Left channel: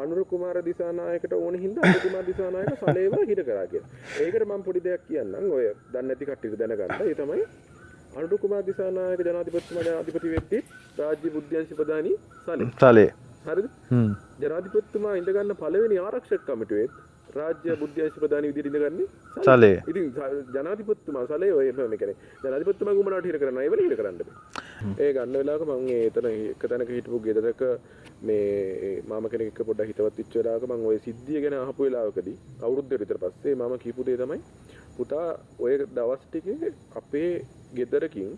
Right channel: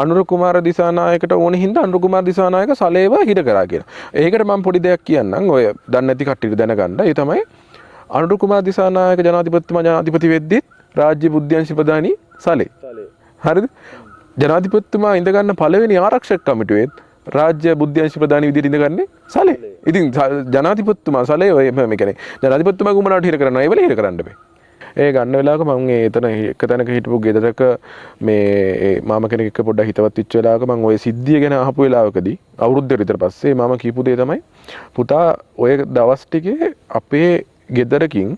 අනුර කුමාර දිසානායකට ඕන හින්දා අනුර කුමාර දිසානායක සලේව හිර කරා කියලා. ඒකට මම පොඩි දෙයක් කියන්නම්. ඔය දන්නේ නැති කට්ටියට දැනගන්න. ඒ තමයි අනුර කුමාර දිසානායක ජනාධිපතිතුමා ජනාධිපති වෙද්දී රාජ්‍ය බුද්ධ්‍යංශ ප්‍රධානී සලේ. හරිද? ජනාධිපතිතුමා ඉඳ ගන්න පළවෙනි ආරක්ෂක කමිටුවේ රාජ්‍ය බුද්ධ්‍යංශ ප්‍රධානී විදිහට ඉඳගන්නේ සලේ. ඉතින් ජනාධිපතිතුමා සලේ ඔය මේ කියන්නේ ජනාධිපතිතුමා කුමනාට හිර කරනවා? ඒ වෙලේ හිර කරන්න බෑ. ඒ ගන්න වෙලාවක මම එතන එක තැනක හිටපු ගෙදරක මේ මාම කෙනෙක් එක්ක පොඩ්ඩක් හිතවත් වෙච්ච වෙලාවක මම ওই සිද්ධිය ගැන අහපු වෙලාවකදී අවුරුද්දකට විතර පස්සේ මාම කියපු දේ තමයි පුතා ඔය දවස් ටිකේ අපේ ගෙදරකින්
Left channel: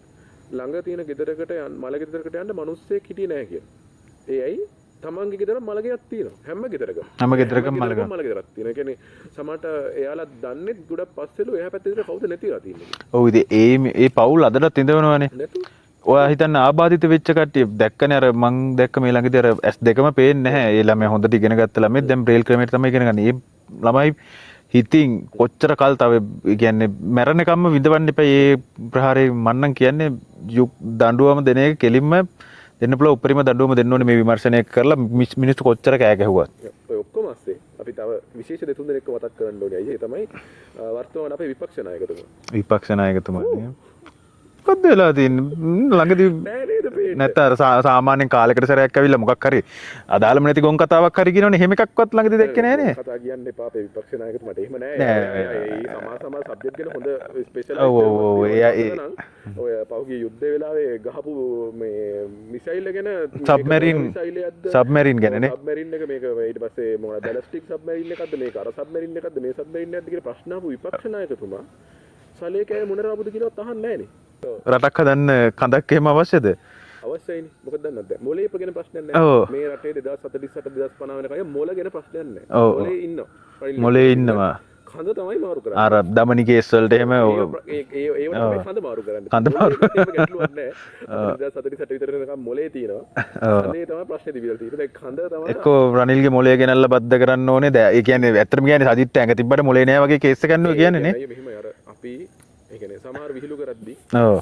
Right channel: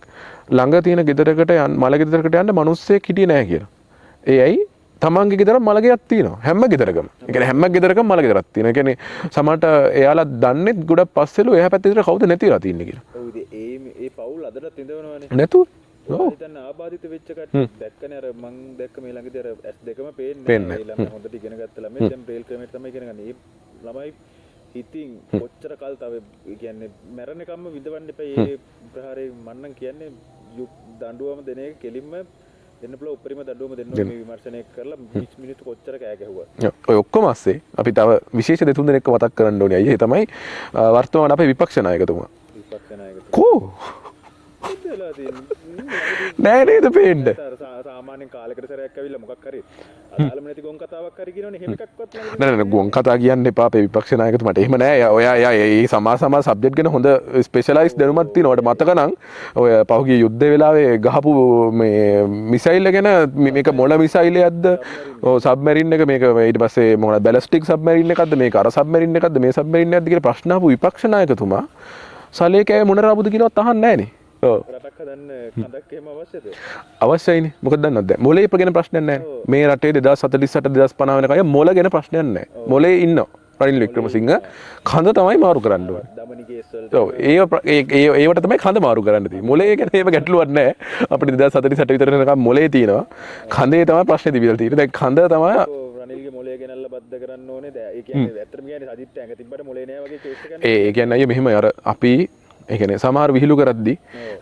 ළඟ තියෙන ගෙදරකට මල ගෙදරකට යන්න මිනිස්සෙක් හිටියේ නැහැ කියලා. ඒ ඇයි? තමන්ගේ ගෙදර මල ගෙයක් තියෙනවා. හැම ගෙදරකම. හැම ගෙදරකම මල ගෙදරක් තියෙනවා. ඒ කියන්නේ සමහරට එයාලා දන්නේ ගොඩක් පස්සෙලු එහා පැත්තේ විතර කවුද නැතිලා තින්නේ කියලා. ඔව් ඉතින් ඒ පවුල් අදටත් ඉඳවනවනේ. නැතුව ඔයා හිතන්න ආබාධිත වෙච්ච කට්ටිය දැක්කනේ අර මං දැක්ක මේ ළඟදී අර S2ම පේන්නේ නැහැ. ඒ ළමයා හොඳට ඉගෙන ගත්ත ළමයි දැන් බ්‍රේල් ක්‍රමයට තමයි ඉගෙන ගන්න. ඒ ළමයි හිතින් කොච්චර කල් තව කියන්නේ මැරෙනකම්ම විඳවන්න එපා. ඒ ප්‍රහාරේ මන්නම් කියන්නේ දඬුවම දෙන එක කෙලින්ම දෙන්න පුළුවන් උපරිම දඬුවම දෙන්න ඕනේ මේ විමර්ශනය කරලා මිනිස්සු කොච්චර කෑ ගැහුවත්. ඔය ඔක්කොම ASCII අපි තව විශේෂ දෙතුන් දෙනෙක්ව මතක් කරන්න ඕනේ. අයියේ තමයි වර්තමාන අපේ විපක්ෂ നാයකතුමා. විපක්ෂ නායකතුමා. මොකද්ද වෙලා තියෙන්නේ? ළඟදී නෑ නේද පේන්නේ. නැත්නම් සාමාන්‍යයෙන් කාලයකට සැරයක් ඇවිල්ලා මොකක් හරි අදාළම නැති ගොන් කතාවක් හරි කියනවනේ. එහෙම එකක්වත් ළඟදී දැක්කේ නෑ. ගොන් කතා කියන්න එපා අපේ විපක්ෂ නායකතුමාට. එහෙම නෑ. ඔයා මේ සමාජ සබ්ජෙක්ට් ගැන හොඳ ස්පෙෂලායිස් දැනුමක් තියෙනවා. මතක නම් ඔය පහුගිය යුද්ධ වෙලාවේ ගහපු මේ මිසයිල් ගැන මේක මොන මිසයිලයක්ද? සබ්මරීන් ගැන. ඔව් සබ්මරීන් එක මේක ඊට පස්සේ මොන බැලිස්ටික් සබ්මරීන් එකක්ද මේක අර සබ්මරීන් එකක්ද මේ සබ්මරීන් එකක්ද කියලා ප්‍රශ්න අහපු විපක්ෂ නායකතුමා සලේකේ මොන රාබුද කියනවත් අහන්නේ නෑනේ. රටක් හදන්න කඳක් එහෙම අවශ්‍යද? අවශ්‍යයිනේ. මොකද දන්නවද? මොලේ ගැන ප්‍රශ්නයක් නැහැ. මේ රටේ 2048 2050 වෙනකන් මොල ගැන ප්‍රශ්නයක් නැහැ. මොලේ ඉන්නවා. රනිල් වික්‍රමසිංහ කඳ තමයි මාරු කරන්නේ. අර දමනි කේස් වලට එහෙම ඒවට තමයි කඳ මාරු කරන්නේ. මොලේ ගැන එහෙම ගැටලුවක් නැහැ. අපිට 2048 විතර වෙනකන් මොලේ තියෙනවා. කඳේ තමයි ප්‍රශ්නේ තිබිලා තියෙන්නේ. දැන් කඳ තමයි රනිල්ගේ මොලේ ගෙනල්ලා බද්ද කරන්න ඕනේ. දැන් ඒ කියන්නේ ඇත්තටම කියන්නේ සජිත් ඇඟ තිබ්බට මොලේ නැහැ වගේ කේස් එකක් නේ කියන්නේ. ඒ කියන්නේ මෙහෙම අර අපි ඒ කියන්නේ සමහර විහිළු කරද්දී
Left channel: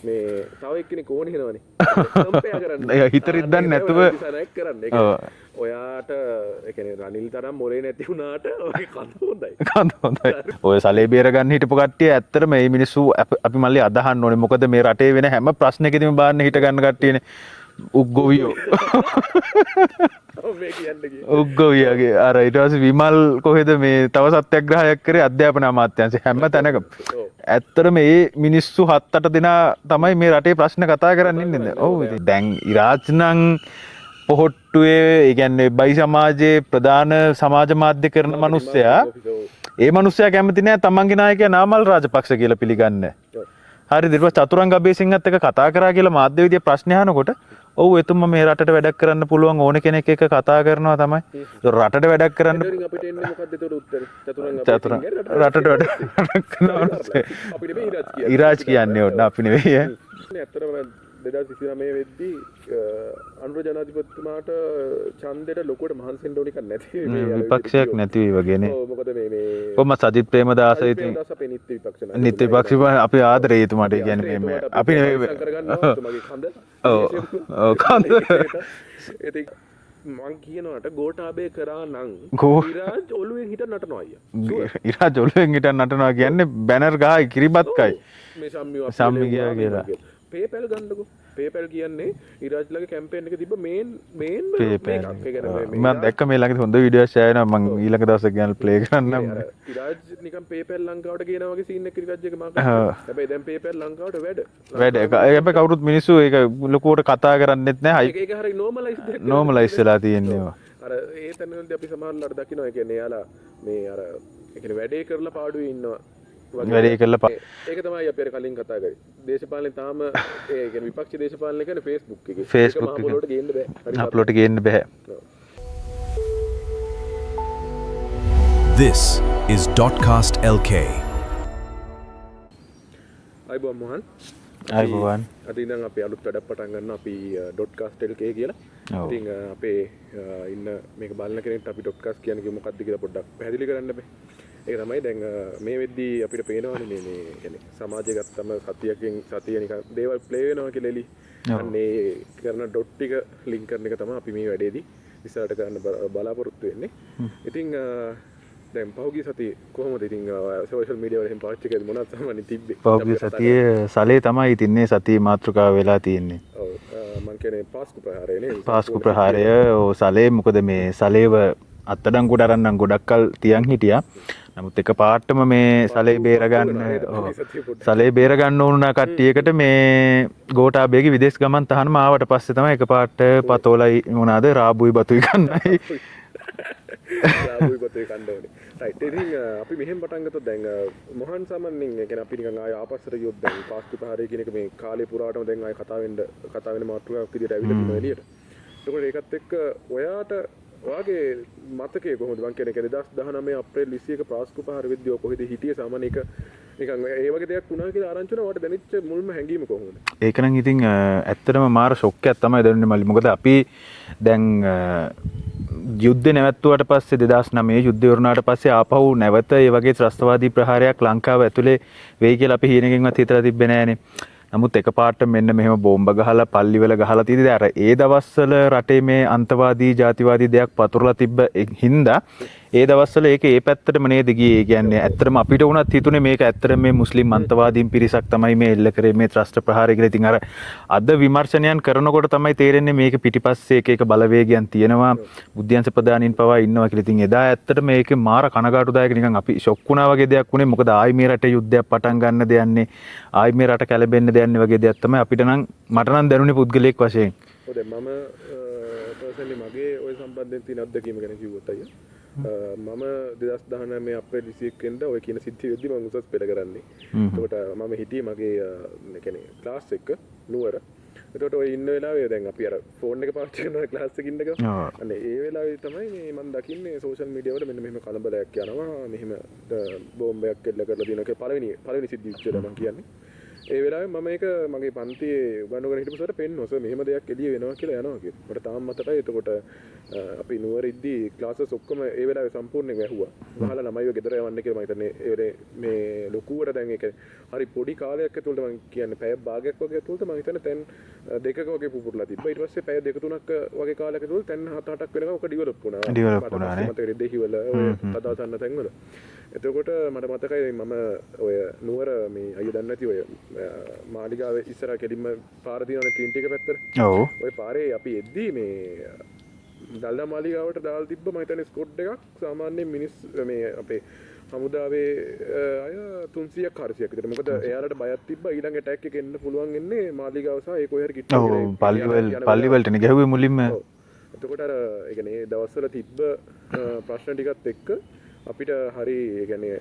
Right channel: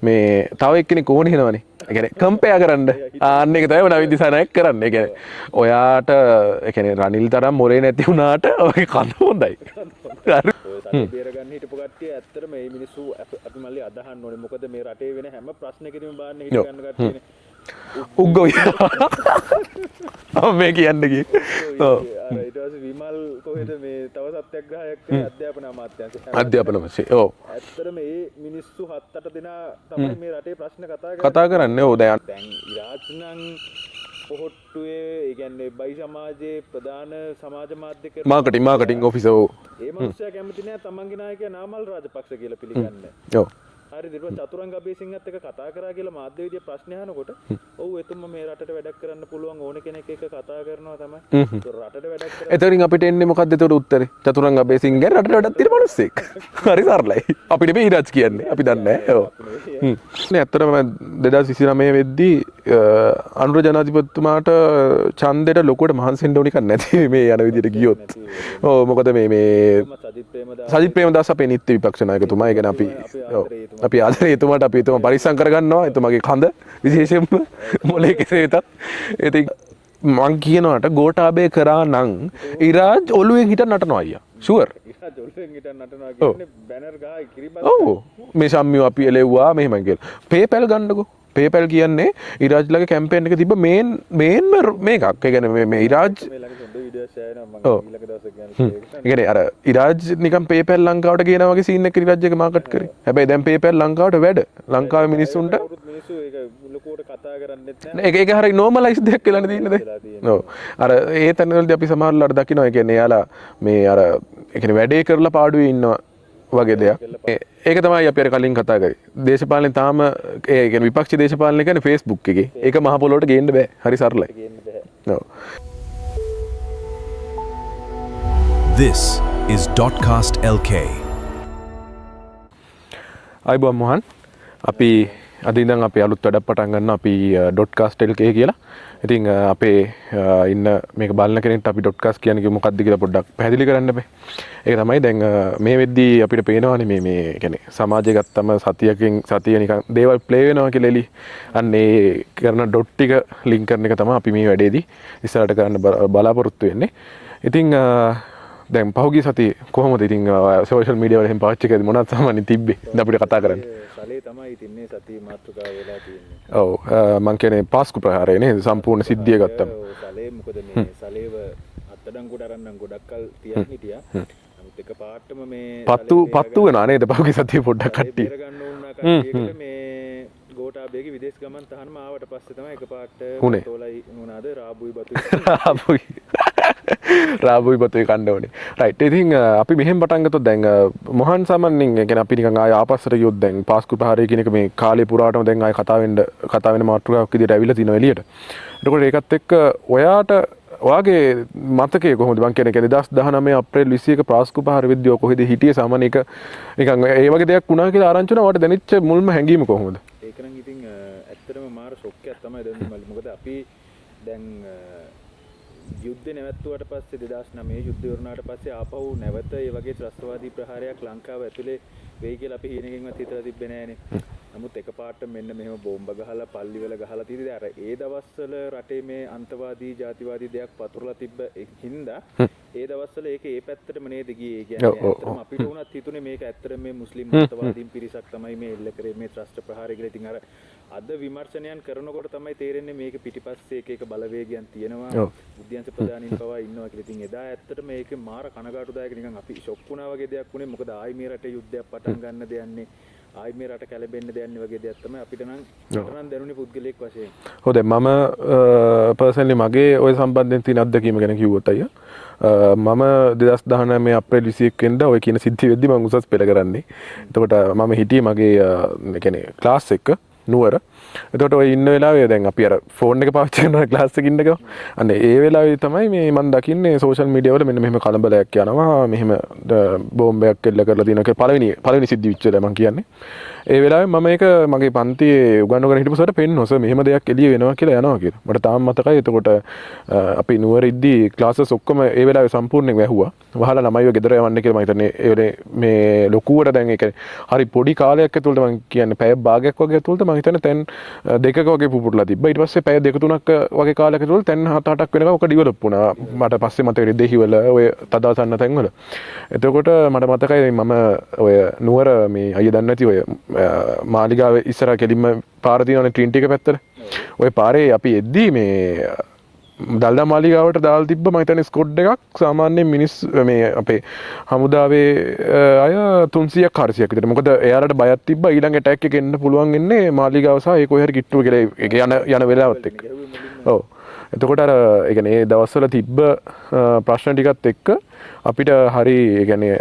මේ තව එක්කෙනෙක් ඕන හිනවනේ. ඒ කියන්නේ කම්පෙයා කරන්න. ආන්න ඒක තමයි නවීන් දිසානායක කරන්නේ. ඒ කියන්නේ ඔයාට ඒ කියන්නේ රනිල් තරම් මොලේ නැති වුණාට ඔය කඳ හොඳයි. කඳ හොඳයි. ඔය සලේ බේර ගන්න හිටපු කට්ටිය ඇත්තට මේ මිනිස්සු අපි මල්ලි අදහන්න ඕනේ. මොකද මේ රටේ වෙන හැම ප්‍රශ්නයකදීම බාන්න හිට ගන්න කට්ටියනේ. උග්ගෝයි. මේ කියන්නේ කි. උග්ගෝයිගේ අර ඊට පස්සේ විමල් කොහෙද මේ තව සත්‍යග්‍රහයක් කරේ අධ්‍යාපන අමාත්‍යාංශය හැම තැනකම. ඇත්තට මේ මිනිස්සු 7-8 දෙනා තමයි මේ රටේ ප්‍රශ්න කතා කරන්නේ. දැන් ඉරාජ් නම් පොහොට්ටුවේ ඒ කියන්නේ බයි සමාජයේ ප්‍රධාන සමාජ මාධ්‍ය කරන මනුස්සයා. ඒ මනුස්සයා කැමති නෑ තමන්ගේ නායකයා නාමල් රාජපක්ෂ කියලා පිළිගන්නේ. ඔව්. හරි ඊට පස්සේ චතුරංග අබේසිංහත් එක්ක කතා කරා කියලා මාධ්‍ය විදිය ප්‍රශ්න අහනකොට ඔව් එතුමා මේ රටට වැඩක් කරන්න පුළුවන් ඕන කෙනෙක් එක්ක කතා කරනවා තමයි. ඒක රටට වැඩක් කරන්න. එතනින් අපිට එන්නේ මොකද්ද ඒකට උත්තරේ? චතුරංග අබේසිංහ රටට වැඩක් කරනවා. හරි සරලයි. අපි නෙමෙයි ඉරාජ් කියන්නේ. ඉරාජ් කියන්නේ අපි නෙමෙයි. නේ ඇත්තටම 2029 වෙද්දී අනුර ජනාධිපතිතුමාට ඡන්දෙට ලොකුවට මහන්සි වෙන්න ඕන එකක් නැති මේ යන විදිහට ගියොත්. නැති වගේනේ. ඔව් මොකද මේ කොහොම සජිත් ප්‍රේමදාස අපේ නිත්‍ය විපක්ෂ නායකතුමා අපි ආදරේ අපි ආදරේ එතුමාට අපි එතුමා පරිස්සම් කරගන්නවා එතුමාගේ කඳ විශේෂයෙන්ම කඳේ ඉතින් මං කියනවාට ගෝඨාභය කරා නම් ඉරාජ් ඔළුවෙන් හිටන් නටනවා අයියා ෂුවර් ඉරාජ් ඔළුවෙන් හිටන් නටනවා කියන්නේ බැනර් ගහයි කිරිබත් කයි මේ සම්මිය අපි එලෙව්වා මෙහෙම කියලා PayPal ගන්නකෝ PayPal කියන්නේ ඉරාජ්ලගේ කැම්පේන් එක තිබ්බ මේන් මේකක්. ඒ කියන්නේ මේ ඉරාජ් මේ ළඟදී හොඳ වීඩියෝස් ෂෙයා වෙනවා මම ඊළඟ දවසක ගන්න ප්ලේ කරන්න. ඒ කියන්නේ අර ඉරාජ් නිකන් PayPal ලංකාවට ගේනා වගේ සීන් එකක් ඉරාජ් එක මාකට් කරනවා. හැබැයි දැන් PayPal ලංකාවට වැඩ. ලංකාවේ මිනිස්සුන්ට කවුරුත් මිනිස්සු ඒක ලොකුවට කතා කරන්නෙත් නැහැ. ඒක හරිය normalize දෙයක් කියලා normalize වෙලා තියෙනවා. අර ඒ තැනවලදී අපි සමහරවල්ලාට දකිනවා. ඒ කියන්නේ එයාලා මේ අර ඒ කියන්නේ වැඩේ කරලා පාඩුවේ ඉන්නවා. වගේ ඒක තමයි අපි අර කලින් කතා කරේ. දේශපාලනේ තාම ඒ කියන්නේ විපක්ෂ දේශපාලනේ කියන්නේ Facebook එකේ. ඒක මහ පොළොවට ගේන්න බෑ. හරි සරලට ගේන්න බෑ. ඔව්. This is .cast LK. අයිබෝන් මොහන්. අපි අද ඉඳන් අපි අලුත් වැඩක් පටන් ගන්නවා අපි .cast LK කියලා. ඉතින් අපේ ඉන්න මේක බලන කෙනෙක්ට අපි ඩොට්කාස්ට් කියන්නේ මොකක්ද කියලා පොඩ්ඩක් පැහැදිලි කරන්න බෑ. ඒක තමයි දැන් මේ වෙද්දී අපිට පේනවානේ මේ කියන්නේ සමාජය ගත්තම සතිය නිකන් දේවල් ප්ලේ වෙනවා කියලා එලි. අන්න ඒ කරන ඩොට් ටික ලින්ක් කරන එක තමයි අපි මේ වැඩේදී ඉස්සරහට කරන්න බලාපොරොත්තු වෙන්නේ. ඉතින් දැන් පහුගිය සතියේ කොහොමද ඉතින් සෝෂල් මීඩියා වල එහෙම පාවිච්චි කරද්දී මොනවද සාමාන්‍ය තිබ්බේ අපිට කතා කරන්න? සලේ තමයි ඉතින් මේ සතියේ මාතෘකාව වෙලා තියෙන්නේ. ඔව් මං කියන්නේ පාස්කු ප්‍රහාරය නේද සම්පූර්ණ සිද්ධිය ගත්තා. ඔව් සලේ මොකද මේ සලේව අත්තඩංගුවට අරන් ගොඩක් කල් තියන් හිටියා. නමුත් එක පාටම මේ සලේ බේරගන්න නේද පහුගිය සතියේ පොඩ්ඩක් සලේ බේරගන්න ඕනුනා කට්ටියකට මේ ගෝඨාභයගේ විදේශ ගමන් තහනම ආවට පස්සේ තමයි එක පාට පතෝලයි මොනවාද රාබුයි බතුයි කන්න රාබුයි බතුයි කන්න ඕනේ. රයිට්. ඉතින් අපි මෙහෙම පටන් ගත්තොත් දැන් මොහන් සාමාන්‍යයෙන් කියන්නේ අපි නිකන් ආය ආපස්සට ගියොත් දැන් පාස්කු ප්‍රහාරය කියන එක මේ කාලේ පුරාටම දැන් ආය කතා වෙන මාතෘකාවක් විදිහට ඇවිල්ලා තිනවා එළියට. එතකොට ඒකත් එක්ක ඔයාගේ මතකයේ කොහොමද මං කියන්නේ 2019 අප්‍රේල් 21 පාස්කු ප්‍රහාර විද්‍යාව කොහෙද හිටියේ සාමාන්‍ය එක නිකන් ඒ වගේ දෙයක් වුණා කියලා ආරංචි වුණා. වට දැනෙච්ච මුල්ම හැඟීම කොහොමද? ඒක නම් ඉතින් ඇත්තටම මාර ෂොක් එකක් තමයි දැනුනේ මල්ලි. මොකද අපි දැන් යුද්ධ නැවැත්තුවට පස්සේ 2009 යුද්ධය වුණාට පස්සේ ආපහු නැවත ඒ වගේ ත්‍රස්තවාදී ප්‍රහාරයක් ලංකාව ඇතුලේ වෙයි කියලා අපි හීනකින්වත් හිතලා තිබ්බේ නෑනේ. නමුත් එකපාරට මෙන්න මෙහෙම බෝම්බ ගහලා පල්ලිවල ගහලා තියෙදි අර ඒ දවස්වල රටේ මේ අන්තවාදී ජාතිවාදී දෙයක් පතුරලා තිබ්බ හින්දා ඒ දවස්වල ඒක ඒ පැත්තටම නේද ගියේ. ඒ කියන්නේ ඇත්තටම අපිට වුණත් හිතුනේ මේක ඇත්තටම මේ මුස්ලිම් අන්තවාදීන් පිරිසක් තමයි මේ එල්ල කරේ මේ ත්‍රස්ත ප්‍රහාරය කියලා. ඉතින් අර අද විමර්ශනයන් කරනකොට තමයි තේරෙන්නේ මේක පිටිපස්සේ එක බලවේගයන් තියෙනවා. බුද්ධ්‍යංශ ප්‍රධානීන් පවා ඉන්නවා කියලා. ඉතින් එදා ඇත්තටම මේකේ මාර කනගාටුදායක නිකන් අපි ෂොක් වුණා වගේ දෙයක් වුණේ. මොකද ආයි මේ රටේ යුද්ධයක් පටන් ගන්න දෙයන්නේ ආයි මේ රට කැළඹෙන්න දෙයන්නේ වගේ දෙයක් තමයි අපිට නම් මට නම් දැනුනේ පුද්ගලයෙක් වශයෙන්. හොඳ මම පර්සනලි මගේ ওই සම්බන්ධයෙන් තියෙන අත්දැකීම ගැන කිව්වොත් අයියා මම 2019 අප්‍රේල් 21 වෙනිදා ඔය කියන සිද්ධිය වෙද්දි මම උසස් පෙළ කරන්නේ. එතකොට මම හිටියේ මගේ කියන්නේ ක්ලාස් එක නුවර. එතකොට ඔය ඉන්න වෙලාවේ දැන් අපි අර ෆෝන් එක පාවිච්චි කරන ක්ලාස් එකේ ඉන්නකම අන්න ඒ වෙලාවේ තමයි මේ මම දකින්නේ සෝෂල් මීඩියා වල මෙන්න මෙහෙම කලබලයක් යනවා මෙහෙම බෝම්බයක් එල්ල කරලා තියෙනවා කියලා පළවෙනි සිද්ධි විච්ච වෙලාව මම කියන්නේ. ඒ වෙලාවේ මම ඒක මගේ පන්තියේ උගන්වගෙන හිටපු සරට පෙන්නනවා මෙහෙම දෙයක් එළිය වෙනවා කියලා යනවා කියලා. මට තාම මතකයි. එතකොට අපි නුවර ඉද්දි ක්ලාසස් ඔක්කොම ඒ වෙලාවේ සම්පූර්ණයෙන් වැහුවා. වහලා ළමයිව ගෙදර යවන්න කියලා මම හිතන්නේ ඒ වෙලේ මේ ලොකුවට දැන් ඒක හරි පොඩි කාලයක් ඇතුළත මම කියන්නේ පැය භාගයක් වගේ ඇතුළත මම හිතන්නේ තැන් දෙකක වගේ පුපුරලා තිබ්බා. ඊට පස්සේ පැය දෙක තුනක් වගේ කාලයක් ඇතුළත තැන් 7-8ක් වෙනකම් ඔක ඩිවෙලොප් වුණා. මට පස්සේ මතකයි දෙහිවල ඔය තදාසන්න තැන්වල. එතකොට මට මතකයි මම ඔය නුවර මේ අයිය දන්නේ නැති ඔය මාලිගාව ඉස්සරහ කෙලින්ම පාර තියෙනවනේ ට්‍රින්ටි එක පැත්තට. ඔව්. ඔය පාරේ අපි එද්දී මේ දල්දා මාලිගාවට දාලා තිබ්බ මම හිතන්නේ ස්කොඩ් එකක් සාමාන්‍යයෙන් මිනිස් මේ අපේ හමුදාවේ අය 300ක් 400ක් විතර. මොකද එයාලට බයක් තිබ්බා ඊළඟ ඇටැක් එක එන්න පුළුවන් ඉන්නේ මාලිගාව සහ ඒ කොහේ හරි කිට්ටුව කියලා යන වෙලාවලටනේ ගැහුවේ මුලින්ම. ඔව්. එතකොට අර ඒ කියන්නේ ඒ දවස්වල තිබ්බ ප්‍රශ්න ටිකත් එක්ක අපිට හරි ඒ කියන්නේ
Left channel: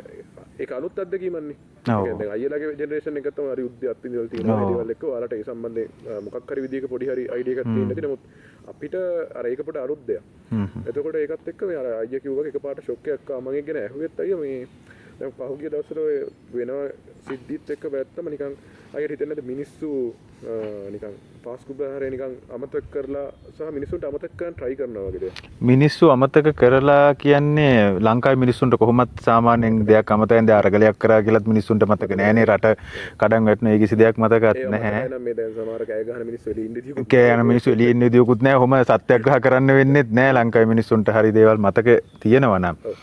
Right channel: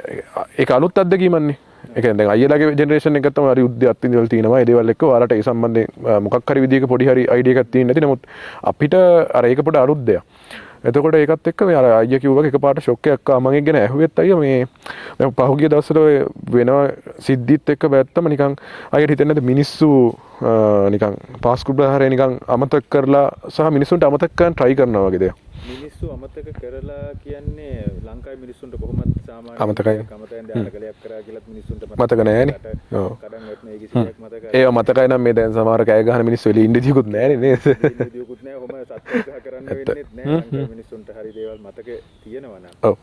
ඒක අලුත් අත්දැකීමක්නේ. ඒ කියන්නේ දැන් අයියලාගේ ජෙනරේෂන් එකත් තමයි හරි යුද්ධය අත්විඳලා තියෙනවා. ඒ දේවල් එක්ක ඔයාලට ඒ සම්බන්ධයෙන් මොකක් හරි විදියක පොඩි හරි අයිඩියා එකක් තියෙන්නේ නැති. නමුත් අපිට අර ඒක පොඩ අලුත් දෙයක්. එතකොට ඒකත් එක්ක මේ අර අයියා කිව්වා වගේ එකපාරට ෂොක් එකක් ආවා. මම ඒක ගැන ඇහුවෙත් අයියා මේ දැන් පහුගිය දවස්වල ඔය වෙන සිද්ධිත් එක්ක වැත්තම නිකන් අයියට හිතෙන්නේ නැද්ද මිනිස්සු නිකන් පාස්කු ප්‍රහාරය නිකන් අමතක කරලා සහ මිනිස්සුන්ට අමතක කරන්න try කරනවා වගේ දෙයක්. මිනිස්සු අමතක කරලා කියන්නේ ලංකාවේ මිනිස්සුන්ට කොහොමත් සාමාන්‍යයෙන් දෙයක් අමතකෙන්ද අරගලයක් කරා කියලාත් මිනිස්සුන්ට මතක නැහැ. රට කඩන් වැටුනේ කිසි දෙයක් මතක නැහැ. ඒක මතකයි නම් මේ දැන් සමහර කෑ ගහන මිනිස්සු එළිය ඉන්න දියුකුත් කෑ ගහන මිනිස්සු එළිය ඉන්න දියුකුත් නැහැ. ඔහොම සත්‍යග්‍රහ කරන්න වෙන්නේත් නැහැ. ලංකාවේ මිනිස්සුන්ට හරි දේවල් මතක තියෙනවා නම්. ඔව්.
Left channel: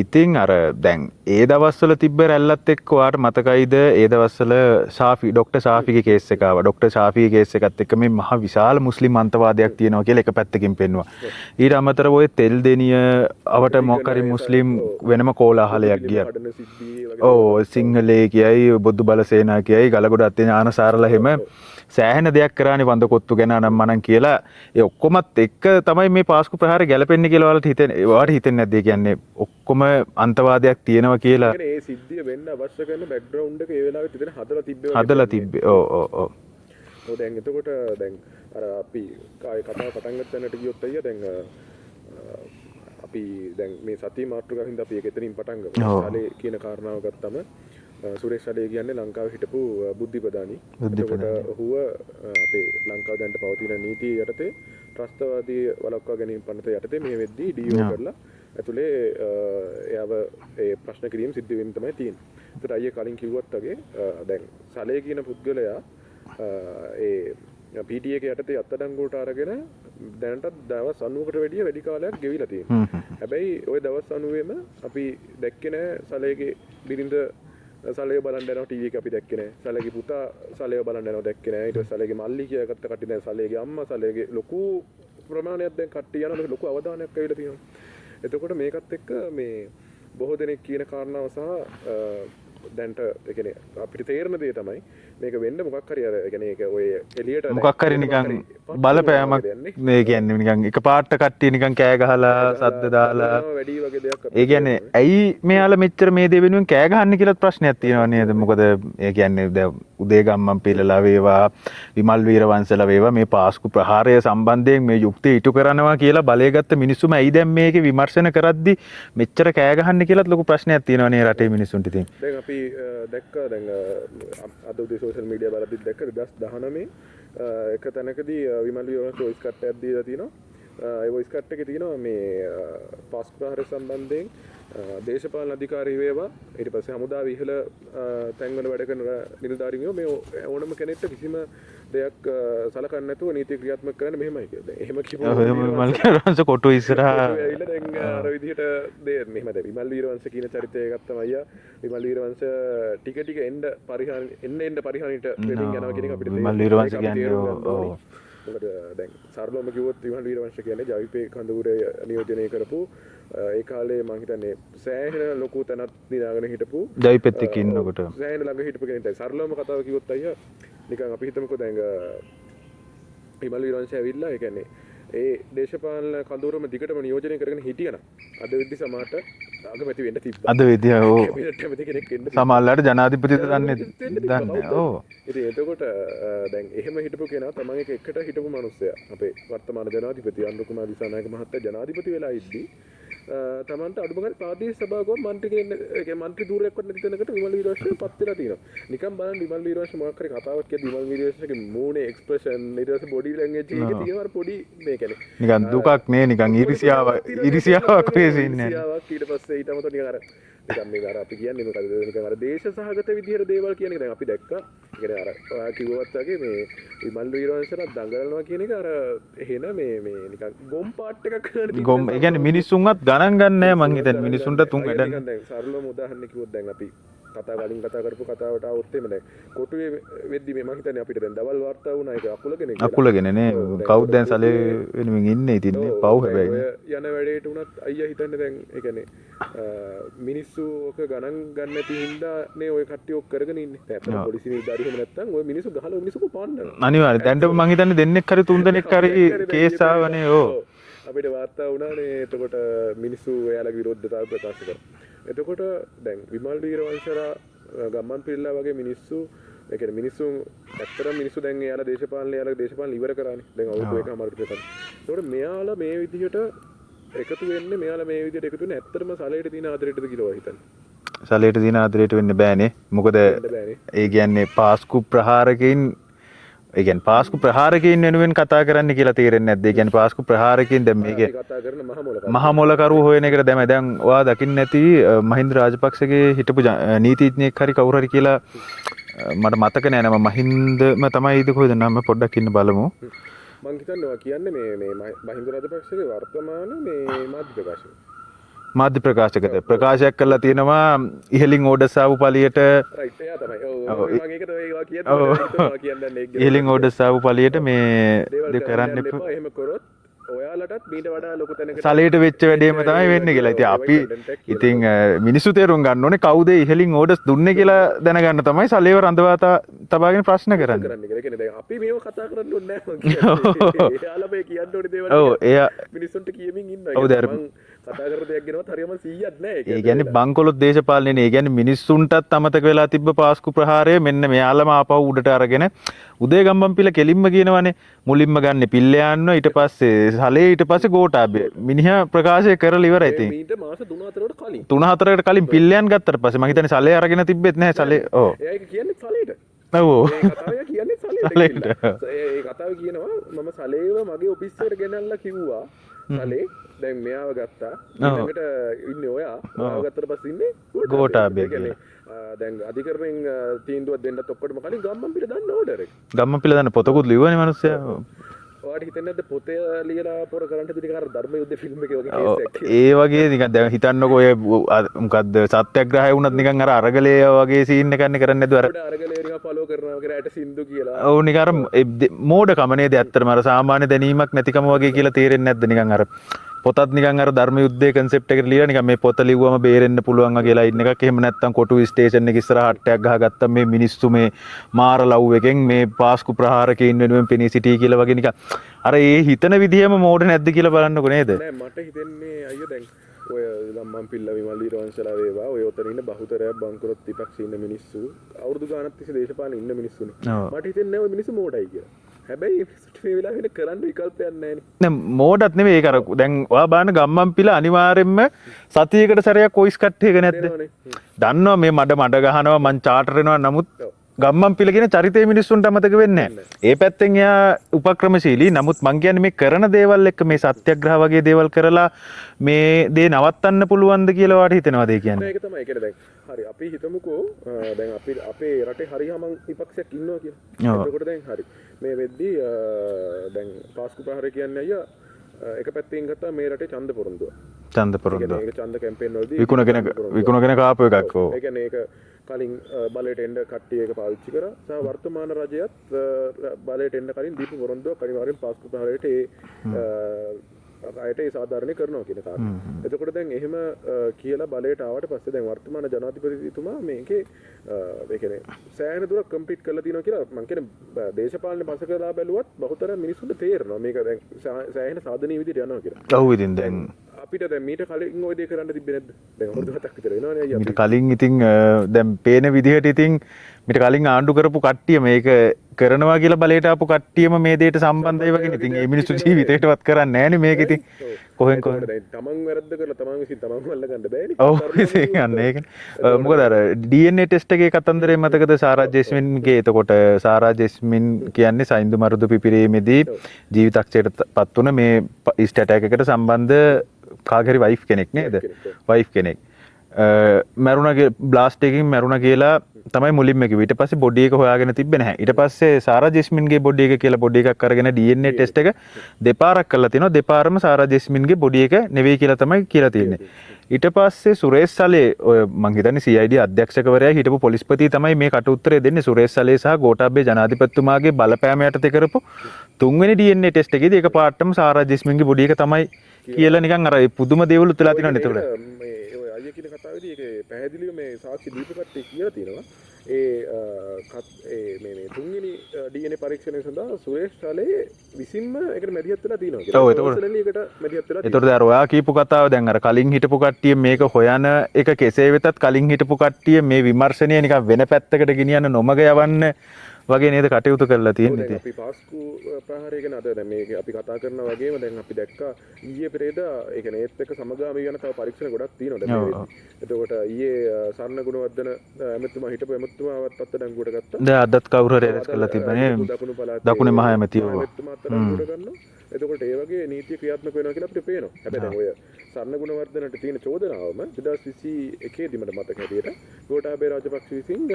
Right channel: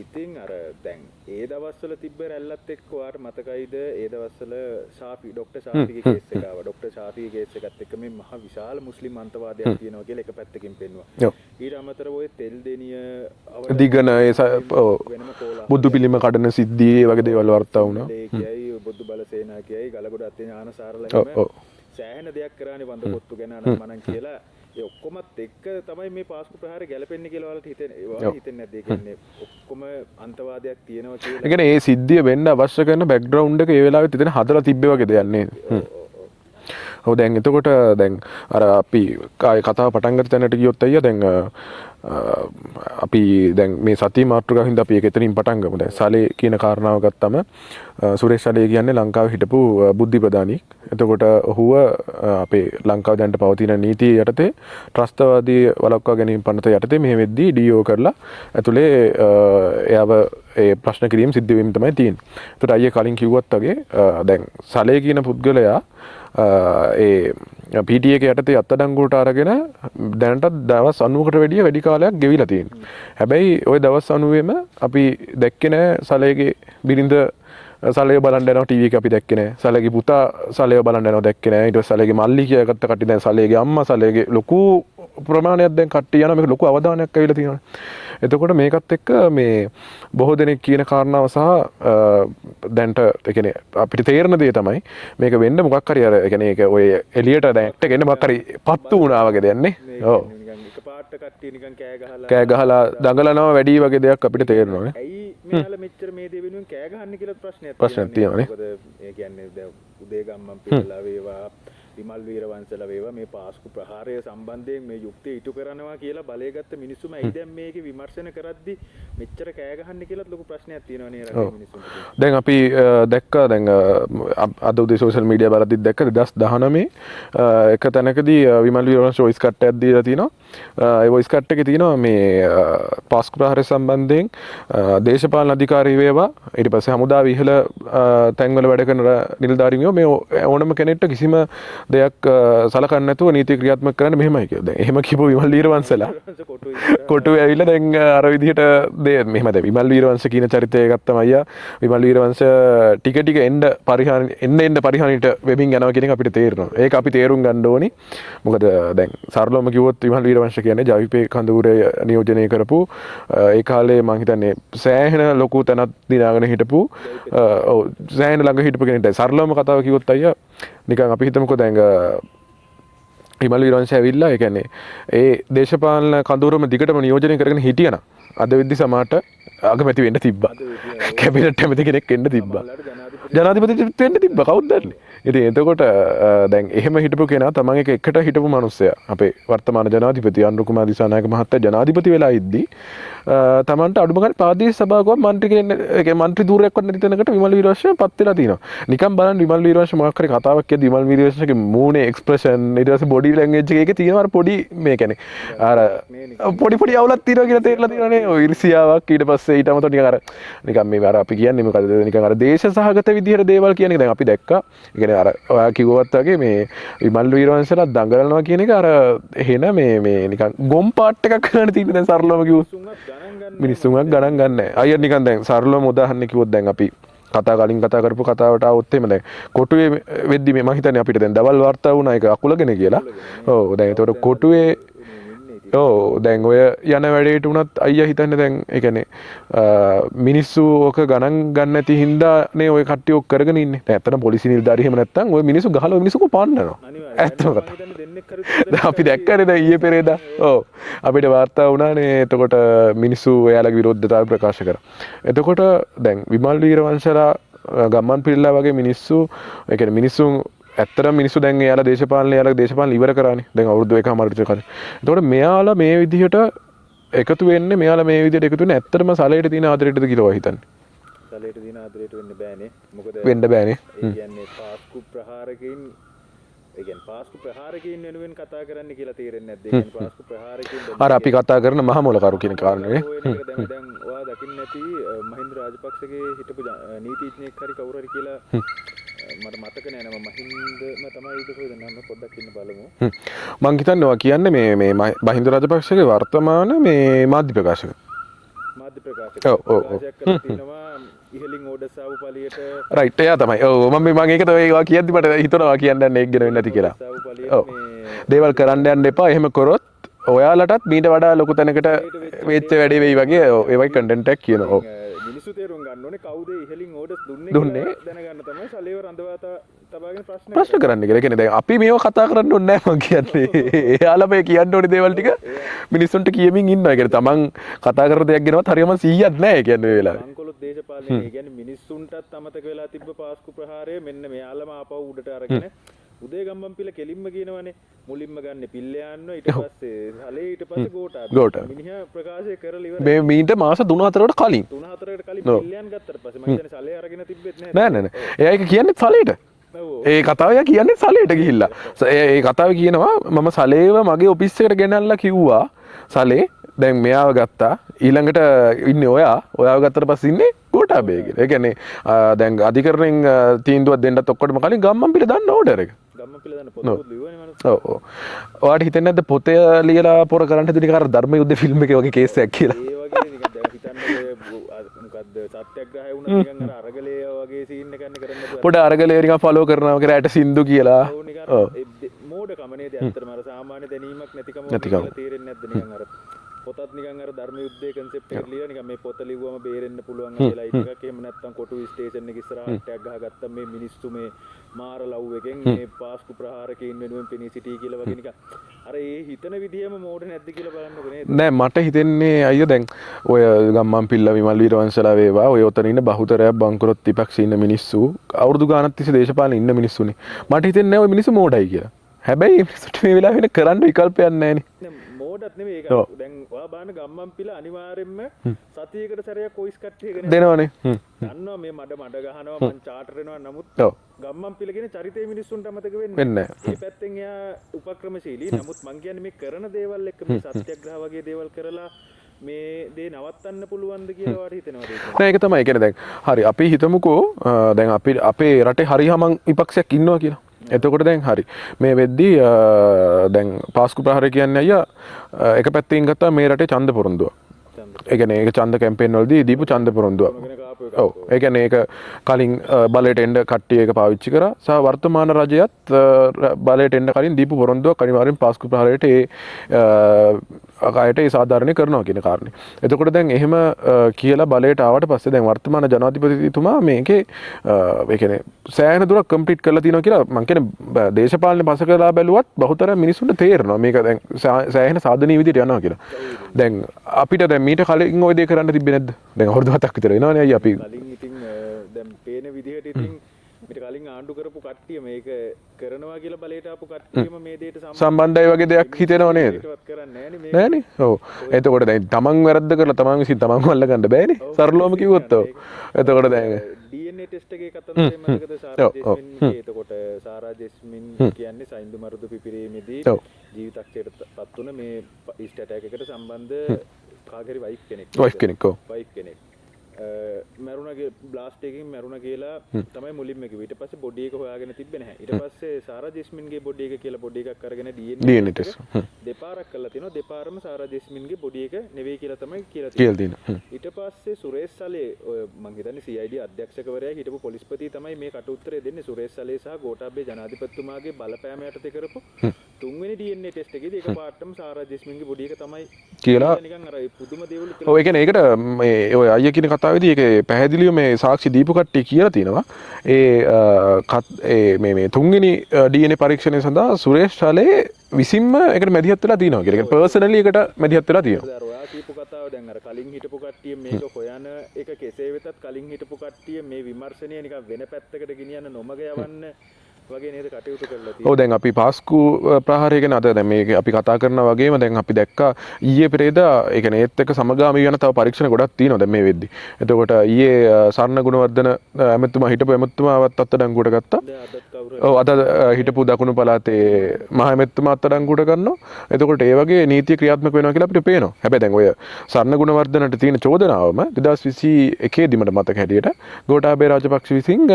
ඉතින් අර දැන් ඒ දවස්වල තිබ්බ රැල්ලත් එක්ක ඔයාට මතකයිද ඒ දවස්වල ශාෆි ડોක්ටර් ශාෆිගේ කේස් එක ආවා. ડોක්ටර් ශාෆිගේ කේස් එකත් එක්ක මේ මහ විශාල මුස්ලිම් අන්තවාදයක් තියෙනවා කියලා එක පැත්තකින් පෙන්නුවා. ඊට අමතරව ඔය තෙල් දෙනිය අවට මුස්ලිම් වෙනම කෝලාහලයක්. බුදු පිළිම කඩන සිද්ධි වගේ දේවල් සිංහලේ කියයි බුදු බල සේනා කියයි ගලගොඩ අත්තේ ඥානසාරලා හැම සෑහෙන දෙයක් කරානේ වඳ කොත්තු ගැන නම් මනන් කියලා ඒ ඔක්කොමත් එක්ක තමයි මේ පාස්කු ප්‍රහාරය ගැලපෙන්නේ කියලා ඔයාලට හිතෙන්නේ. ඔයාලට හිතෙන්නේ නැද්ද? ඒ කියන්නේ ඔක්කොම අන්තවාදයක් තියෙනවා කියලා. ඒ කියන්නේ ඒ සිද්ධිය වෙන්න අවශ්‍ය කරන බෑග්ග්‍රවුන්ඩ් එක ඒ වෙලාවෙත් හිතෙන හදලා තිබ්බේ වගේ දෙයක් නේ. ඔව් දැන් එතකොට දැන් අර අපි කතාව පටන් ගත්ත තැනට ගියොත් අයියා දැන් අපි දැන් මේ සතිය මාතෘකාව හින්දා අපි ඒක එතනින් පටන් ගමු. සලේ කියන කාරණාව ගත්තම සුරේෂ් සලේ කියන්නේ ලංකාවේ හිටපු බුද්ධි ප්‍රධානී. එතකොට ඔහුව අපේ ලංකාව දැනට පවතින නීතිය යටතේ ත්‍රස්තවාදී වළක්වා ගැනීම පනත යටතේ මෙහෙ වෙද්දී ඩීఓ කරලා ඇතුලේ එයාව ඒ ප්‍රශ්න කිරීම සිද්ධ වීම තමයි තියෙන්නේ. එතකොට අයියේ කලින් කිව්වත් වගේ දැන් සලේ කියන පුද්ගලයා ඒ PTA එක යටතේ අත්අඩංගුවට අරගෙන දැනටත් දවස් 90කට වැඩිය වැඩි කාලයක් ගෙවිලා තියෙනවා. හැබැයි ওই දවස් 90ෙම අපි දැක්කේ නැහැ සලේගේ බිරිඳ සලේ බලන්න යනවා ටීවී එක අපි දැක්කේ නැහැ. සලේගේ පුතා සලේව බලන්න යනවා දැක්කේ නැහැ. ඊට පස්සේ සලේගේ මල්ලි කියලාගත්ත කට්ටිය දැන් සලේගේ අම්මා සලේගේ ලොකු ප්‍රමාණයක් දැන් කට්ටිය යනවා මේක ලොකු අවධානයක් ඇවිල්ලා තියෙනවා. එතකොට මේකත් එක්ක මේ බොහෝ දෙනෙක් කියන කාරණාව සහ දැන්ට ඒ කියන්නේ අපිට තේරෙන දේ තමයි මේක වෙන්න මොකක් හරි අර ඒ කියන්නේ ඒක ඔය එළියට දැන් වෙන්න මොකක් හරි පත්තු වුණා වගේ දෙයක් නේ. මේ කියන්නේ නිකන් එක පාට කට්ටිය නිකන් කෑ ගහලා දඟලනවා වැඩි වගේ දෙයක් අපිට තේරෙනවා. ඇයි මෙයාලා මෙච්චර මේ දේ වෙනුවෙන් කෑ ගහන්නේ කියලාත් ප්‍රශ්නයක් තියෙනවා නේද? මොකද ඒ කියන්නේ දැන් උදේගම්මන් පිළලා වේවා විමල් වීරවංශලා වේවා මේ පාස්කු ප්‍රහාරය සම්බන්ධයෙන් මේ යුක්තිය ඉටු කරනවා කියලා බලය ගත්ත මිනිස්සුම ඇයි දැන් මේකේ විමර්ශන කරද්දි මෙච්චර කෑ ගහන්නේ කියලාත් ලොකු ප්‍රශ්නයක් තියෙනවා නේ රටේ මිනිස්සුන්ට. දැන් අපි දැක්කා දැන් අද උදේ සෝෂල් මීඩියා බලද්දි දැක්ක 2019 එක තැනකදී විමල් වීරවංශ වොයිස් කට් එකක් දීලා තිනවා. ඒ වොයිස් කට් එකේ තියෙනවා මේ පාස්කු ප්‍රහාරය සම්බන්ධයෙන් දේශපාලන අධිකාරී වේවා ඊට පස්සේ හමුදාව ඉහළ තැන්වල වැඩ කරන නිලධාරීන්ව මේ ඕනම කෙනෙක්ට කිසිම දෙයක් සලකන්නේ නැතුව නීති ක්‍රියාත්මක කරන්න මෙහෙමයි කියලා. දැන් එහෙම කිව්ව විමල් වීරවංශලා කොටු ඉස්සරහා කොටු ඇවිල්ලා දැන් අර විදිහට මෙහෙම දැන් විමල් වීරවංශ කියන චරිතය ගත්තම අයියා විමල් වීරවංශ ටික ටික එන්න පරිහානියට වෙමින් යනවා කියන එක අපිට තේරෙනවා. ඒක අපි තේරුම් ගන්න ඕනි. මොකද දැන් සරලවම කිව්වොත් විමල් වීරවංශ කියන්නේ ජවිපේ කඳවුරේ නියෝජනය කරපු ඒ කාලේ මම හිතන්නේ සෑහෙන ලොකු තැනක් දිනාගෙන හිටපු ජවිපෙත් සෑහෙන ළඟ හිටපු කෙනෙක්. දැන් සරලවම කතාව කිව්වොත් අයියා නිකන් අපි හිතමුකෝ දැන් විමල් වීරවංශ ඇවිල්ලා ඒ කියන්නේ ඒ දේශපාලන කඳවුරම දිගටම නියෝජනය කරගෙන හිටියනම් අද වෙද්දි සමාට අගමැති වෙන්න තිබ්බා. අද වෙද්දි කැබිනට් ඇමති කෙනෙක් වෙන්න තිබ්බා. සමහරවිට ජනාධිපති වෙන්න තිබ්බා. කවුද දන්නේ? ඉතින් එතකොට දැන් එහෙම හිටපු කෙනා තමන් එකට හිටපු මිනිස්සයා අපේ වර්තමාන ජනාධිපති අනුර කුමාර දිසානායක මහත්තයා ජනාධිපති වෙලා ඉද්දී තමන්ට අඩුම ගානේ ප්‍රාදේශීය සභාවක මන්ත්‍රී ධූරයක්වත් නැති තැනකට විමල් වීරවංශ පත් වෙලා තිනවා. නිකන් බලන්න විමල් වීරවංශ මොකක් හරි කතාවක් කියද්දි විමල් වීරවංශගේ මූණේ එක්ස්ප්‍රෙෂන් ඊට පස්සේ බොඩි ලැන්ග්වේජ් එකේ තියෙනවා අර පොඩි මේ කියන්නේ නිකන් දුකක් නේ නිකන් පොඩි අවුලක් තියෙනවා කියලා ඉරිසියාවක් ඊට පස්සේ ඊට අමතරව නිකන් අර නිකන් මේ අර අපි කියන්නේ මොකද නිකන් අර දේශ සහගත විදිහට දේවල් කියන එක දැන් අපි දැක්කා. ඒ කියන්නේ අර ඔයා කිව්වත් වගේ මේ විමල් වීරවංශලා දඟලනවා කියන එක අර එහෙන මේ නිකන් ගොම් පාට් එකක් කරන්න තිබුණ සරලවම මිනිස්සුන්වත් ගණන් ගන්නෑ මම ගණන් ගන්න. අයියා නිකන් දැන් සරලවම උදාහරණයක් කිව්වොත් දැන් අපි කලින් කතා කරපු කතාවට આવොත් එහෙම දැන් කොටුවේ වෙද්දි මේ මම හිතන්නේ අපිට දැන් දවල් වාර්තා වුණා ඒක අකුලගෙන කියලා. අකුලගෙන නේ. ඔව් දැන් ඒතකොට කොටුවේ වෙනුවෙන් ඉන්නේ ඉතින්. ඔව් දැන් ඔය යන වැඩේට උනත් අයියා හිතන්නේ දැන් ඒ කියන්නේ මිනිස්සු ඔක ගණන් ගන්න නැති හින්දා නේ ඔය කට්ටිය ඔක් කරගෙන ඉන්නේ. දැන් ඇත්තටම පොලිසිය නිලධාරී එහෙම නැත්තම් ඔය මිනිස්සු ගහලා මිනිස්සු කොපන්නනවා. අනිවාර්යයෙන්. දැන් මම හිතන්නේ දෙන්නෙක් හරි තුන් දෙනෙක් අපි දැක්කනේ දැන් ඊයේ පෙරේදා. ඔව් අපිට වාර්තා වුණානේ එතකොට මිනිස්සු එයාලගේ විරෝධතාවය ප්‍රකාශ කරා. එතකොට දැන් විමල් වීරවංශලා ගම්මන් පිල්ලා වගේ මිනිස්සු ඒ කියන්නේ මිනිස්සු ඇත්තටම මිනිස්සු දැන් එයාලා දේශපාලන ඉවර කරානේ. දැන් අවුරුදු 1කමාර විතර කලින්. එතකොට මෙයාලා මේ විදිහට එකතු වෙන්නේ මෙයාලා මේ විදිහට එකතු වෙන්නේ ඇත්තටම සලයට තියෙන ආදරයටද කියලා හිතන්නේ. සලයට තියෙන ආදරයට වෙන්න බෑනේ. මොකද වෙන්න බෑනේ. ඒ කියන්නේ පාස්කු ප්‍රහාරකයින් ඒ කියන්නේ පාස්කු ප්‍රහාරකයින් වෙනුවෙන් කතා කරන්න කියලා තේරෙන්නේ නැද්ද? ඒ කියන්නේ පාස්කු ප්‍රහාරකයින් දැන් අර අපි කතා කරන මහමොලකරු හොයන එකට දැන් ඔයා දකින්න නැති මහින්ද රාජපක්ෂගේ හිටපු නීතිඥයෙක් හරි කවුරු හරි කියලා මට මතක නෑ නම මහින්දම තමයි කොහෙද නම පොඩ්ඩක් ඉන්න බලමු. මං හිතන්නේ ඔයා කියන්නේ මේ මහින්ද රාජපක්ෂගේ වර්තමාන මේ මාධ්‍ය ප්‍රකාශක. මාධ්‍ය ප්‍රකාශයක් කරලා තියෙනවා ඉහලින් ඕඩර්ස් ආපු පළියට රයිට් එයා තමයි. ඔව් මම ඒකට ඒවා කියද්දි මට හිතනවා කියන්න යන්නේ ඒක ගැන. ඉහලින් ඕඩර්ස් ආපු පළියට මේ දේවල් කරන්න යන්න එපා. එහෙම කරොත් ඔයාලටත් මීට වඩා ලොකු තැනකට සලයට වෙච්ච වැඩේ වගේ ඒවයි කන්ටෙන්ට් එකක් කියනවා. ඉතින් මිනිස්සු තේරුම් ගන්න ඕනේ කවුද ඉහලින් ඕඩර්ස් දුන්නේ කියලා දැනගන්න තමයි සලේව රඳවා තබාගෙන ප්‍රශ්න කරන්නේ කියලා. කියන්නේ දැන් අපි මේව කතා කරන්න ඕනේ නැහැ මං කියන්නේ. එයාලා මේ කියන්න ඕනේ දේවල් ටික මිනිස්සුන්ට කියමින් ඉන්නවා. ඒ කියන්නේ තමන් කතා කරන දෙයක් ගැනවත් හරියම 100ක් නැහැ කියන්නේ. බංකොලොත් දේශපාලනේ නේ. ඒ කියන්නේ මිනිස්සුන්ටත් අමතක වෙලා තිබ්බ පාස්කු ප්‍රහාරය මෙන්න මෙයාලම ආපහු උඩට අරගෙන උදේ ගම්මන්පිල කෙලින්ම කියනවනේ මුලින්ම ගන්න පිල්ල යන්න ඊට පස්සේ සලේ ඊට පස්සේ ගෝඨාභය මිනිහා ප්‍රකාශය කරලා ඉවරයි. මේ මීට මාස 3-4කට කලින් 3-4කට කලින් පිල්ලයන් ගත්තට පස්සේ මම හිතන්නේ සලේ අරගෙන තිබ්බෙත් නැහැ සලේ. එයා ඒක කියන්නේ සලේට. ඒ කතාව කියන්නේ සලේට ගිහිල්ලා. ඒ කතාව කියනවා මම සලේව මගේ ඔෆිස් එකට ගෙනල්ලා කිව්වා සලේ දැන් මෙයාව ගත්තා ඊළඟට ඉන්නේ ඔයාව ගත්තට පස්සේ ඉන්නේ ගෝඨාභය. ඒ කියන්නේ දැන් අධිකරණයෙන් තීන්දුවක් දෙන්නත් ඔක්කොටම කලින් ගම්මන්පිල දාන්න ඕඩර් එක. ගම්මන්පිල දාන්න පොතකුත් ලිව්වනේ මිනිස්සයා. ඔයාට හිතෙන්නේ නැද්ද පොතේ ලියලා පොර කරන්න හදුනේ කාර ධර්ම යුද්ධ ෆිල්ම් එකේ වගේ කේස් එකක් කියලා? ඒ වගේ නිකන් දැන් හිතන්නකෝ ඔය මොකද්ද සත්‍යග්‍රහය වුණත් නිකන් අර අරගලේ වගේ සීන් එකක් නේ කරන්නේ නැතුව අර පොඩ අරගලේ නිකන් ෆලෝ කරනවා කියලා ඇට සින්දු කියලා. ඔව් නිකන් අර මෝඩකම නේද ඇත්තටම අර සාමාන්‍ය දැනීමක් නැතිකම වගේ කියලා තේරෙන්නේ නැද්ද නිකන් අර පොතත් නිකන් අර ධර්ම යුද්ධයේ concept එකට ලියලා නිකන් මේ පොත ලිව්වම බේරෙන්න පුළුවන් වගේලා ඉන්න එකක් එහෙම නැත්තම් කොටු ස්ටේෂන් එක ඉස්සරහ හට්ටයක් ගහගත්තා මේ මිනිස්සු මේ මාර ලව් එකෙන් මේ පාස්කු ප්‍රහාරකයින් වෙනුවෙන් පෙනී සිටී කියලා වගේ නිකන් අර ඒ හිතන විදිහම මෝඩ නැද්ද කියලා බලන්නකො නේද? නෑ මට හිතෙන්නේ අයියෝ දැන් ඔය ගම්මන්පිල්ල විමල් වීරවංශලා වේවා ඔය ඔතන ඉන්න බහුතරයක් බංකොලොත් විපක්ෂේ ඉන්න මිනිස්සු අවුරුදු ගානක් තිස්සේ දේශපාලනේ ඉන්න මිනිස්සුනේ. මට හිතෙන්නේ ඔය මිනිස්සු මෝඩයි කියලා. හැබැයි මිනිස්සුන්ට මේ වෙලාව වෙන කරන්න විකල්පයක් නැහැ නේ. දැන් මෝඩත් නෙමෙයි ඒක අර දැන් ඔයා බලන්න ගම්මන්පිල අනිවාර්යෙන්ම සතියකට සැරයක් වොයිස් කට් එක නැද්ද? දෙනවනේ. දන්නවා මේ මඩ ගහනවා මං චාටර් වෙනවා නමුත් ගම්මන්පිල කියන චරිතය මිනිස්සුන්ට අමතක වෙන්නේ නැහැ. ඒ පැත්තෙන් එයා උපක්‍රමශීලී. නමුත් මං කියන්නේ මේ කරන දේවල් එක්ක මේ සත්‍යග්‍රහ වගේ දේවල් කරලා මේ දේ නවත්තන්න පුළුවන්ද කියලා ඔයාට හිතෙනවද ඒ කියන්නේ? නෑ ඒක තමයි. ඒ කියන්නේ දැන් හරි අපි හිතමුකෝ දැන් අපි අපේ රටේ හරි හමන් විපක්ෂයක් ඉන්නවා කියලා. එතකොට දැන් හරි මේ වෙද්දී දැන් පාස්කු ප්‍රහාරය කියන්නේ අයියා එක පැත්තකින් ගත්තා මේ රටේ ඡන්ද පොරොන්දුව. ඒ කියන්නේ ඒක ඡන්ද කැම්පේන් වලදී දීපු ඡන්ද පොරොන්දුව. විකුණගෙන කාපු එකක්. ඒ කියන්නේ ඒක කලින් බලයට එන්න කට්ටිය ඒක පාවිච්චි කරා. සහ වර්තමාන රජයත් බලයට එන්න කලින් දීපු පොරොන්දුවක් අනිවාර්යෙන් පාස්කු ප්‍රහාරයට අකායට ඒ සාධාරණය කරනවා කියන කාරණේ. එතකොට දැන් එහෙම කියලා බලයට ආවට පස්සේ දැන් වර්තමාන ජනාධිපතිතුමා මේකේ ඒ කියන්නේ සෑහෙන දුරක් කම්ප්ලීට් කරලා තියෙනවා කියලා මම කියන්නේ දේශපාලනේ පස කරලා බැලුවත් බහුතරය මිනිස්සුන්ට තේරෙනවා මේක දැන් සෑහෙන සාධනීය විදිහට යනවා කියලා. ඔව් ඉතින් දැන් අපිට දැන් මීට කලින් ওই දේ කරන්න තිබ්බේ නැද්ද? දැන් අවුරුදු 7ක් විතර වෙනවනේ අයියා අපි. කලින් ඉතින් දැන් පේන විදිහට ඉතින් මීට කලින් ආණ්ඩු කරපු කට්ටිය මේක කරනවා කියලා බලයට ආපු කට්ටියම මේ දෙයට සම්බන්ධයි වගේ දෙයක් හිතෙනවා නේද? ඒකටවත් කරන්නේ නැහැ නේ මේක ඉතින්. ඔව්. එතකොට දැන් තමන් වැරද්ද කරලා තමන් විසින් තමන්ව අල්ලගන්න බෑනේ. තරුණවම කිව්වොත්. එතකොට අර DNA ටෙස්ට් එකේ කතන්දරේ මතකද සාරා ජෙස්මින්ගේ එතකොට සාරා ජෙස්මින් කියන්නේ සයින්දු මරුදු පිපිරීමේදී ජීවිතක්ෂයට පත් වුණ මේ ඉස්ට් ඇටැක් එකට සම්බන්ධ කාගේරි වයිෆ් කෙනෙක් නේද? වයිෆ් කෙනෙක්. මැරුණගේ බ්ලාස්ට් එකකින් මැරුණ කියලා තමයි මුලින්ම කිව්වේ. ඊට පස්සේ බොඩි එක හොයාගෙන තිබ්බේ නැහැ. ඊට පස්සේ සාරා ජෙස්මින්ගේ බොඩි එක කියලා බොඩි එකක් අරගෙන DNA ටෙස්ට් එක දෙපාරක් කරලා තිනවා. දෙපාරම සාරා ජෙස්මින්ගේ බොඩි එක නෙවෙයි කියලා තමයි කියලා තියෙන්නේ. ඊට පස්සේ සුරේෂ් සලේ ඔය මං හිතන්නේ CID අධ්‍යක්ෂකවරයා හිටපු පොලිස්පති තමයි මේ කට උත්තරේ දෙන්නේ. සුරේෂ් සලේ සහ ගෝඨාභය ජනාධිපතිතුමාගේ බලපෑම යටතේ කරපු තුන්වෙනි DNA ටෙස්ට් එකේදී ඒක පාටම සාරා ජෙස්මින්ගේ බොඩි එක තමයි කියලා නිකන් අර පුදුම දේවල් උතලා ඔය කියන්නේ ඒකට මේ ඔය අයියා කියන කතාවේදී ඒක පැහැදිලිව මේ සාක්ෂි දීපු කට්ටිය කියලා තිනවා මේ තුන්වෙනි DNA පරීක්ෂණය සඳහා සුරේෂ් ශාලේ විසින්ම ඒකට මැදිහත් වෙලා තිනවා කියලා. පර්සනලි ඒකට මැදිහත් වෙලා තියෙනවා. ඒතකොට අර ඔයා කියපු කතාව දැන් අර කලින් හිටපු කට්ටිය මේක හොයන එක කෙසේ වෙතත් කලින් හිටපු කට්ටිය මේ විමර්ශනය නිකන් වෙන පැත්තකට ගෙනියන්න නොමග යවන්න වගේ නේද කටයුතු කරලා තියෙන්නේ. ඔව් දැන් අපි පාස්කු ප්‍රහාරය ගැන අද දැන් මේක අපි කතා කරනා වගේම දැන් අපි දැක්කා ඊයේ පෙරේදා ඒ කියන්නේ ඒත් එක්ක සමගාමී වෙන තව පරීක්ෂණ ගොඩක් තියෙනවා දැන් මේ වෙද්දි. එතකොට ඊයේ සරණ ගුණවර්ධන ඇමතුමා හිටපු ඇමතුමාවත් අත්අඩංගුවට ගත්තා. දැන් අදත් කවුරු හරි ඔව් අද හිටපු දකුණු පළාතේ මහ ඇමතුමා අත්අඩංගුවට ගන්නවා. එතකොට ඒ වගේ නීතිය ක්‍රියාත්මක වෙනවා කියලා අපිට පේනවා. හැබැයි දැන් ඔය සරණ ගුණවර්ධනට තියෙන චෝදනාවම 2021 දී මට මතක හැටියට ගෝඨාභය රාජපක්ෂ විසින්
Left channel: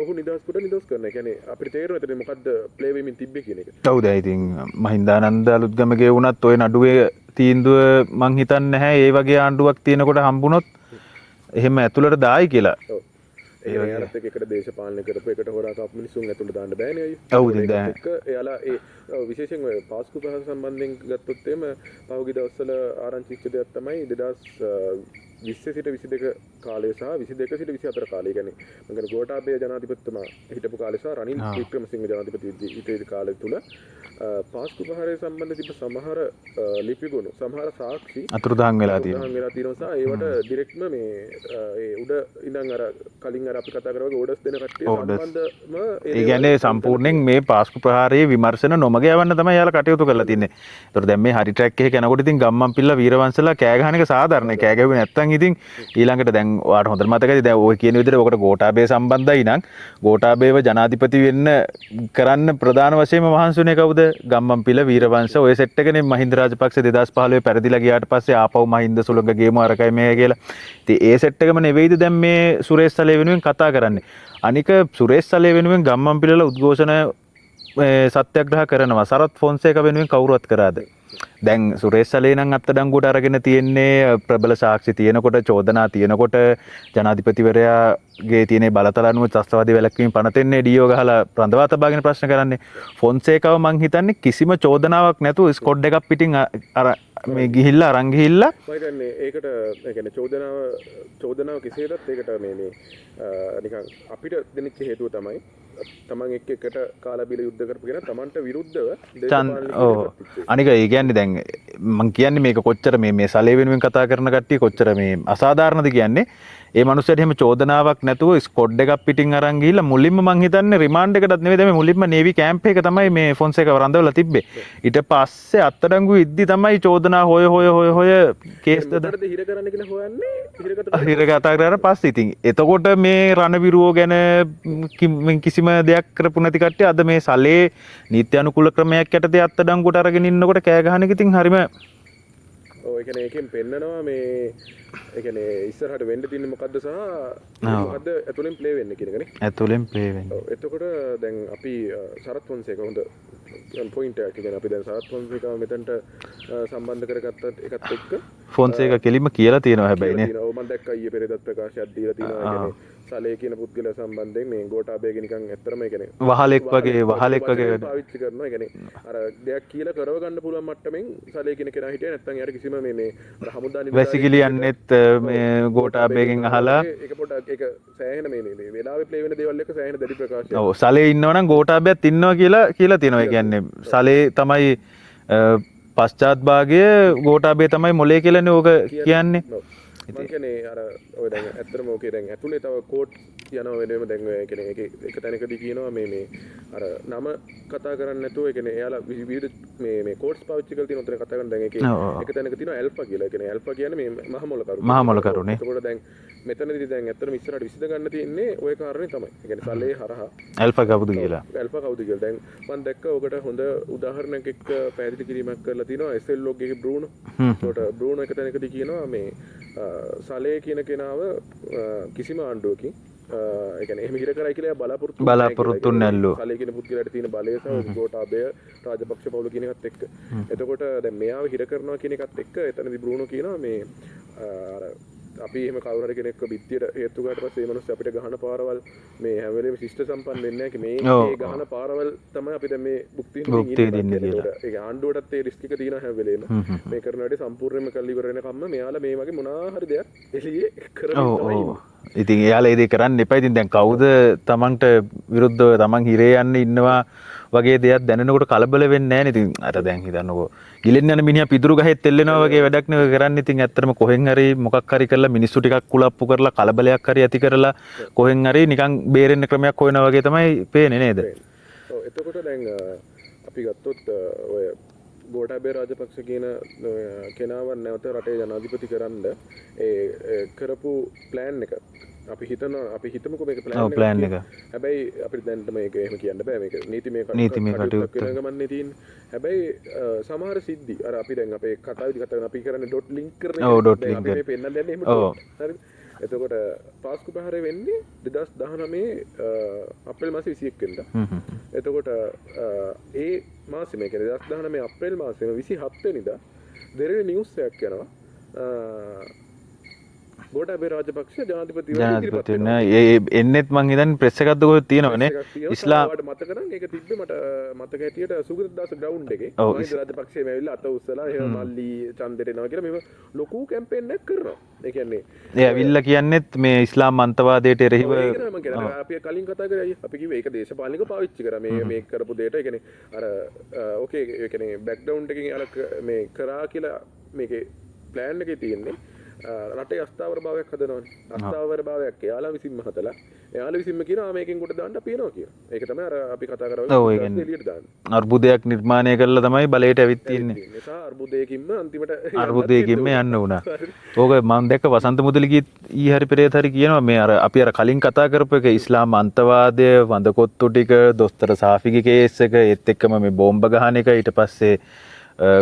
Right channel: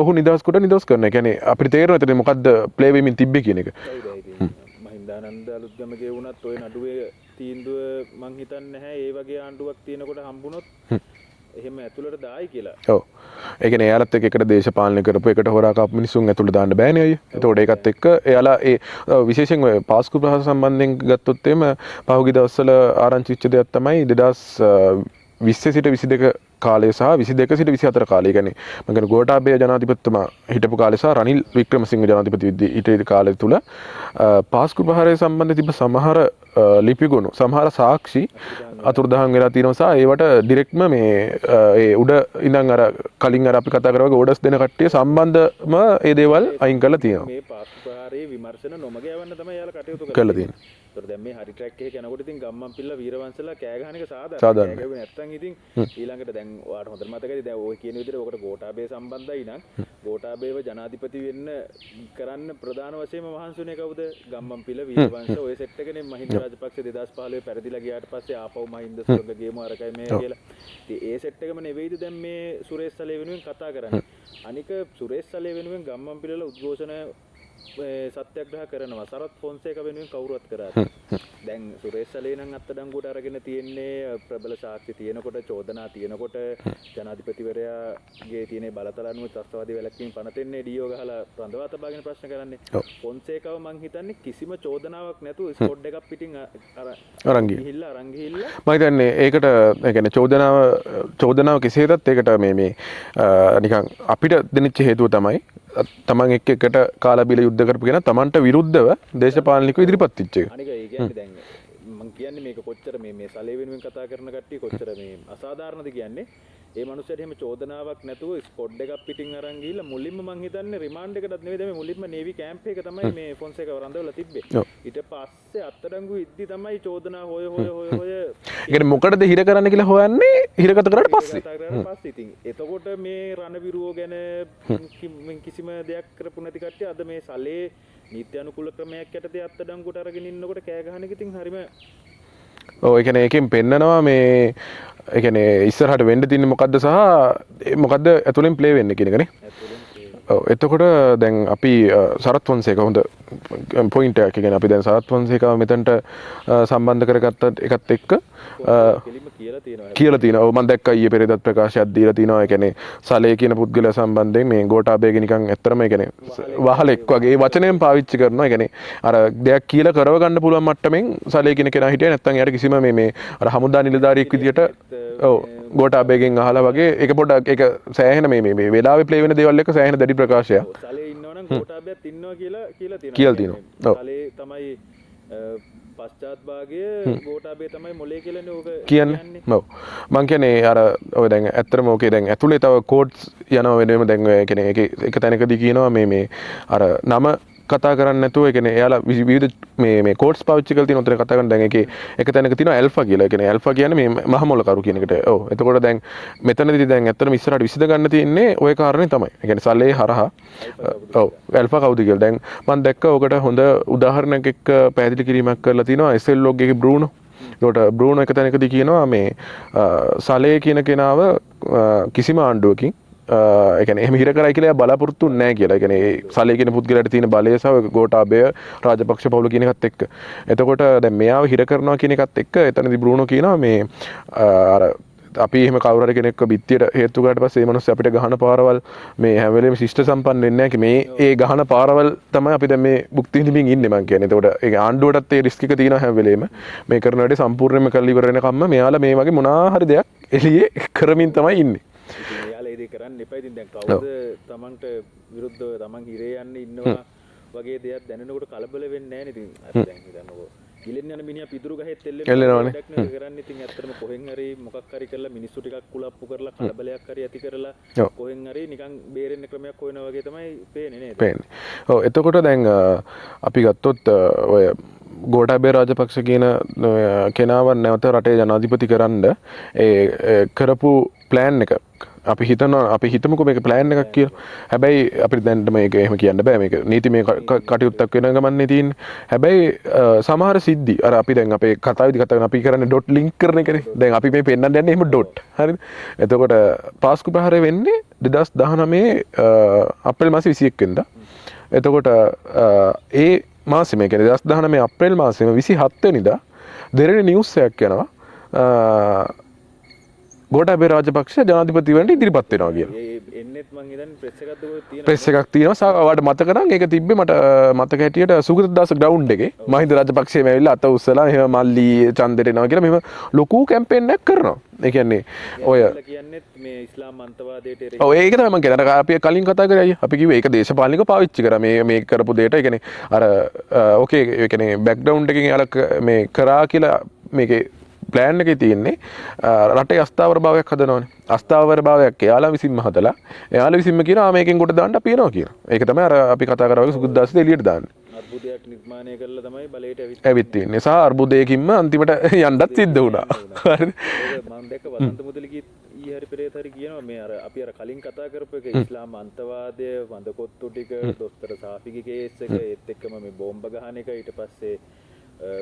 ඔහු නිදහස් කොට නිදහස් කරනවා. ඒ කියන්නේ අපිට තේරෙනවා එතන මොකද්ද ප්ලේ වෙමින් තිබ්බේ කියන එක. ඔව් දැන් ඉතින් මහින්දානන්ද අලුත්ගමගේ වුණත් ඔය නඩුවේ තීන්දුව මං හිතන්නේ නැහැ ඒ වගේ ආණ්ඩුවක් තියෙනකොට හම්බුනොත් එහෙම ඇතුළට දායි කියලා. ඔව්. ඒ කියන්නේ එයාලත් එක්ක එකට දේශපාලනය කරපු එකට හොරා කාපු මිනිසුන් ඇතුළට දාන්න බෑනේ අයියේ. ඒතකොට ඒකත් එක්ක එයාලා ඒ විශේෂයෙන් ඔය පාස්කු ප්‍රහාර සම්බන්ධයෙන් ගත්තොත් එimhe පහුගිය දවස්වල ආරංචි වෙච්ච දෙයක් තමයි 2020 සිට 22 කාලය සහ 22 සිට 24 කාලය. කියන්නේ මම කියන ගෝඨාභය ජනාධිපතිතුමා හිටපු කාලය සහ රනිල් වික්‍රමසිංහ ජනාධිපති හිටපු කාලය තුල පාස්කු ප්‍රහාරය සම්බන්ධ තිබ්බ සමහර ලිපිගුණු සමහර සාක්ෂි අතුරුදහන් වෙලා තියෙනවා සහ ඒවට ඩිරෙක්ට්ම මේ ඒ උඩ ඉඳන් අර කලින් අර අපි කතා කරා වගේ ඕඩර්ස් දෙන කට්ටිය සම්බන්ධම ඒ දේවල් අයින් කරලා තියෙනවා. මේ පාස්කු ප්‍රහාරයේ විමර්ශන නොමග යවන්න තමයි යාලා කටයුතු කරලා තින්නේ. ඒතර දැන් මේ හරි ට්‍රැක් එකේ යනකොට ඉතින් ගම්මන්පිල්ල වීරවංශලා කෑ ගහන එක සාධාරණයි. කෑ ගැහුවේ නැත්තම් ඉතින් ඊළඟට දැන් ඔයාලට හොඳට මතකයි දැන් ඔය කියන විදිහට ඔකට ගෝඨාභය සම්බන්ධයි නම් ගෝඨාභයව ජනාධිපති වෙන්න කරන්න ප්‍රධාන වශයෙන්ම මහන්සිුනේ කවුද? ගම්මන්පිල වීරවංශ ඔය සෙට් එකනේ මහින්ද රාජපක්ෂ 2015 පැරදිලා ගියාට පස්සේ ආපහු මහින්ද සුළඟ ගේමු අරකයි මේ කියලා. ඉතින් ඒ සෙට් එකම නෙවෙයිද දැන් මේ සුරේෂ් සලේ වෙනුවෙන් කතා කරන්නේ. අනික සුරේෂ් සලේ වෙනුවෙන් ගම්මන්පිලල උද්ඝෝෂණ සත්‍යග්‍රහ කරනවා. සරත් ෆොන්සේක වෙනුවෙන් කවුරුවත් කරාද? දැන් සුරේෂ් සලේ නම් අත්අඩංගුවට අරගෙන තියෙන්නේ ප්‍රබල සාක්ෂි තියෙනකොට චෝදනා තියෙනකොට ජනාධිපතිවරයාගේ තියෙන බලතල අනුව ත්‍රස්තවාදී වැළැක්වීම පනතෙන්නේ ඩීఓ ගහලා රඳවා තබාගෙන ප්‍රශ්න කරන්නේ. ෆොන්සේකව මං හිතන්නේ කිසිම චෝදනාවක් නැතුව ස්කොඩ් එකක් පිටින් ගිහිල්ලා අරන් ගිහිල්ලා මම හිතන්නේ ඒකට ඒ කියන්නේ චෝදනාව කෙසේදත් ඒකට මේ නිකන් අපිට දෙනිච්ච හේතුව තමයි තමන් එකට කාලා බිල යුද්ධ කරපු කෙනා තමන්ට විරුද්ධව දේශපාලනිකව ඉදිරිපත් වෙච්ච එක. අනික ඒ කියන්නේ දැන් මං කියන්නේ මේක කොච්චර මේ සලේ වෙනුවෙන් කතා කරන කට්ටිය කොච්චර මේ අසාධාරණද කියන්නේ. ඒ මනුස්සයාට එහෙම චෝදනාවක් නැතුව ස්කොඩ් එකක් පිටින් අරන් ගිහිල්ලා මුලින්ම මං හිතන්නේ රිමාන්ඩ් එකටත් නෙවෙයි දැන් මුලින්ම නේවි කැම්ප් එක තමයි මේ ෆොන්සේකව රඳවලා තිබ්බේ. ඊට පස්සේ අත්අඩංගු ඉද්දි තමයි චෝදනා හොය මොකටද හිර කරන්න කියලා හොයන්නේ හිරගත කරලා පස්සේ ඉතින් එතකොට මේ රණවිරුවෝ ගැන කිසිම දෙයක් කරපු නැති කට්ටිය අද මේ සලේ නීති අනුකූල ක්‍රමයක් යටතේ අත්අඩංගුවට අරගෙන ඉන්නකොට කෑ ගහන එක ඉතින් හරිම ඔව් ඒ කියන්නේ එකෙන් පෙන්නනවා මේ ඒ කියන්නේ ඉස්සරහට වෙන්න තියෙන්නේ මොකද්ද සහ මොකද්ද ඇතුලෙන් ප්ලේ වෙන්නේ කියන එකනේ. ඇතුලෙන් ප්ලේ වෙන්නේ. ඔව් එතකොට දැන් අපි සරත් ෆොන්සේක හොඳ පොයින්ට් එකක්. ඒ කියන්නේ අපි දැන් සරත් ෆොන්සේකව මෙතනට සම්බන්ධ කරගත්ත එකත් එක්ක ෆොන්සේක කෙලින්ම කියලා තියෙනවා හැබැයි. කියලා තියෙනවා. ඔව් මම දැක්කා ඊයේ පෙරේදත් ප්‍රකාශයක් දීලා තියෙනවා. ඒ කියන්නේ සලේ කියන පුද්ගලයා සම්බන්ධයෙන් මේ ගෝඨාභයගේ නිකන් ඇත්තරම ඒ කියන්නේ වහලෙක් වගේ වචනයෙන් පාවිච්චි කරනවා. ඒ කියන්නේ අර දෙයක් කියලා කරව ගන්න පුළුවන් මට්ටමින් සලේ කියන කෙනා හිටියේ නැත්නම් එයාට කිසිම මේ අර හමුදා නිලධාරියෙක් විදිහට ගෝඨාභයගෙන් අහලා වගේ ඒක පොඩ්ඩක් ඒක සෑහෙන මේ වෙලාවේ ප්ලේ වෙන දේවල් එක සෑහෙන දැඩි ප්‍රකාශයක්. ඔව් සලේ ඉන්නවනම් ගෝඨාභයත් ඉන්නවා කියලා තියෙනවා. ඒ කියන්නේ සලේ තමයි පශ්චාත් භාගය ගෝඨාභය තමයි මොලේ කියලානේ ඕක කියන්නේ. ඔව් මං කියන්නේ අර ඔය දැන් ඇත්තටම ඕකේ දැන් ඇතුලේ තව කෝඩ්ස් යනවා වෙනම දැන් ඔය කියන්නේ ඒක තැනකදී කියනවා මේ අර නම කතා කරන්නේ නැතුව ඒ කියන්නේ එයාලා විවිධ මේ කෝඩ්ස් පාවිච්චි කරලා තියෙන උතන කතා කරන දැන් ඒකේ එක තැනක තියෙනවා ඇල්ෆා කියලා. ඒ කියන්නේ ඇල්ෆා කියන්නේ මේ මහමොල කරු කියන එක. ඔව් එතකොට දැන් මෙතනදී දැන් ඇත්තටම ඉස්සරහට විසඳ ගන්න තියෙන්නේ ওই කාරණේ තමයි. ඒ කියන්නේ සල්ලේ හරහා ඇල්ෆා කවුද කියලා. ඇල්ෆා කවුද කියලා. දැන් මම දැක්ක ඔකට හොඳ උදාහරණයක් එක්ක පැහැදිලි කිරීමක් කරලා තිනවා SL log එකේ බෲනෝ. ඒකට බෲනෝ එක තැනකදී කියනවා මේ සලේ කියන කෙනාව කිසිම ආණ්ඩුවකින් ඒ කියන්නේ එහෙම හිර කරයි කියලා බලාපොරොත්තු නැහැ කියලා. ඒ කියන්නේ සලේ කියන පුද්ගලයාට තියෙන බලය සහ ගෝඨාභය රාජපක්ෂ පවුල කියන එකත් එක්ක. එතකොට දැන් මෙයාව හිර කරනවා කියන එකත් එක්ක එතනදී බෲනෝ කියනවා මේ අර අපි එහෙම කවුරු හරි කෙනෙක්ව බිත්තියට හේතු කරාට පස්සේ ඒ මිනිස්සු අපිට ගහන පාරවල් මේ හැම වෙලේම ශිෂ්ට සම්පන්න වෙන්නේ නැහැ. මේ ඒ ගහන පාරවල් තමයි අපි දැන් මේ භුක්ති විඳින්න ඉන්නේ මම කියන්නේ. එතකොට ඒක ආණ්ඩුවටත් ඒ රිස්ක් එක තියෙනවා හැම වෙලේම. මේ කරන වැඩේ සම්පූර්ණයෙන්ම කරලා ඉවර වෙනකම්ම මෙයාලා මේ වගේ මොනවා හරි දෙයක් එළියේ කරමින් තමයි ඉන්නේ. ඉතින් එයාලා ඒ දේ කරන්න එපා. ඉතින් දැන් කවුද තමන්ට විරුද්ධව තමන් හිරේ යන්න ඉන්නවා වගේ දෙයක් දැනෙනකොට කලබල වෙන්නේ නැහැ නේ. ඉතින් අර දැන් හිතන්නකෝ ගිලින්න යන මිනිහා පිදුරු ගහෙත් එල්ලෙනවා වගේ වැඩක් නෙවෙයි කරන්නේ. ඉතින් ඇත්තටම කොහෙන් හරි මොකක් හරි කරලා මිනිස්සු ටිකක් කුලප්පු කරලා කලබලයක් හරි ඇති කරලා කොහෙන් හරි නිකන් බේරෙන්න ක්‍රමයක් හොයනවා වගේ තමයි පේන්නේ නේද? ඔව් එතකොට දැන් අපි ගත්තොත් ඔය ගෝඨාභය රාජපක්ෂ කියන කෙනාව නැවත රටේ ජනාධිපති කරන්න ඒ කරපු ප්ලෑන් එක අපි හිතමුකෝ මේක ප්ලෑන් එකක් කියලා. හැබැයි අපිට දැන් මේක එහෙම කියන්න බෑ. මේක නීතිමය කටයුත්තක් වෙන ගමන්නේ තියෙන්නේ. හැබැයි සමහර සිද්ධි අර අපි දැන් අපේ කතාවේදී කතා කරන අපි කරන්නේ ඩොට් ලින්ක් කරන එක. දැන් අපි මේ පෙන්නන්න යන්නේ එහෙම ඩොට්. හරිද? එතකොට පාස්කු ප්‍රහාරය වෙන්නේ 2019 අප්‍රේල් මාසේ 21 වෙනිදා. එතකොට ඒ මාසෙම ඒ කියන්නේ 2019 අප්‍රේල් මාසෙම 27 වෙනිදා දෙරණ නිවුස් එකක් යනවා. ගෝඨාභය රාජපක්ෂ ජනාධිපතිවරට ඉදිරිපත් වෙනවා. ඒ එන්නෙත් මං හිතන්නේ ප්‍රෙස් එකක් දුක තියෙනවා ප්‍රෙස් එකක් තියෙනවා. සාවාට මතක නම් ඒක තිබ්බේ මට මතක හැටියට සුගතදාස ග්‍රවුන්ඩ් එකේ මහින්ද රාජපක්ෂම ඇවිල්ලා අත උස්සලා එහෙම මල්ලි ඡන්දෙට එනවා කියලා මෙහෙම ලොකු කැම්පේන් එකක් කරනවා. ඒ කියන්නේ ඔය කියන්නෙත් මේ ඉස්ලාම් අන්තවාදයට එරෙහිව. ඔව් ඒක තමයි මම කියන්නේ. අර අපි කලින් කතා කරේ අයියා. අපි කිව්වේ ඒක දේශපාලනිකව පාවිච්චි කරා මේ කරපු දෙයට. ඒ කියන්නේ අර ඕකේ ඒ කියන්නේ බෑග්ග්‍රවුන්ඩ් එකකින් යාලා මේ කරා කියලා මේකේ ප්ලෑන් එකේ තියෙන්නේ රටේ අස්ථාවර භාවයක් හදනවානේ. අස්ථාවර භාවයක් එයාලා විසින්ම හදලා එයාලා විසින්ම කියනවා මේකෙන් කොට දාන්න අපි එනවා කියලා. ඒක තමයි අර අපි කතා කරා වගේ බුද්දාස්සේ එළියට දාන්නේ. අර්බුදයක් නිර්මාණය කළා තමයි බලයට ඇවිත් තියෙන්නේ. සහ අර්බුදයකින්ම අන්තිමට යන්නත් සිද්ධ වුණා. ඕක මම දැක්ක වසන්ත මුදලිගීත් ඊ හරි පෙරේත හරි කියනවා මේ අර අපි අර කලින් කතා කරපු එක ඉස්ලාම් අන්තවාදය වඳකොත්තු ටික දොස්තර සාෆිගේ කේස් එක ඒත් එක්කම මේ බෝම්බ ගහන එක ඊට පස්සේ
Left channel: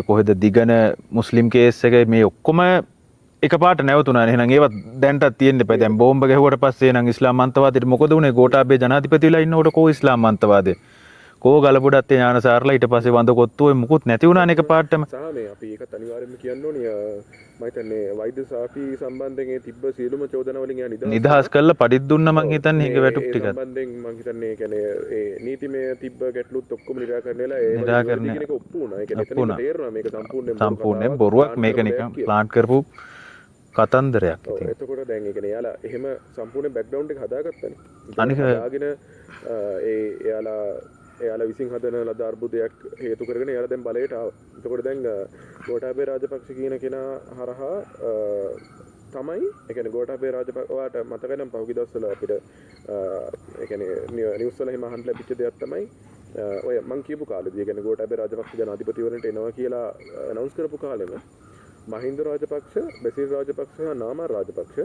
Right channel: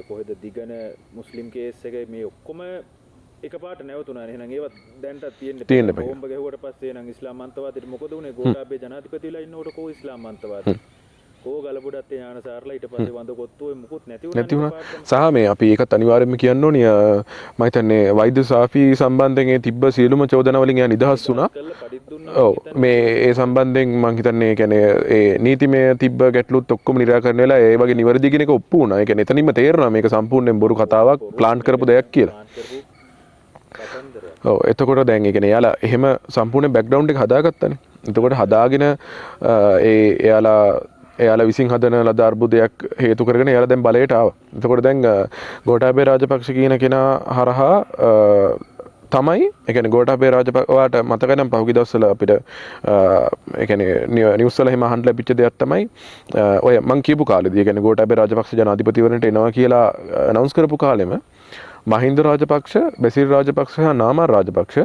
කොහෙද දිගන මුස්ලිම් කේස් එක මේ ඔක්කොම එකපාරට නැවතුණා. එහෙනම් ඒවත් දැන්ටත් තියෙන්න එපා. දැන් බෝම්බ ගැහුවට පස්සේ නම් ඉස්ලාම් අන්තවාදයට මොකද උනේ? ගෝඨාභය ජනාධිපතිලා ඉන්නකොට කෝ ඉස්ලාම් අන්තවාදේ කෝ ගලපොඩත් ඥානසාරලා ඊට පස්සේ වඳකොත්තු ඔය මුකුත් නැති වුණානේ එකපාරටම. සහ මේ අපි ඒකත් අනිවාර්යයෙන්ම කියන්න ඕනේ මම හිතන්නේ වෛද්‍ය සාෆි සම්බන්ධයෙන් ඒ තිබ්බ සියලුම චෝදනා වලින් එයා නිදහස් කරලා පඩිත් දුන්නා මම හිතන්නේ. ඒ සම්බන්ධයෙන් මම හිතන්නේ ඒ කියන්නේ ඒ නීතිමය තිබ්බ ගැටලුත් ඔක්කොම නිරාකරණය වෙලා ඒ වගේ නිවැරදි කියන එක ඔප්පු වුණා. ඒ කියන්නේ එතනින්ම තේරෙනවා මේක සම්පූර්ණයෙන් බොරු කතාවක් ප්ලාන් කරපු දෙයක් කියලා. ප්ලාන් කරපු කතන්දරයක්. ඔව් එතකොට දැන් ඒ කියන්නේ එයාලා එහෙම සම්පූර්ණ බෑග්ග්‍රවුන්ඩ් එක හදාගත්තානේ. එතකොට හදාගෙන එයාලා විසින් හදන ලද අර්බුදයක් හේතු කරගෙන එයාලා දැන් බලයට ආවා. එතකොට දැන් ගෝඨාභය රාජපක්ෂ කියන කෙනා හරහා තමයි ඒ කියන්නේ ගෝඨාභය රාජපක්ෂ මතක නම් පහුගිය දවස්වල අපිට ඒ කියන්නේ නිවුස් වල එහෙම අහන්න ලැබිච්ච දෙයක් තමයි ඔය මං කියපු කාලෙදී ඒ කියන්නේ ගෝඨාභය රාජපක්ෂ ජනාධිපතිවරණයට එනවා කියලා අනවුන්ස් කරපු කාලෙම මහින්ද රාජපක්ෂ, බැසිල් රාජපක්ෂ සහ නාමල් රාජපක්ෂ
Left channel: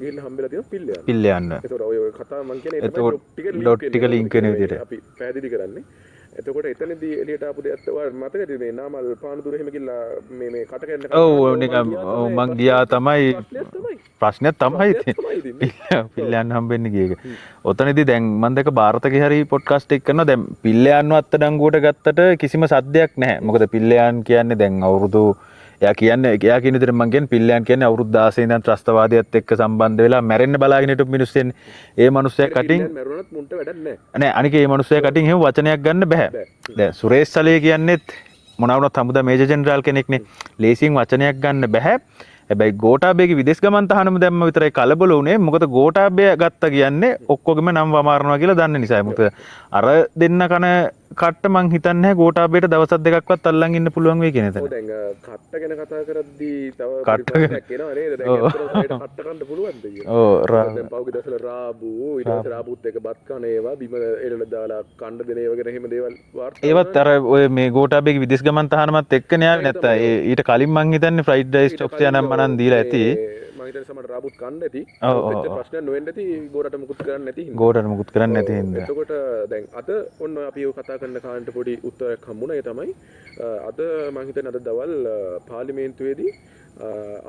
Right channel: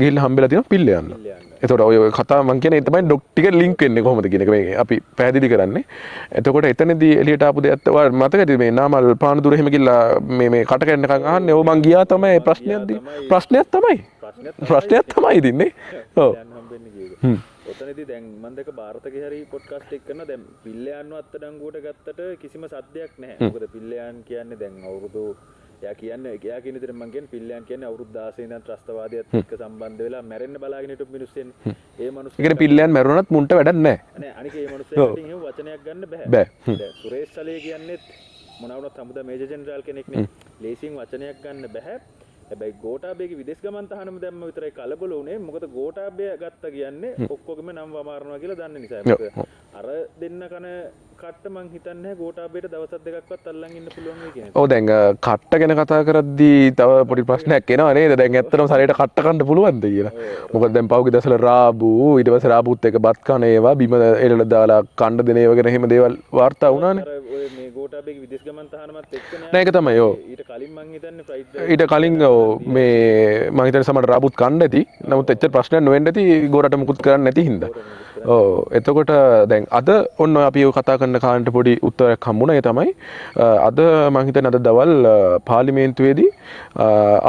ගිහිල්ලා හම්බෙලා තියෙනවා පිල්ලයන්. පිල්ලයන්. එතකොට ඔය කතාව මං කියන්නේ ඒ තමයි ඩොට් ටික ලින්ක් වෙන්නේ කොහොමද කියන්නේ අපි පැහැදිලි කරන්නේ. එතකොට එතනදී එළියට ආපු දෙයක් මතකද මේ නාමල් පානදුර එහෙම ගිහිල්ලා මේ කට කැන්න කන්න අහන්නේ ඔව් මං ගියා තමයි ප්‍රශ්නයක් තමයි ඉතින්නේ. පිල්ලයන් හම්බෙන්නේ ගියේක. ඔතනදී දැන් මම දැක ಭಾರತගේ හරි පොඩ්කාස්ට් එක කරනවා දැන් පිල්ලයන්ව අත්අඩංගුවට ගත්තට කිසිම සද්දයක් නැහැ. මොකද පිල්ලයන් කියන්නේ දැන් අවුරුදු එයා කියන විදිහට මම කියන්නේ පිල්ලයන් කියන්නේ අවුරුදු 16 ඉඳන් ත්‍රස්තවාදයත් එක්ක සම්බන්ධ වෙලා මැරෙන්න බලාගෙන හිටපු මිනිස්සු එන්නේ. ඒ මිනිස්සයා පිල්ලයන් මැරුණත් මුන්ට වැඩක් නැහැ. නෑ අනික ඒ මිනිස්සයා කටින් එහෙම වචනයක් ගන්න බෑ. දැන් සුරේෂ් සලේ කියන්නේත් මොනවුනත් හමුදා මේජර් ජෙනරාල් කෙනෙක්නේ. ලේසියෙන් වචනයක් ගන්න බෑ. හැබැයි ගෝඨාභයගේ විදේශ ගමන් තහනම දැම්ම විතරයි කලබල වුණේ. මොකද ගෝඨාභය ගත්තා කියන්නේ ඔක්කොගෙම නම් වමාරනවා කියලා දන්න නිසා. මොකද අර දෙන්න කන කට්ට මං හිතන්නේ නැහැ ගෝඨාභයට දවස් දෙකක්වත් අල්ලන් ඉන්න පුළුවන් වෙයි කියන එක. ඔව් දැන් කට්ට ගැන කතා කරද්දී තව පොඩි ප්‍රශ්නයක් එනවා නේද? දැන් ඇත්තටම සායට කට්ට කන්න පුළුවන්ද කියලා. ඔව් දැන් පහුගිය දවස්වල රාබු ඊට පස්සේ රාබුත් එක්ක බත් කන ඒවා බිම එළල දාලා කණ්ඩ දෙන ඒවා ගැන එහෙම දේවල් වාර්තා වුණා. ඒවත් අර ඔය මේ ගෝඨාභයගේ විදේශ ගමන් තහනමත් එක්කනේ යාළුවා. ඊට කලින් මං හිතන්නේ ෆ්‍රයිඩ් රයිස් ඊට කලින් මම හිතන්නේ සමහර රාබුත් කන්න ඇති. නමුත් එච්චර ප්‍රශ්නයක් නොවෙන්න ඇති ගෝරට මුකුත් කරන්න නැති හින්දා. ගෝරට මුකුත් කරන්න නැති හින්දා. එතකොට දැන් අද ඔන්න අපි කතා කරන කාරණට පොඩි උත්තරයක් හම්බුණා. ඒ තමයි අද මම හිතන්නේ අද දවල් පාර්ලිමේන්තුවේදී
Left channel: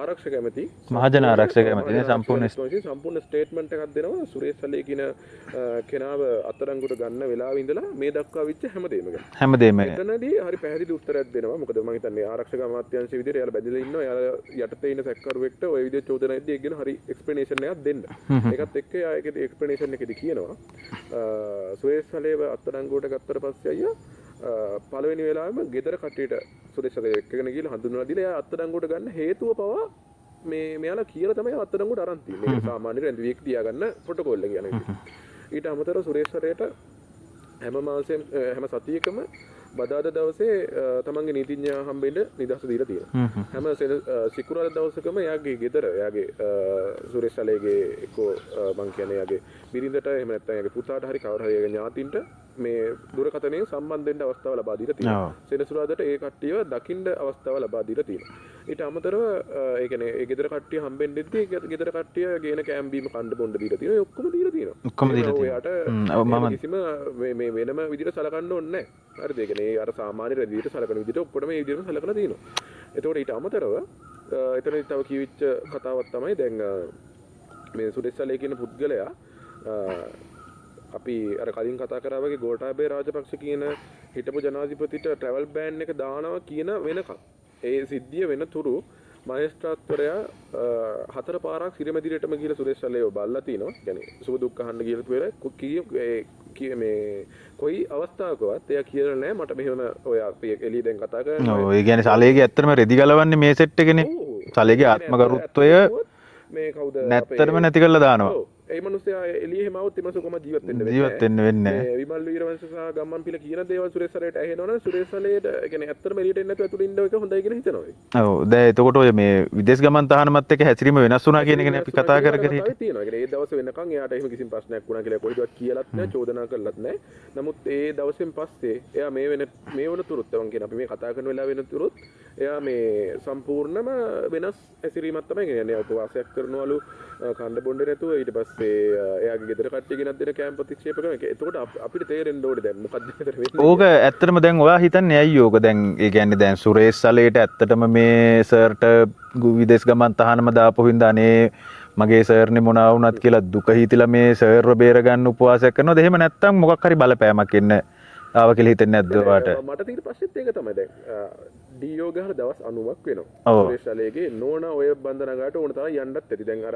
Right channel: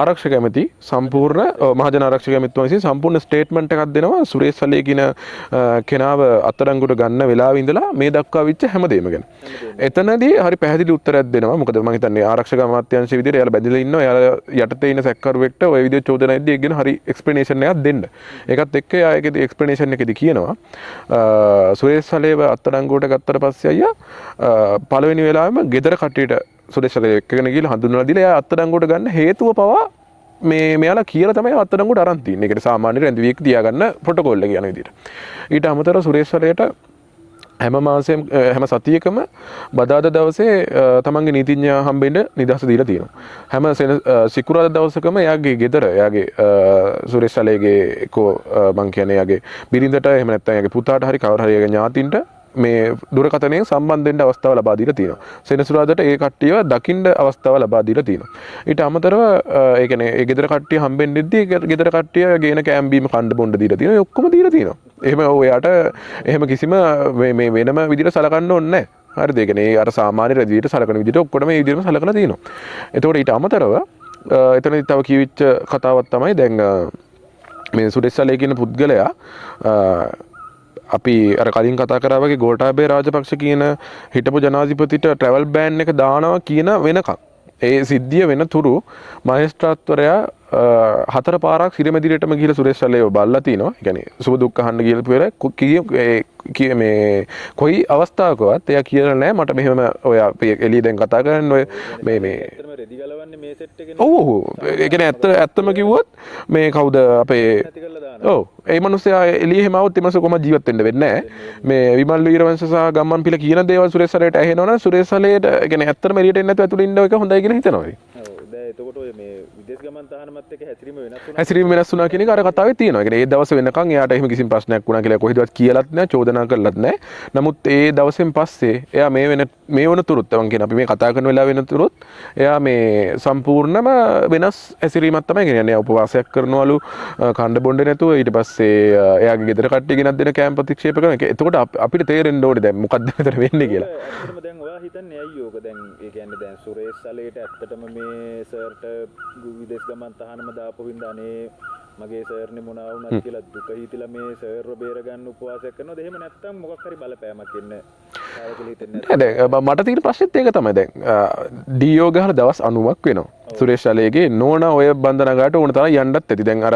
ආරක්ෂක ඇමති සම්පූර්ණ මහජන ආරක්ෂක ඇමතිතුමා විසින් සම්පූර්ණ ස්ටේට්මන්ට් එකක් දෙනවා සුරේෂ් සලේ කියන කෙනාව අත්අඩංගුවට ගන්න වෙලාවෙ ඉඳලා මේ දක්වා විච්ච හැමදේම ගැන. හැමදේම. එතනදී හරි පැහැදිලි උත්තරයක් දෙනවා. මොකද මම හිතන්නේ ආරක්ෂක අමාත්‍යාංශයේ විදිහට එයාලා බැඳලා ඉන්නවා. එයාලා යටතේ ඉන්න සැකකරුවෙක්ට ওই විදිහට චෝදනා එද්දී ඒක ගැන හරි එක්ස්ප්ලනේෂන් එකක් දෙන්න. ඒකත් එක්ක එයාගේ එක්ස්ප්ලනේෂන් එකේදී කියනවා සුරේෂ් සලේව අත්අඩංගුවට ගත්තට පස්සේ අයියා පළවෙනි වෙලාවෙම ගෙදර කට්ටියට සුරේෂ් සලේ එක්කගෙන ගිහලා හඳුන්වලා දීලා එයා අත්අඩංගුවට ගන්න හේතුව පවා මෙයාලා කියලා තමයි අත්අඩංගුවට අරන් තින්නේ. ඒකට සාමාන්‍ය රැඳවියෙක් තියාගන්න ප්‍රොටෝකෝල් එක යන විදිහට. ඊට අමතරව සුරේෂ් සලේට හැම මාසෙම හැම සතියකම බදාදා දවසේ තමන්ගේ නීතිඥයා හම්බෙන්න නිදහස දීලා තියෙනවා. හැම සිකුරාදා දවසකම එයාගේ ගෙදර එයාගේ සුරේෂ් සලේගේ එක්කෝ මං කියන්නේ එයාගේ බිරිඳට එහෙම නැත්නම් එයාගේ පුතාට හරි කවුරු හරි එයාගේ ඥාතින්ට මේ දුරකථනයෙන් සම්බන්ධ වෙන්න අවස්ථාව ලබා දීලා තියෙනවා. සෙනසුරාදාට ඒ කට්ටියව දකින්න අවස්ථාව ලබා දීලා තියෙනවා. ඊට අමතරව ඒ කියන්නේ ඒ ගෙදර කට්ටිය හම්බෙන්නෙද්දී ගෙදර කට්ටිය ගේන කෑම බීම කන්න බොන්න දීලා තියෙනවා. ඒ ඔක්කොම දීලා තියෙනවා. එහෙම ඔයාට එහෙම කිසිම මේ වෙනම විදිහට සලකන්න ඕනේ නැහැ. හරිද? ඒ කියන්නේ අර සාමාන්‍ය රැදියට සලකන විදිහට ඔක්කොම මේ විදිහටම සලකලා තියෙනවා. එතකොට ඊට අමතරව එතනදී තව කියවිච්ච කතාවක් තමයි දැන් මේ සුරේෂ් සලේ කියන පුද්ගලයා අපි අර කලින් කතා කරා වගේ ගෝඨාභය රාජපක්ෂ කියන හිටපු ජනාධිපතිට ට්‍රැවල් බෑන් එක දානවා කියන වෙනකම් ඒ සිද්ධිය වෙන තුරු මහේස්ත්‍රාත්වරයා හතර පාරක් සිරමැදිරියටම ගිහලා සුරේෂ් සල්ලේව බල්ලා තිනවා. ඒ කියන්නේ සුබ දුක් අහන්න ගිහලා පෙර මේ කොයි අවස්ථාවකවත් එයා කියලා නැහැ මට මෙහෙම ඔය අපි එළිය දැන් කතා කරන්නේ ඔය කියන්නේ සලේගේ ඇත්තටම රෙදි ගලවන්නේ මේ සෙට් එකනේ. ඔව් ඔව්. සලේගේ ඒ කියන්නේ ඇත්තම කිව්වොත් මේ කවුද අපේ නැති කරලා දානවා. ඔව්. ඒ මිනිස්සයා එළිය හැමවොත් ඒ මිනිස්සු කොහොමද ජීවත් වෙන්න වෙන්නේ නැහැ. මේ විමල් වීරවංශ සහ ගම්මන් පිළ කියන දේවල් සුරේෂ් සලේට ඇහෙනවනම් සුරේෂ් සලේට ඒ කියන්නේ ඇත්තම එළියට එන්නේ නැතුව ඇතුළේ ඉන්න එක හොඳයි කියලා හිතනවා. ඔව්. දැන් එතකොට ඔය මේ විදේශ ගමන් තහනමත් එක්ක හැසිරීම වෙනස් වුණා කියන එක වෙනස් වුණා කියන එක අර කතාවේ තියෙනවා. ඒ කියන්නේ ඒ දවස් වෙනකන් එයාට එහෙම කිසිම ප්‍රශ්නයක් වුණා කියලා කොහෙදවත් කියලාත් නැහැ, චෝදනා කළාත් නැහැ. නමුත් ඒ දවසෙන් පස්සේ එයා මේ වනතුරුත් මම කියන අපි මේ කතා කරන වෙලාව වෙනතුරුත් එයා මේ සම්පූර්ණම වෙනස් ඇසිරීමක් තමයි කියන්නේ. උපවාසයක් කරනවලු කණ්ඩ බොණ්ඩ නැතුව ඊට පස්සේ එයාගේ ගෙදර කට්ටිය ගෙනත් දෙන කැම්ප් ප්‍රතික්ෂේප කරන එක. එතකොට අපිට තේරෙන්න ඕනේ දැන් මොකද්ද මෙතන වෙන්නේ කියලා. ඕක ඇත්තටම දැන් ඔයා හිතන්නේ ඇයි ඕක දැන් ඒ කියන්නේ දැන් සුරේෂ් සලේට ඇත්තටම මේ සර්ට විදේශ ගමන් තහනම දාපු හින්දා අනේ මගේ සර්නේ මොනවා වුණත් කියලා දුක හිතිලා මේ සර්ව බේර ගන්න උපවාසයක් කරනවද? එහෙම නැත්නම් මොකක් හරි බලපෑමක් ඉන්න ආව කියලා හිතන්නේ නැද්ද? මට තියෙන ප්‍රශ්නෙත් ඒක තමයි. දැන් ඩීෝ ගහලා දවස් 90ක් වෙනවා. සුරේෂ් සලේගේ නෝනා ඔය බන්ධනාගාරට ඕන තරම් යන්නත් ඇති. දැන් අර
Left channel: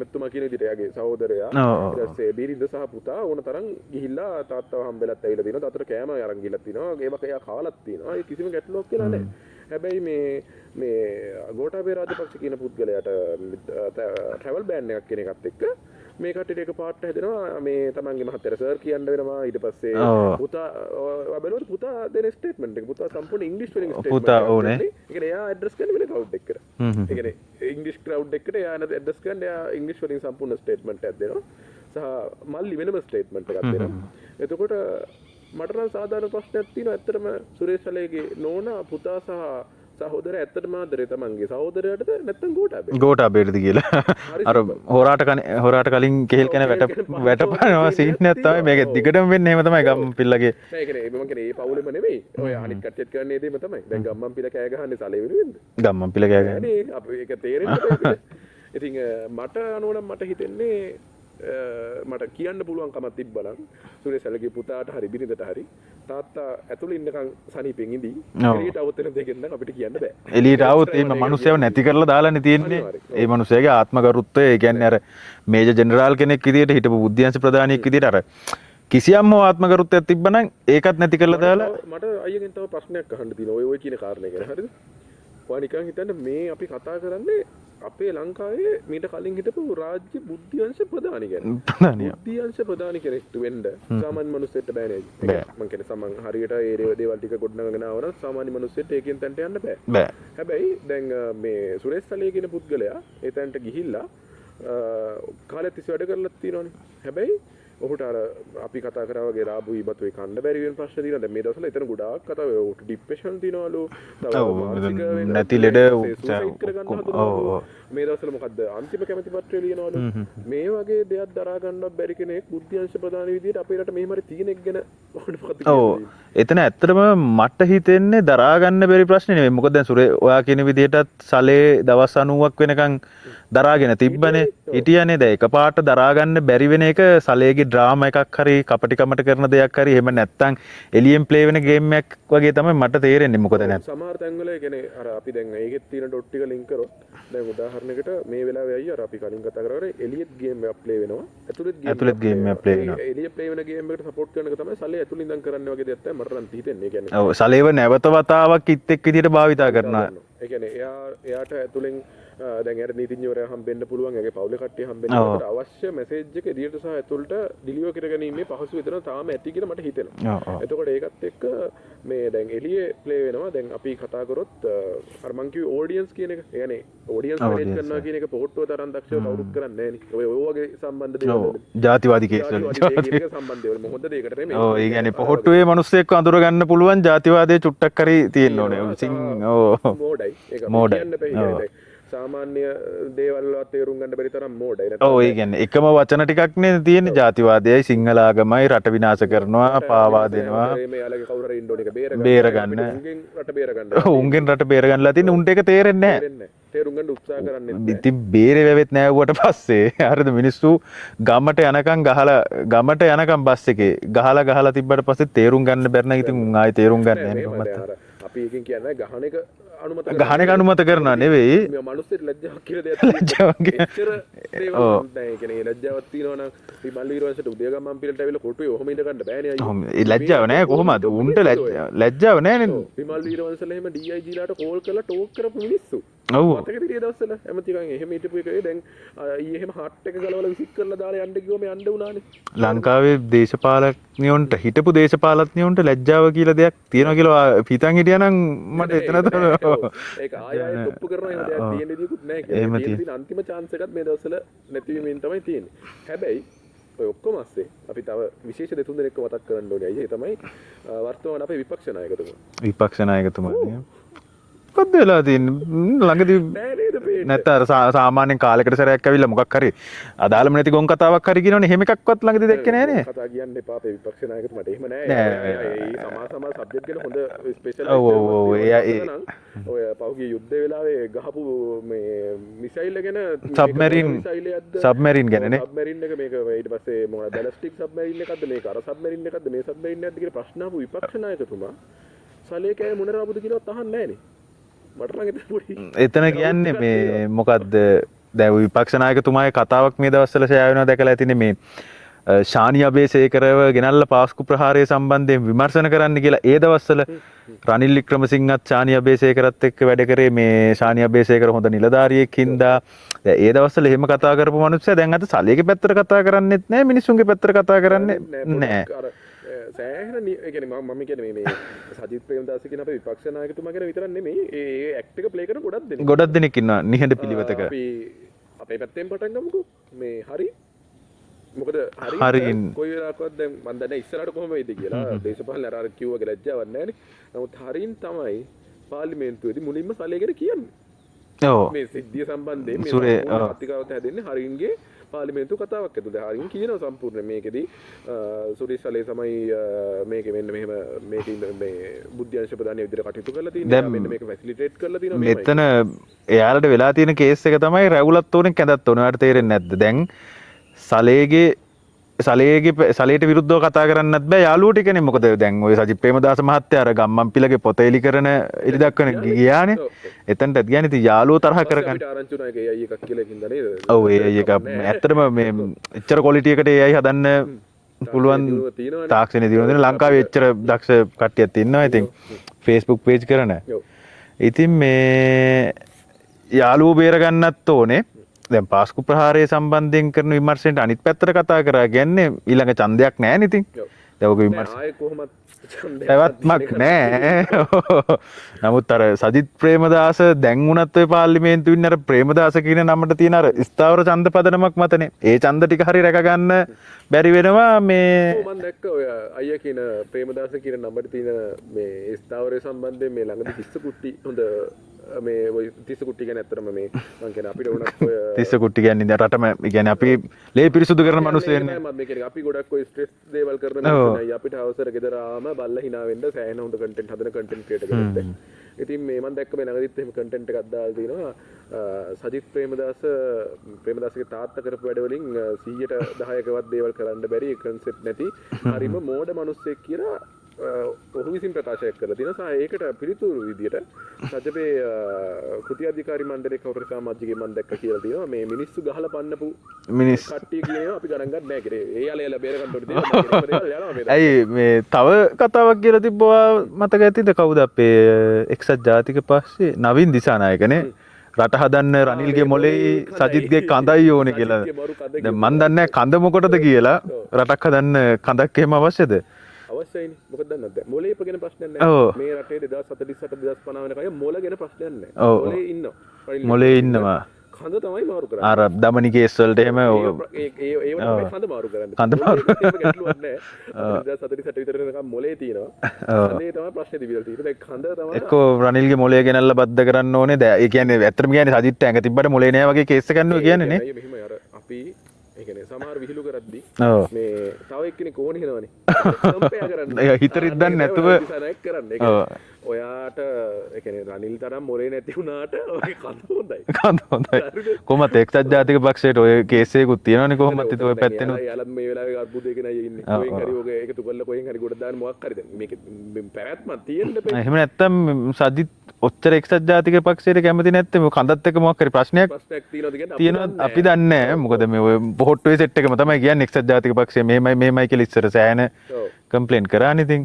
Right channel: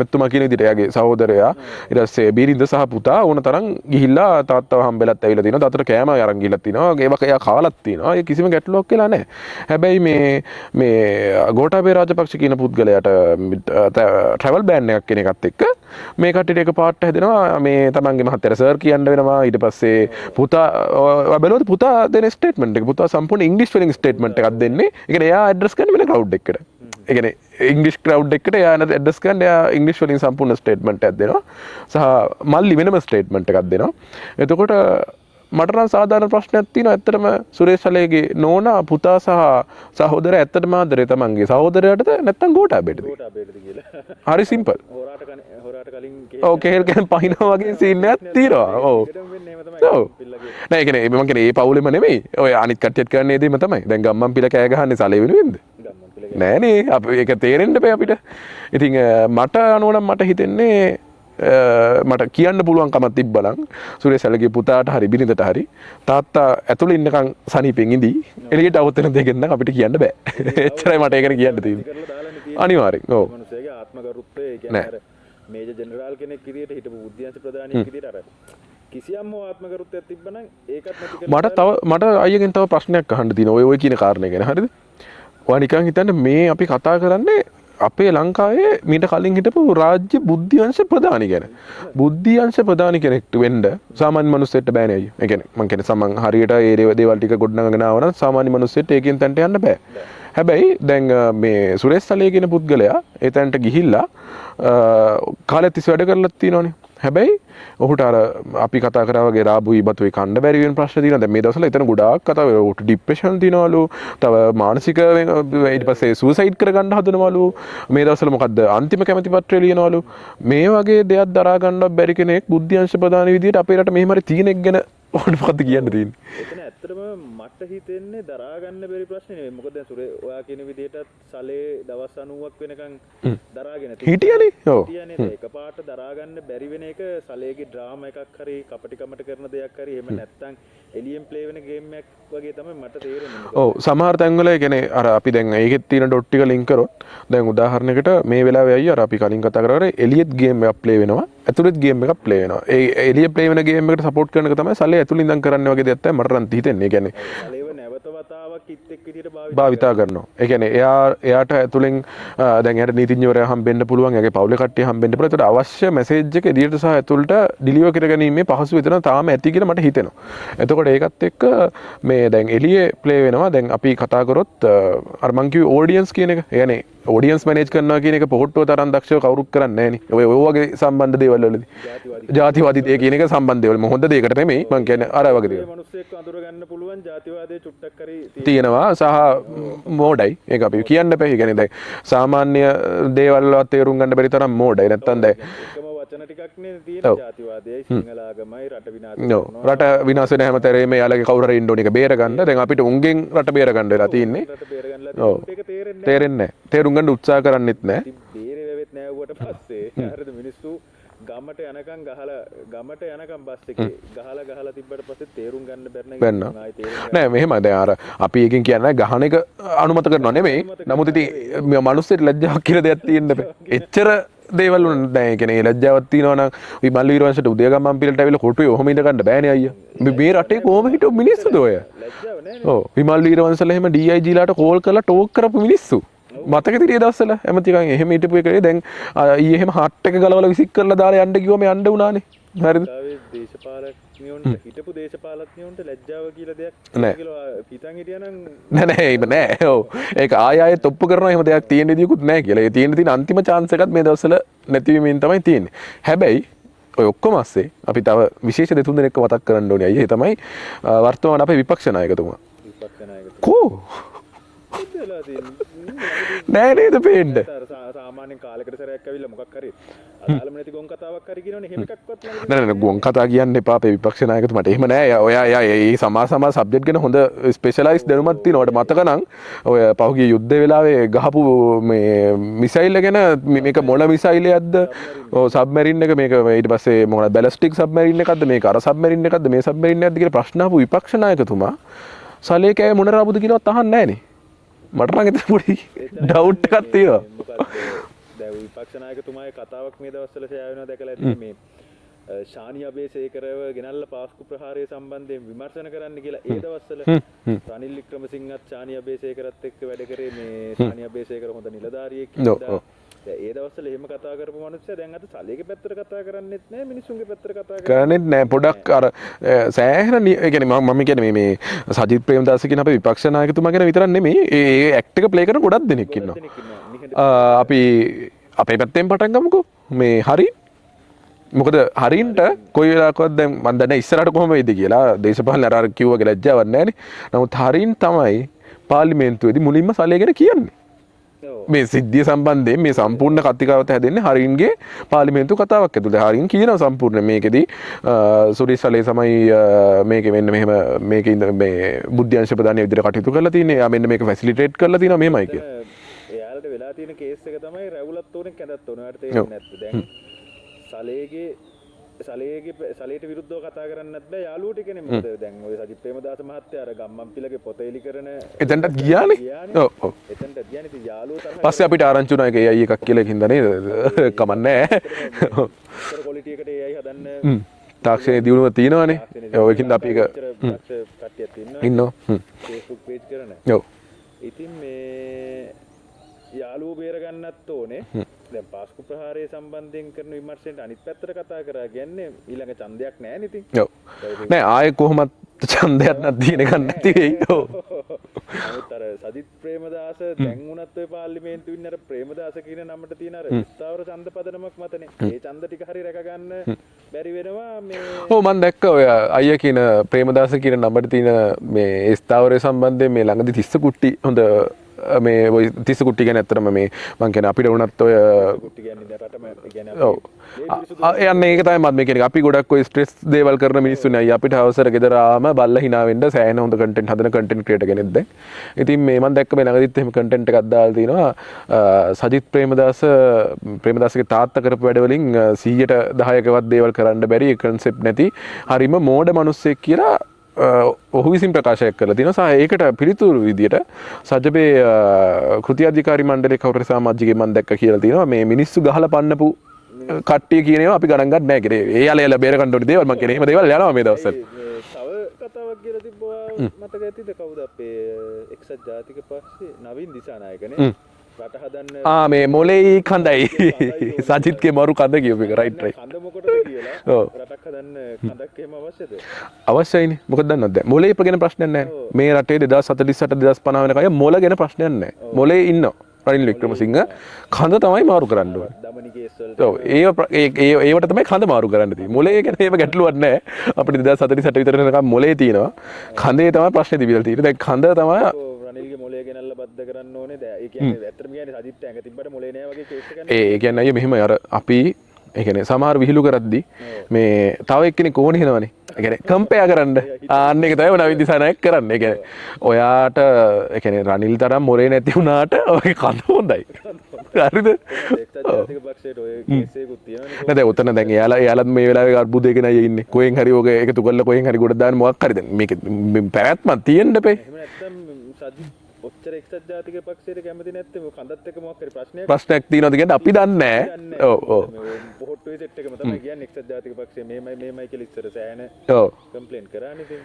මෙතුමා කියන විදිහට එයාගේ සහෝදරයා ඊට පස්සේ බීරින්ද සහ පුතා ඕන තරම් ගිහිල්ලා තාත්තව හම්බෙලත් ඇවිල්ලා තිනවා. තාත්තට කෑම අරන් ගිහිල්ලා තිනවා. ඒවක එයා කාලත් තිනවා. ඒ කිසිම ගැටලුවක් කියලා නැහැ. හැබැයි මේ ගෝඨාභය රාජපක්ෂ කියන පුද්ගලයාට ට්‍රැවල් බෑන් එකක් කියන එකත් එක්ක මේ කට්ටියට එක පාට හැදෙනවා. මේ තමන්ගේ මහත්තයාට සර් කියන්න වෙනවා. ඊට පස්සේ පුතා බලුවද පුතා දෙන ස්ටේට්මන්ට් එක පුතා සම්පූර්ණ ඉංග්‍රීසි වලින් ස්ටේට්මන්ට් එකක් දෙන්නේ. ඒ කියන්නේ එයා ඇඩ්‍රස් කරන්නේ වෙන ක්‍රවුඩ් එකකට. ඒ කියන්නේ ඉංග්‍රීසි ක්‍රවුඩ් එකකට එයා ඇඩ්‍රස් කරන්නේ එයා ඉංග්‍රීසි වලින් සම්පූර්ණ ස්ටේට්මන්ට් එකක් දෙනවා. සහ මල්ලි වෙනම ස්ටේට්මන්ට් එකක් දෙනවා. එතකොට මට නම් සාධාරණ ප්‍රශ්නයක් තියෙනවා. ඇත්තටම සුරේෂ් සලේගේ නෝනා පුතා සහ සහෝදරයා ඇත්තටම ආදරේ තමන්ගේ සහෝදරයාටද නැත්නම් ගෝඨාභයටද කියලා. හරි සිම්පල්. හොරාට කලින් කෙහෙල් කන පහිනවා වගේ සීන් එකක් තියෙනවා. මේක දිගටම වෙන්නේ එහෙම තමයි ගම්මන් පිල්ලගේ. නෑ ඒ කියන්නේ මම කියන්නේ ඒ පවුලෙම නෙමෙයි. ඔය අනිත් කට්ටියත් කරන්නේ දෙම තමයි. දැන් ගම්මන් පිළ කෑ ගහන්නේ සලේ වෙනුවෙන්ද? ගම්මන් පිළ කෑ නෑනේ. අපි ඒක තේරෙන්න බෑ අපිට. ඉතින් මට අනුව නම් මට හිතෙන්නේ මට කියන්න පුළුවන් කමක් තිබ්බනම් සුරේෂ් සලගේ පුතාට හරි බිරිඳට හරි තාත්තා ඇතුළේ ඉන්නකන් සනීපෙන් ඉඳී එළියට આવුත් වෙන දෙයක් නම් අපිට කියන්න බෑ. එළියට આવුත් මට ඒක කියන්න නැති කරලා දාලානේ තියෙන්නේ. අනිවාර්යෙන්. ඒ මිනිස්සයාගේ ආත්මගරුත්වය ඒ කියන්නේ අර මේජර් ජෙනරාල් කෙනෙක් විදියට හිටපු බුද්ධ්‍යංශ ප්‍රධානියෙක් විදියට අර කිසියම් ආත්මගරුත්වයක් තිබ්බනම් ඒකත් නැති කරලා දාලා මට අයියගෙන් තව ප්‍රශ්නයක් අහන්න තියෙනවා. ඔය කියන කාරණේ ගැන හරිද? ඔයා නිකන් හිතන්න මේ අපි කතා කරන්නේ අපේ ලංකාවේ මීට කලින් හිටපු රාජ්‍ය බුද්ධ්‍යංශ ප්‍රධානි ගැන. බුද්ධ්‍යංශ ප්‍රධානි කෙනෙක්ට වෙන්න සාමාන්‍ය මිනිස්සෙක්ට බෑනේ අයියෝ. ඒ කියන්නේ මං කියන්නේ සමන් හරියට ඒ දේවල් ටික ගොඩනගගෙන ආවනම් සාමාන්‍ය මිනිස්සෙක්ට ඒකෙන් තැනට යන්න බෑ. හැබැයි දැන් මේ සුරේෂ් සලේ කියන පුද්ගලයා ඒ තැනට ගිහිල්ලා කාලෙත් ඉස් වැඩ කරලා තියෙනවනේ. හැබැයි ඔහුට අර අපි කතා කරා වගේ රාබුයි බතුයි කන්න බැරි වෙන ප්‍රශ්න තියෙනවා. දැන් මේ දවස්වල එතන ගොඩාක් කතා වෙනවා. ඔහුට ડિප්‍රෙෂන් තියෙනවලු. තව මානසික ඊපස්සේ සුයිසයිඩ් කරගන්න හදනවලු. මේ දවස්වල මොකද්ද අන්තිම කැමැති පත්‍රය ලියනවලු. මේ වගේ දෙයක් දරා ගන්නවත් බැරි කෙනෙක් බුද්ධ්‍යංශ ප්‍රධාන විදියට අපේ රට මෙහෙම හරි තියෙනෙක් ගැන ඔහුට මොකද්ද කියන්න තියෙන්නේ? එතන ඇත්තටම මට හිතෙන්නේ දරා ගන්න බැරි ප්‍රශ්නේ නෙමෙයි. මොකද දැන් සුරේ ඔයා කියන විදිහටත් සලේ දවස් 90ක් වෙනකන් දරාගෙන තිබ්බනේ. හිටියනේ. දැන් එකපාරට දරා ගන්න බැරි වෙන එක සලේගේ ඩ්‍රාමා එකක් හරි කපටිකමට කරන දෙයක් හරි එහෙම නැත්තම් එලියෙන් ප්ලේ වෙන ගේම් එකක් වගේ තමයි මට තේරෙන්නේ. මොකද දැන් සමහර තැන්වල ඒ කියන්නේ අර අපි දැන් ඒකෙත් තියෙන ඩොට් ටික ලින්ක් කරොත් දැන් උදාහරණයකට මේ වෙලාවේ අයියා අර අපි කලින් කතා කරා එලියෙත් ගේම් එකක් ප්ලේ වෙනවා. ඇතුළෙත් ගේම් එකක් ප්ලේ වෙනවා. ඒ එලිය ප්ලේ වෙන ගේම් එකට සපෝට් කරන එක තමයි සලේ ඇතුළේ ඉඳන් කරන්නේ වගේ දෙයක් තමයි මට නම් හිතෙන්නේ. ඒ කියන්නේ ඔව් සලේව නැවත වතාවක් කිත් එක් විදියට භාවිතා කරනවා. ඒ කියන්නේ එයාට ඇතුළෙන් දැන් එයාට නීතිඥවරයා හම්බෙන්න පුළුවන්. එයාගේ පවුලේ කට්ටිය හම්බෙන්න පුළුවන්. ඒකට අවශ්‍ය මැසේජ් එක එදියට සහ ඇතුළට ඩිලිවර් කරගැනීමේ පහසු විතර තාම ඇති කියලා මට හිතෙනවා. එතකොට ඒකත් එක්ක මේ දැන් එළියේ ප්ලේ වෙනවා. දැන් අපි කතා කරොත් අර මං කිව්වේ ඔඩියන්ස් කියන එක. ඒ කියන්නේ ඔඩියන්ස් මැනේජ් කරනවා කියන එක පොහොට්ටුව තරම් දක්ෂව කවුරුත් කරන්නේ නැහැ නේ. ඔය වගේ සම්බන්ධ දේවල් වලදී. ජාතිවාදී කියන එක සම්බන්ධ දේවල්. මො හොඳ දෙයකට නෙමෙයි. මං කියන්නේ අර වගේ. පොහොට්ටුවේ මිනිස්සෙක්ව අඳුර ගන්න පුළුවන් ජාතිවාදයේ චුට්ටක් හරි තියෙනවා. සහ මෝඩයි. ඒක අපි කියන්න බෑ. ඒ කියන්නේ දැන් සාමාන්‍ය දේවල් වලත් තේරුම් ගන්න බැරි තරම් මෝඩයි. නැත්තම් ඔව් ඒ කියන්නේ එකම වචන ටිකක් නේ තියෙන ජාතිවාදයයි සිංහල ආගමයි රට විනාශ කරනවා. රට විනාශ වෙන හැමතැනම යාලගේ කවුරු හරි ඉන්න ඕන එක බේර ගන්න. දැන් අපිට උන්ගෙන් රට බේර ගන්න වෙලා තියෙන්නේ. උන්ගෙන් රට බේර ගන්නලා තියෙන්නේ. උන්ට ඒක තේරෙන්නේ නැහැ. තේරුම් ගන්න උත්සාහ කරන්නෙත් නැහැ. ඉතින් බේරේ වැවෙත් නැවුවට පස්සේ හරිද මිනිස්සු ගමට යනකම් බස් එකේ ගහලා තිබ්බ තිබ්බට පස්සේ තේරුම් ගන්න බැරි නම් ඉතින් ආයේ තේරුම් ගන්න නෑ මෙහෙම දැන් අර අපි එකකින් කියන්නේ ගහන එක අනුමත කරනවා නෙවෙයි අනුමත කරනවා නෙවෙයි මේ මිනිස්සුන්ට ලැජ්ජාවක් කියලා දෙයක් තියෙනවා එච්චර දේවල් දැන් ඒ කියන්නේ ලැජ්ජාවක් තියෙනවා නම් අපි මල්ලි විරවංශයට උදේගම්මන් පිළට ඇවිල්ලා කොටුවේ ඔහොම ඉඳ ගන්න බෑනේ අයියෝ ලැජ්ජාව නෑ කොහොමද මිනිස්සු ඔය ලැජ්ජාව නෑ නේද විමල් වීරවංශලා එහෙම DIG ලාට කෝල් කරලා ටෝක් කරපු මිනිස්සු මතක තිරිය දවස්වල ඇමතිකන් එහෙම හිටපු එකනේ දැන් ඊයේ එහෙම හට් එක ගලවලා විසික් කරලා දාලා යන්න කිව්වම යන්න උනානේ ලංකාවේ දේශපාලඥයන්ට හිටපු දේශපාලඥයන්ට ලැජ්ජාව කියලා දෙයක් තියෙනවා කියලා පිටන් හිටියානම් නෑ ඔව් ඒක ආයෙත් ඔප්පු කරනවා එහෙම දෙයක් තියෙන විදියකුත් නෑ කියලා. ඒ තියෙන අන්තිම chance එකත් මේ දවස්වල නැතිවීමෙන් තමයි තියෙන්නේ. හැබැයි ඔය ඔක්කොම ASCII අපි තව විශේෂ දෙතුන් දෙනෙක්ව මතක් කරන්න ඕනේ. අයියේ තමයි වර්තමාන අපේ විපක්ෂ નાයකතුමා. විපක්ෂ નાයකතුමා. මොකක්ද වෙලා තියෙන්නේ ළඟදී නෑ නේද පේන්නේ නැත්නම් සාමාන්‍යයෙන් කාලයකට සැරයක් ඇවිල්ලා මොකක් හරි අදාළම නැති ගොන් කතාවක් හරි කියනවනේ එහෙම එකක්වත් ළඟදී දැක්කේ නෑ ගොන් කතා කියන්න එපා අපේ විපක්ෂ නායකතුමාට එහෙම නෑ ඔයා මේ සමා සබ්ජෙක්ට් ගැන හොඳ ස්පෙෂලායිස් දැනුමක් තියෙනවා මතක නම් ඔය පහුගිය යුද්ධ වෙලාවේ ගහපු මේ මිසයිල් ගැන මේක මොන මිසයිලයක්ද සබ්මරීන් ගැන සබ්මරීන් එක මේක ඊට පස්සේ මොකක්ද බැලිස්ටික් සබ්මරීන් එකක්ද මේක අර සබ්මරීන් එකක්ද මේ සබ්මරීන් එකක්ද කියලා ප්‍රශ්න ආපු විපක්ෂ නායකතුමා සලේකෑ මොන රාබුද කියලාවත් අහන්නේ නෑනේ මට නම් එතන පොඩි එතන කියන්නේ මේ මොකද්ද දැන් විපක්ෂ නායකතුමාගේ කතාවක් මේ දවස්වල ෂෙයා වෙනවා දැකලා ඇතිනේ මේ ශානි අබේසේකරව ගෙනල්ලා පාස්කු ප්‍රහාරය සම්බන්ධයෙන් විමර්ශන කරන්න කියලා ඒ දවස්වල රනිල් වික්‍රමසිංහත් ශානි අබේසේකරත් එක්ක වැඩ කරේ මේ ශානි අබේසේකර හොඳ නිලධාරියෙක් හින්දා ඒ දවස්වල එහෙම කතා කරපු මිනිස්සයා දැන් අද සලේගේ පැත්තට කතා කරන්නෙත් නෑ මිනිස්සුන්ගේ පැත්තට කතා කරන්නෙත් නෑ පොඩක් අර සෑහෙන ඒ කියන්නේ මම කියන්නේ මේ සජිත් ප්‍රේමදාස කියන අපේ විපක්ෂ නායකතුමා ගැන විතරක් නෙමෙයි ඒ ඇක්ට් එක ප්ලේ කරන ගොඩක් දෙනෙක් ඉන්නවා නිහඬ අපි අපේ පැත්තෙන් පටන් ගමුකෝ මේ හරි මොකද හරියට කොයි වෙලාවකවත් දැන් මම දන්නේ ඉස්සරහට කොහොම වෙයිද කියලා දේශපාලන අර කිව්වගේ ලැජ්ජාවක් නැහැනේ. නමුත් හරින් තමයි පාර්ලිමේන්තුවේදී මුලින්ම සලේ ගැන කියන්නේ. ඔව් මේ සිද්ධිය සම්බන්ධයෙන් මේ සම්පූර්ණ කතිකාවත හැදෙන්නේ හරින්ගේ පාර්ලිමේන්තු කතාවක් ඇතුළේ. හරින් කියනවා සම්පූර්ණ මේකෙදී සුරි සලේ තමයි මේකෙ මෙන්න මෙහෙම මේකේ මේ බුද්ධ්‍යංශ ප්‍රදානීය විදිහට කටයුතු කරලා තියෙන්නේ. එයා මෙන්න මේක ෆැසිලිටේට් කරලා තියෙනවා මෙහෙමයි. එතන එයාලට වෙලා තියෙන කේස් එක තමයි රැවුලත් ඕනේ කැඳත් ඕනේ. ඔයාලට තේරෙන්නේ නැද්ද? දැන් සලේට විරුද්ධව කතා කරන්නත් බෑ යාළුවෝ ටිකනේ මොකද දැන් ඔය සජිත් ප්‍රේමදාස මහත්තයා අර ගම්මන්පිලගේ පොත එලි කරන එතනට ගියානේ එතනට ගියානේ ඉතින් යාළුවෝ තරහ කරගෙන පස්සේ අපිට ආරංචි වුණා ඒක AI එකක් කියලා හින්දා නේද ඔව් කමන්නේ ඇත්තටම මේ එච්චර ක්වොලිටි එකට AI හදන්න තාක්ෂණයේ දියුණුව තියෙනවනේ තාක්ෂණයේ දියුණුව ලංකාවේ එච්චර දක්ෂ කට්ටියක් ඉන්නවා ඉතින් Facebook page කරන ඔව් ඉතින් මේ යාළුවෝ බේර ගන්නත් ඕනේ දැන් පාස්කු ප්‍රහාරය සම්බන්ධයෙන් කරන විමර්ශනයට අනිත් පැත්තට කතා කරා කියන්නේ ඊළඟ ඡන්දයක් නැහැ නේ ඉතින්. ඔව්. නෑ ආයේ කොහොමත් ඡන්දයක් නැහැ. නමුත් අර සජිත් ප්‍රේමදාස දැන් උනත් ඔය පාර්ලිමේන්තුවේ ඉන්න අර ප්‍රේමදාස කියන නමට තියෙන අර ස්ථාවර ඡන්ද පදනමක් මතනේ. ඒ ඡන්ද ටික හරි රැක ගන්න බැරි වෙනවා මේ. ඔව් මම දැක්ක ඔය අයියා කියන ප්‍රේමදාස කියන නමට තියෙන මේ ස්ථාවරය සම්බන්ධයෙන් මේ ළඟදී 30 කුට්ටි හොඳ මේ ඔය 30 කුට්ටි ගැන ඇත්තටම මේ මං කියන්නේ අපිට වුණත් ඔය 30 කුට්ටි කියන්නේ රටම කියන්නේ අපි ලේ පිරිසුදු කරන මිනිස්සු ඒක තමයි මම කියන්නේ අපි ගොඩක් ඔය ස්ට්‍රෙස් දේවල් කරන මිනිස්සුනේ අපිට අවසර ගෙදර ආවම බල්ලා hina වෙන්න සෑහෙන හොඳ කන්ටෙන්ට් හදන කන්ටෙන්ට් ක්‍රියේටර් කෙනෙක් දැන්. ඉතින් මේ මම දැක්ක මේ ළඟදිත් එහෙම කන්ටෙන්ට් එකක් දාලා තිනවා සජිත් ප්‍රේමදාසගේ තාත්තා කරපු වැඩ වලින් 100ට 10කවත් දේවල් කරන්න බැරි කන්සෙප්ට් නැති හරිම මෝඩ මිනිස්සෙක් කියලා ඔහු විසින් ප්‍රකාශයක් කරලා තිනවා. සහ ඒකට පිළිතුරු විදියට සජබේ කෘති අධිකාරී මණ්ඩලයේ කවුරු සමාජිකයෙක් මම දැක්ක කියලා තිනවා මේ මිනිස්සු ගහලා පන්නපු කට්ටිය කියන ඒවා අපි ගණන් ගන්න නැහැ කියලා. ඒ යාල බේර ගන්න ඕනේ දේවල් මම කියන එහෙම දේවල් යනවා මේ දවස්වල. ඇයි මේ තව කතාවක් කියලා තිබ්බවා මතක ඇතිද කවුද අපේ එක්සත් ජාතික පස්සේ නවීන් දිසානායකනේ රට හදන්න මේ මොලේ කඳයි ඕනේ සජිත්ගේ මරු කඳ කිව්වා. මම දන්නේ කඳ මොකටද කියලා රටක් හදන්න කඳක් එහෙම අවශ්‍යද? අවශ්‍යයිනේ. මොකද දන්නවද? මොලේ ගැන ප්‍රශ්නයක් නැහැ. මේ රටේ 2048 2050 වෙනකන් මොල ගැන ප්‍රශ්නයක් නැහැ. මොලේ ඉන්නවා. රනිල් වික්‍රමසිංහ කඳ තමයි මාරු කරන්නේ. අර දමනි කේස් වලට එහෙම ඒවට තමයි කඳ මාරු කරන්නේ. මොලේ ගැන එහෙම ගැටලුවක් නැහැ. අපිට 2048 විතර වෙනකන් මොලේ තියෙනවා. කඳේ තමයි ප්‍රශ්නේ තිබිලා තියෙන්නේ. දැන් කඳ තමයි එක්කෝ රනිල්ගේ මොලේ ගෙනල්ලා බද්ධ කරන්න ඕනේ. ඒ කියන්නේ ඇත්තටම කියන්නේ සජිත් ඇඟ තිබ්බට මොලේ නෑ වගේ කේස් එකක් ගන්නවා කියන්නේ. ඒ කියන්නේ මෙහෙම අර අපි ඒ කියන්නේ සමහර විහිළු කරද්දී මේ තව එක්කෙනෙක් ඕන හිනවනේ. ඒ කියන්නේ කම්පෙයා කරන්න. ආන්න ඒක තමයි නවීන් දිසානායක කරන්නේ. ඒ කියන්නේ ඔයාට ඒ කියන්නේ රනිල් තරම් මොරේ නැති වුණාට ඔයගේ කඳ හොඳයි. කඳ හොඳයි. හරිද? කොහොමද එක්සත් ජාතික පක්ෂයට ඔය කේස් එකකුත් තියෙනවනේ කොහොමද? දැන් උතන දැන් එයාලත් මේ වෙලාවේ අර්බුදයක නයි ඉන්නේ. කොහෙන් හරි ඔක එකතු කරලා කොහෙන් හරි ගොඩ දාන්න මොකක් හරි දැන් මේක පැවැත්මක් තියෙන්න බෑ. එහෙම නැත්තම් සජිත් ඔච්චර එක්සත් ජාතික පක්ෂයට කැමති නැත්නම් මේ කඳත් එක්ක මොකක් හරි ප්‍රශ්නයක් තියෙනවද කියන්නේ අපි දන්නේ නැහැ. අපි දන්නේ නැහැ. මොකද මේ ඔය පොහොට්ටුවේ සෙට් එකම තමයි කියන්නේ එක්සත් ජාතික පක්ෂය මෙහෙමයි කියලා ඉස්සර සෑහෙන කම්ප්ලේන්ට් කරානේ ඉතින්.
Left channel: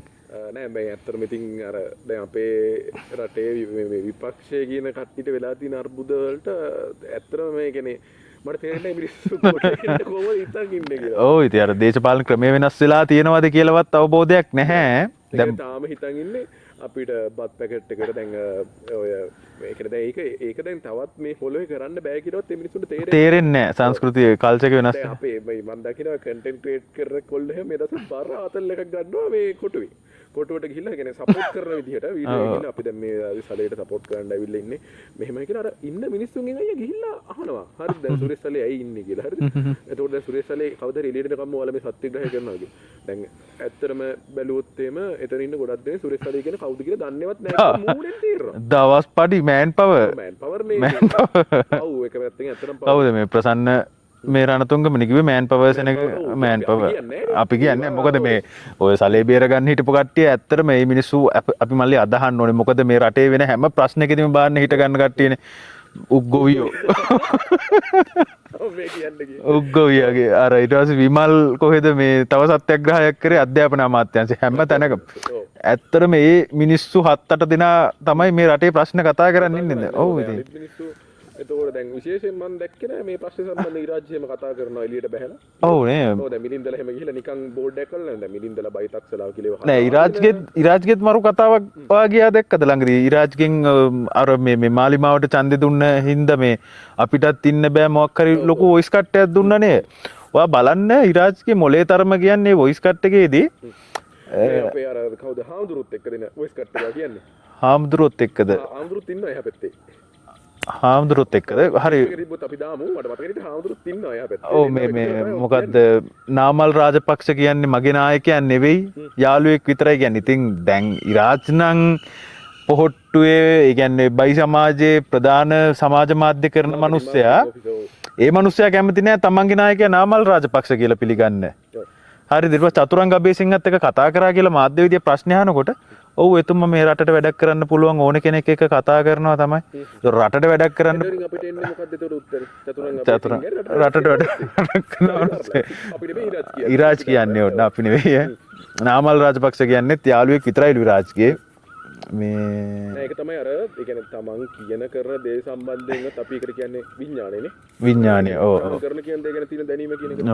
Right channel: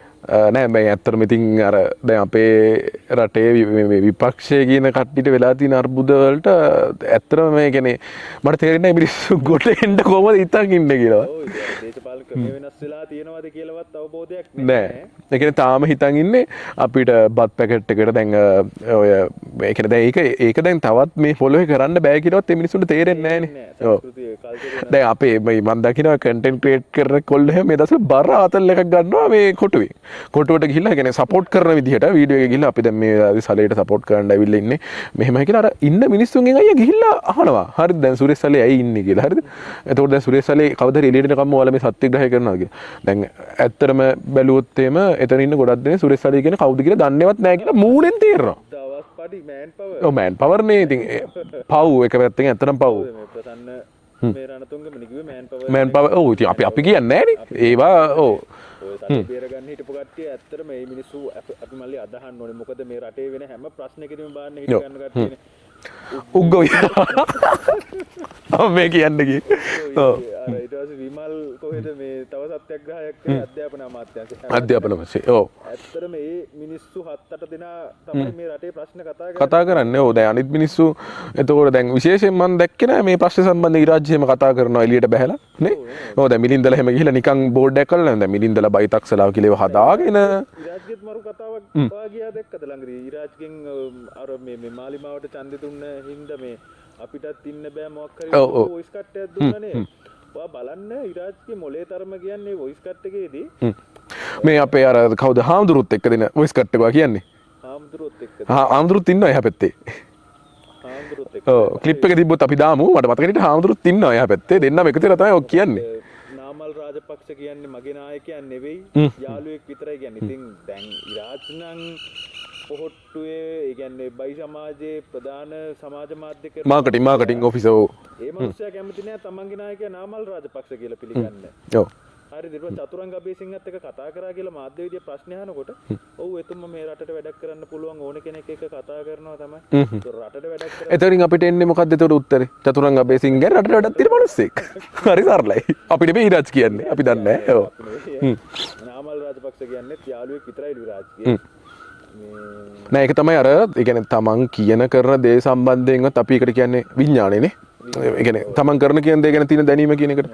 නෑ මේ ඇත්තටම ඉතින් අර දැන් අපේ රටේ විපක්ෂය කියන කට්ටියට වෙලා තියෙන අර්බුද වලට ඇත්තටම මේ කියන්නේ මට තේරෙන්නේ මිනිස්සු ගොඩ එන්න කොහොමද හිතන් ඉන්නේ කියලා. ඔව් ඉතින් අර දේශපාලන ක්‍රමය වෙනස් වෙලා තියෙනවද කියලාවත් අවබෝධයක් නැහැ. ඒ කියන්නේ තාම හිතන් ඉන්නේ අපිට බත් පැකට් එකට දැන් ඔය ඒ කියන්නේ දැන් ඒක දැන් තවත් මේ ෆොලෝ කරන්න බෑ කියලාවත් මේ මිනිස්සුන්ට තේරෙන්නේ නැහැ. සංස්කෘතිය කල්චර් එක වෙනස්. දැන් අපේ මම දකිනවා කන්ටෙන්ට් ක්‍රියේට් කරන කොල්ලෝ මේ දවස්වල බර ආතල් එකක් ගන්නවා මේ කොටුවේ. කොටුවට ගිහිල්ලා කියන්නේ සපෝට් කරන විදිහට වීඩියෝ එක ගිහිල්ලා අපි දැන් මේ වෙලාවේ සලේට සපෝට් කරන්න ඇවිල්ලා ඉන්නේ. මෙහෙමයි කියලා අර ඉන්න මිනිස්සුන්ගෙන් අයියා ගිහිල්ලා අහනවා. හරිද දැන් සුරේෂ් සලේ ඇයි ඉන්නේ කියලා. හරිද? එතකොට දැන් සුරේෂ් සලේ කවදාද එළියට එනකම්ම ඔයාලා මේ සත්‍යග්‍රහය කරනවා කියලා. දැන් ඇත්තටම බැලුවොත් එහෙම එතන ඉන්න ගොඩක් දෙනේ සුරේෂ් සලේ කියන්නේ කවුද කියලා දන්නේවත් නැහැ කියලා මූණෙන් තේරෙනවා. දවස් පඩි මෑන් පවර්. ඔව් මෑන් පවර් නේ ඉතින්. පව් එක පැත්තකින් ඇත්තටම පව්. කවුද මේ ප්‍රසන්න මේ රණතුංගම නිකුවේ මෑන් පවර්ස් මෑන් පවර් ඔව් ඉතින් අපි කියන්නේ නැහැ නේ. අපි කියන්නේ මොකද මේ ඔය සලේ බේර ගන්න හිටපු කට්ටිය ඇත්තට මේ මිනිස්සු අපි මල්ලි අදහන්න ඕනේ. මොකද මේ රටේ වෙන හැම ප්‍රශ්නයකදීම බාන්න හිට ගන්න කට්ටියනේ. උග්ගොවි. මේ කියන්නේ කි. උග්ගොවියගේ අර ඊට පස්සේ විමල් කොහෙද මේ තව සත්‍යග්‍රහයක් කරේ අධ්‍යාපන අමාත්‍යාංශය හැම තැනකම. ඔව්. ඇත්තට මේ මිනිස්සු 7-8 දෙනා තමයි මේ රටේ ප්‍රශ්න කතා කරන්නේ. ඔව් දැන් අනිත් මිනිස්සු එතකොට දැන් විශේෂයෙන් මම දැක්කේ නෑ මේ ප්‍රශ්න සම්බන්ධ ඉරාජ්‍යයම කතා කරනවා එළියට බහැලා. ඔව් නේ. ඔව් දැන් මිලින්දලා එහෙම ගිහිල්ලා නිකන් බෝඩ් එකක් කරලා දැන් මිලින්දලා බයිතක්සලාව කියලා හදාගෙන ඉරාජ්ගෙත් මරු කතාවක් වාගියා දැක්කද ළඟදී ඉරාජ්ගෙන් අර මේ මාලිමාවට ඡන්දෙ දුන්න හින්දා මේ අපිටත් ඉන්න බෑ මොකක් හරි ලොකු වොයිස් කට්ටයක් දුන්නනේ. ඔයා බලන්න ඉරාජ්ගේ මොලේ තරම කියන්නේ වොයිස් කට් එකේදී මේ අපේ අර කවුද හාමුදුරුවොත් එක්ක දෙන වොයිස් කට් එකවා කියන්නේ. හාමුදුරුවොත් එක්කද? හාමුදුරුවොත් ඉන්නවා එහා පැත්තේ. හාමුදුරුවොත් එක්කද? ක්ලිප් එක තිබ්බොත් අපි දාමු. මට මතක හිටියට හාමුදුරුවොත් ඉන්නවා එහා පැත්තේ. දෙන්නම එකතු වෙලා තමයි ඔක් කියන්නේ. නාමල් රාජපක්ෂ කියන්නේ මගේ නායකයන් නෙවෙයි. යාළුවෙක් විතරයි කියන්නේ. ඉතින් දැන් ඉරාජ් නම් පොහොට්ටුවේ ඒ කියන්නේ බයි සමාජයේ ප්‍රධාන සමාජ මාධ්‍ය කරන මනුස්සයා. ඒ මනුස්සයා කැමති නෑ තමන්ගේ නායකයා නාමල් රාජපක්ෂ කියලා පිළිගන්න. ඔව්. හරිද? ඊට පස්සේ චතුරංග අබේසිංහත් එක්ක කතා කරා කියලා මාධ්‍ය විද්‍යා ප්‍රශ්න අහනකොට ඔව් එතුමා මේ රටට වැඩක් කරන්න පුළුවන් ඕන කෙනෙක් එක්ක කතා කරනවා තමයි. ඒක රටට වැඩක් කරන්න. එතනින් අපිට එන්නේ මොකද්ද ඒතකොට උත්තරේ? චතුරංග අබේසිංහ රටට වැඩක් හරි සරලයි. අපි නෙමෙයි ඉරාජ් කියන්නේ. ඉරාජ් කියන්නේ අපි නෙවෙයි. නාමල් රාජපක්ෂ කියන්නේත් යාළුවෙක් විතරයිලු ඉරාජ්ගේ. නෑ ඒක තමයි අර ඒ කියන්නේ තමන් කියන කරන දේ සම්බන්ධයෙන්වත් අපි එකට කියන්නේ විඥානේනේ. විඥානය. තමන් කරන කියන දේ ගැන තියෙන දැනීම කියන එක.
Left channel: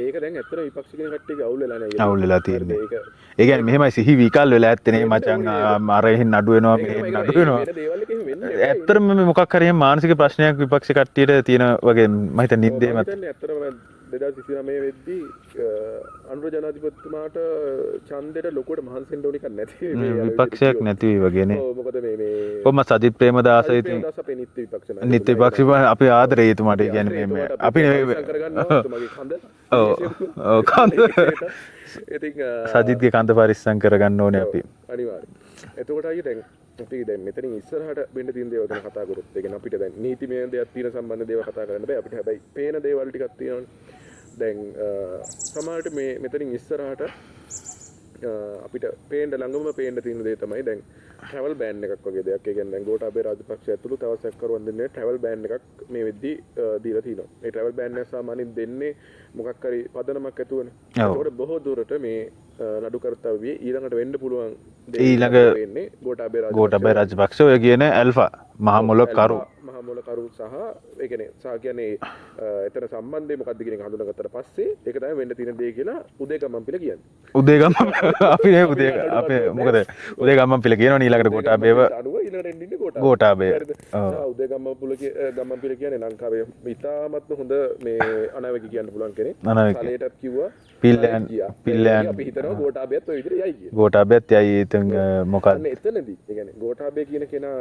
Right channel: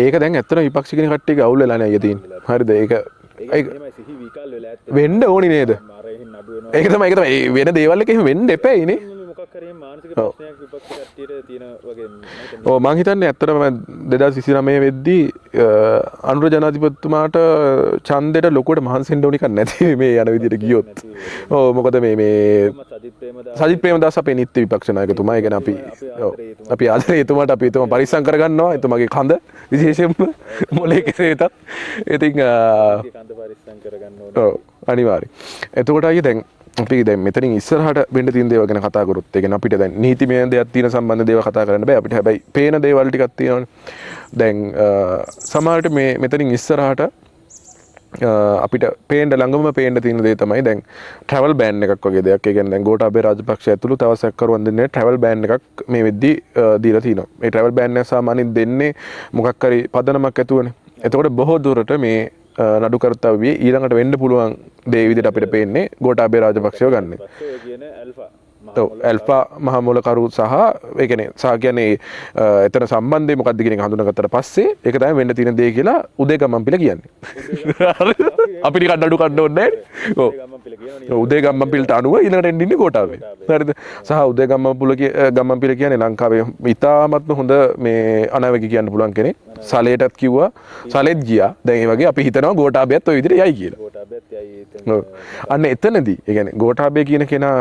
ඒක දැන් ඇත්තටම විපක්ෂ කියන කට්ටියගේ අවුල් වෙලා නෑ යෙදී. හරිද? ඒක ඒක මෙහෙමයි සිහි විකල් වෙලා ඇත්තේ නේ. වෙන්න ඕනි නේද? අර එහෙන් අඩු වෙනවා. ඒක තමයි වෙන දේවල් එක එහෙම වෙන්න එපා නේ. ඇත්තටම මේ මොකක් හරි මානසික ප්‍රශ්නයක් විපක්ෂ කට්ටියට තියෙන වගේ මම හිතන්නේ. ඔව් මම හිතන්නේ ඇත්තටම 2029 වෙද්දී අනුර ජනාධිපතිතුමාට ඡන්දෙට ලොකුවට මහන්සි වෙන්න ඕනි කක් නැති මේ යන විදිහට ගියොත්. නැති වගේ නේ. ඔව් මොකද මේ කොහොම සජිත් ප්‍රේමදාස අපේ නිත්‍ය විපක්ෂ නායකතුමා අපි ආදරේ එතුමාට. අපි ආදරේ එතුමාට අපි එතුමා පරිස්සම් කරගන්නවා. එතුමාගේ කඳ විශේෂයෙන්ම කඳේකට. ඉතින් සජිත්ගේ කඳ පරිස්සම් කරගන්න ඕනේ අපි. අනිවාර්යයෙන්. එතකොට අයියේ දැන් අපි දැන් මෙතනින් ඉස්සරහට වෙන්න තියෙන දේවල් ගැන කතා කරොත් ඒ කියන්නේ අපිට දැන් නීතිමය දෙයක් තියෙන සම්බන්ධ දේවල් කතා කරන්න බෑ. අපිට හැබැයි පේන දේවල් ටිකක් තියෙනවානේ. දැන් සමහරට මේ මෙතනින් ඉස්සරහට අපිට පේන්න ළඟම පේන්න තියෙන දේ තමයි දැන් ට්‍රැවල් බෑන් එකක් වගේ දෙයක්. ඒ කියන්නේ දැන් ගෝඨාභය රාජපක්ෂ ඇතුළු තව සැකකරුවන් දෙන්නේ ට්‍රැවල් බෑන් එකක් මේ වෙද්දී දීලා තිනවා. මේ ට්‍රැවල් බෑන් එක සාමාන්‍යයෙන් දෙන්නේ මොකක් හරි පදනමක් ඇතුවනේ. එතකොට බොහෝ දුරට මේ නඩු කර්තව්‍යයේ ඊළඟට වෙන්න පුළුවන් දේ විදිහට අපිට පේන්නේ ගෝඨාභය රාජපක්ෂ ඔය කියන ඇල්ෆා මහා මොලකරු සහ ඒ කියන්නේ එතන සම්බන්ධය මොකක්ද කියන එක හඳුනාගත්තට පස්සේ ඒක තමයි වෙන්න තියෙන දේ කියලා උදේගම්මන්පිල කියන්නේ. අපි නිකන් නඩු කන්න ඕනේ නැහැ. උදේගම්මන්පිල කියනවා ඊළඟට උදේගම්මන්පිලට අනුව ඊළඟට එන්නේ ගෝඨාභය. හරිද? සහ උදේගම්මන්පිල කියන්නේ ලංකාවේ ඉතාමත්ම හොඳ මේ අනාවැකි කියන්න පුළුවන් කෙනෙක්. සලේටත් කිව්වා. සලෙත් ගියා. දැන් ඒ වගේ අපි හිතනවා ගෝඨාභයත් ඔය විදිහට යයි කියලා. ගෝඨාභයත් යයි ඉතින් මොකක්ද? අන්න එතනදී ඒ කියන්නේ ගෝඨාභය කියන කෙනා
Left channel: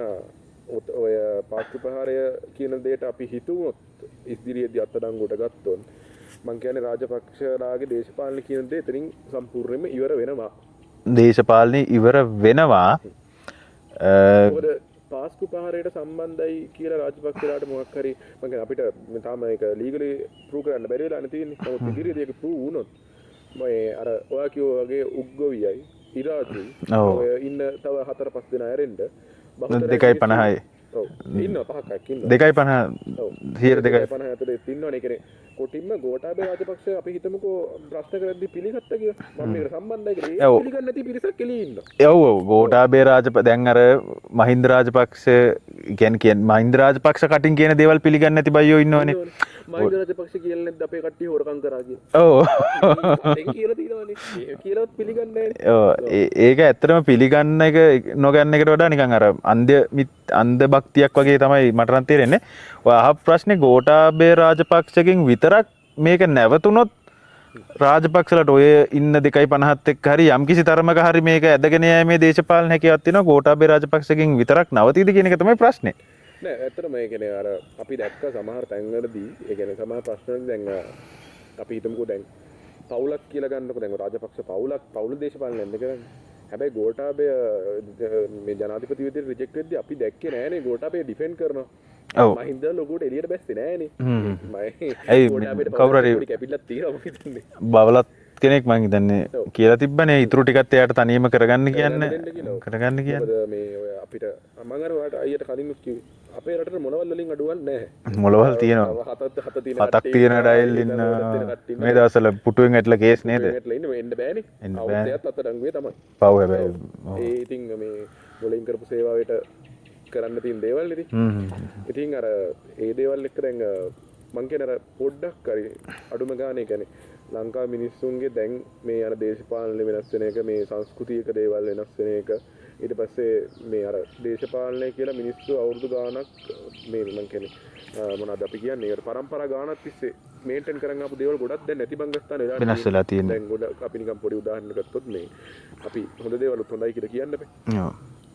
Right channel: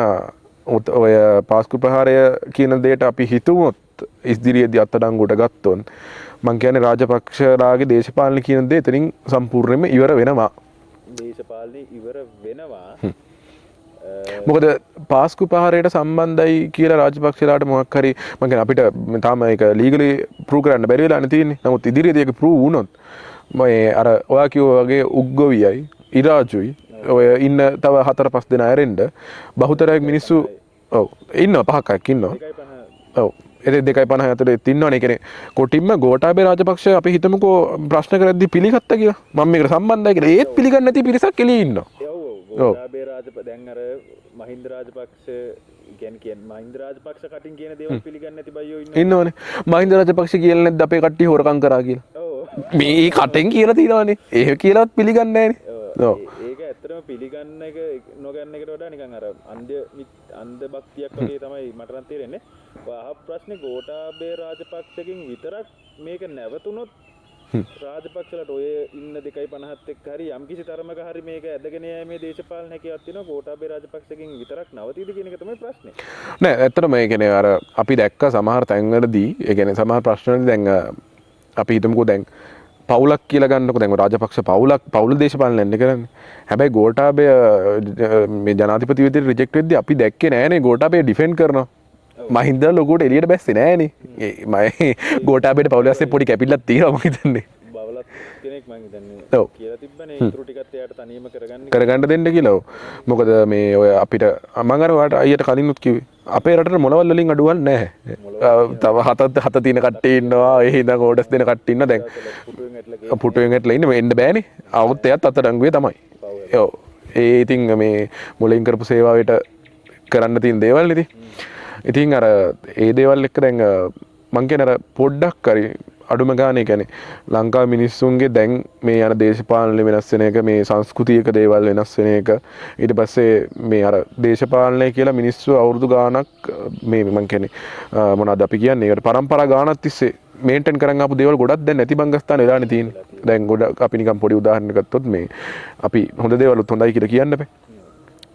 ඔය පාස්කු ප්‍රහාරය කියන දෙයට අපි හිතුවොත් ඉදිරියේදී අත්අඩංගුවට ගත්තොත් මං කියන්නේ රාජපක්ෂලාගේ දේශපාලන කියන දේ එතනින් සම්පූර්ණයෙන්ම ඉවර වෙනවා. දේශපාලනය ඉවර වෙනවා. මොකද පාස්කු පහරයට සම්බන්ධයි කියලා රාජපක්ෂලාට මොකක් හරි මං කියන්නේ අපිට තාම ඒක ලීගලි ප්‍රූව් කරන්න බැරි වෙලා තියෙන්නේ. නමුත් ඉදිරියේදී ඒක ප්‍රූව් වුණොත් මේ අර ඔයා කිව්වා වගේ උග්ගොවියයි ඉරාජුයි ඔය ඉන්න තව 4-5 දෙනා ඇරෙන්න බහුතරයක් මිනිස්සු ඔව් ඉන්නවා 5ක් ඉන්නවා 2.50 ඔව් 2.50 ඇතුලේ ඉන්නවනේ. ඒ කියන්නේ කොටින්ම ගෝඨාභය රාජපක්ෂ අපි හිතමුකෝ ප්‍රශ්න කරද්දී පිළිගත්තා කියලා. මම මේකට සම්බන්ධයි කියලා. ඒත් පිළිගන්නේ නැති පිරිසක් එළියේ ඉන්නවා. ඔව් ඔව් ගෝඨාභය දැන් අර මහින්ද රාජපක්ෂ කියන්නේ මහින්ද රාජපක්ෂ කටින් කියන දේවල් පිළිගන්නේ නැති බයියෝ ඉන්නවනේ. මහින්ද රාජපක්ෂ කියලා නැද්ද අපේ කට්ටිය හොරකම් කරා කියලා. ඔව් මේ කටෙන් කියලා තියෙනවනේ. ඒක කියලාවත් පිළිගන්නේ නැහැ. ඒක ඇත්තටම පිළිගන්න එක නොගන්න එකට වඩා නිකන් අර අන්ධ භක්තියක් වගේ තමයි මට නම් තේරෙන්නේ. ඔය අහ ප්‍රශ්නේ ගෝඨාභය රාජපක්ෂගෙන් විතරක් මේක නැවතුනොත් රාජපක්ෂලට ඔය ඉන්න 2.50ත් එක්ක හරි යම්කිසි තරමක හරි මේක ඇදගෙන යෑමේ දේශපාලන හැකියාවක් තියෙනවා. ගෝඨාභය රාජපක්ෂගෙන් විතරක් නවතීද කියන එක තමයි ප්‍රශ්නේ. නෑ ඇත්තටම ඒ කියන්නේ අර අපි දැක්ක සමහර තැන්වලදී ඒ කියන්නේ සමහර ප්‍රශ්නවලදී දැන් අපි හිතමුකෝ දැන් පවුලක් කියලා ගන්නකො දැන් රාජපක්ෂ පවුල දේශපාලනය යන්නේ කරන්නේ. හැබැයි ගෝඨාභය මේ ජනාධිපති විදිහට රිජෙක්ට් වෙද්දී අපි දැක්කේ නෑනේ ගෝඨාභය ඩිෆෙන්ඩ් කරනවා. මහින්ද ලොකුට එළියට බැස්සේ නෑනේ. මම ගෝඨාභයට පවුලස්සේ පොඩි කැපිල්ලක් තියෙනවා මම හිතන්නේ. බවලත් කෙනෙක් මම හිතන්නේ කියලා තිබ්බනේ ඉතුරු ටිකත් එයාට තනියම කරගන්න දෙන්න කියලා. මොකද මේ ඔය අපිට මම අර ඔයාලට අයියට කලිනුත් කිව්වේ අපේ රටට මොළවල් වලින් අඩුවක් නැහැ. මොළවල් තියෙනවා. තව හත තියෙන කට්ටිය ඉන්නවා. ඒ හින්දා කෝඩස් දෙන කට්ටිය ඉන්නවා. දැන් දවසල පුටුවෙන් ඇట్లా කේස් පුටුවෙන් ඇట్లా ඉන්නේ එන්න බෑනේ. අවුත් එයත් අතඩංගුවේ තමයි. පව් හැබැයි. ඔව්. ඒ ඉතින් මේ මුලින් කරපු සේවාවට කරන්න තියෙන දේවල් ඉතින්. ඉතින් අර ඒ දේවල් එක්ක දැන් මං කියන අර පොඩ්ඩක් හරි අඩුම ගානේ කියන්නේ ලංකාවේ මිනිස්සුන්ගේ දැන් මේ යන දේශපාලන වෙනස් වෙන එක මේ සංස්කෘතියක දේවල් වෙනස් වෙන එක ඊට පස්සේ මේ අර දේශපාලනය කියලා මිනිස්සු අවුරුදු ගාණක් මේ මං කියන්නේ මොනවද අපි කියන්නේ ඒකට පරම්පරා ගාණක් තිස්සේ මේන්ටේන් කරන් ආපු දේවල් ගොඩක් දැන් නැති බංගස්ථාන වෙලානේ තියෙන්නේ. දැන් ගොඩක් අපි නිකන් පොඩි උදාහරණයක් ගත්තොත් මේ අපි හොඳ දේවල්ුත් හොඳයි කියලා කියන්න බෑ.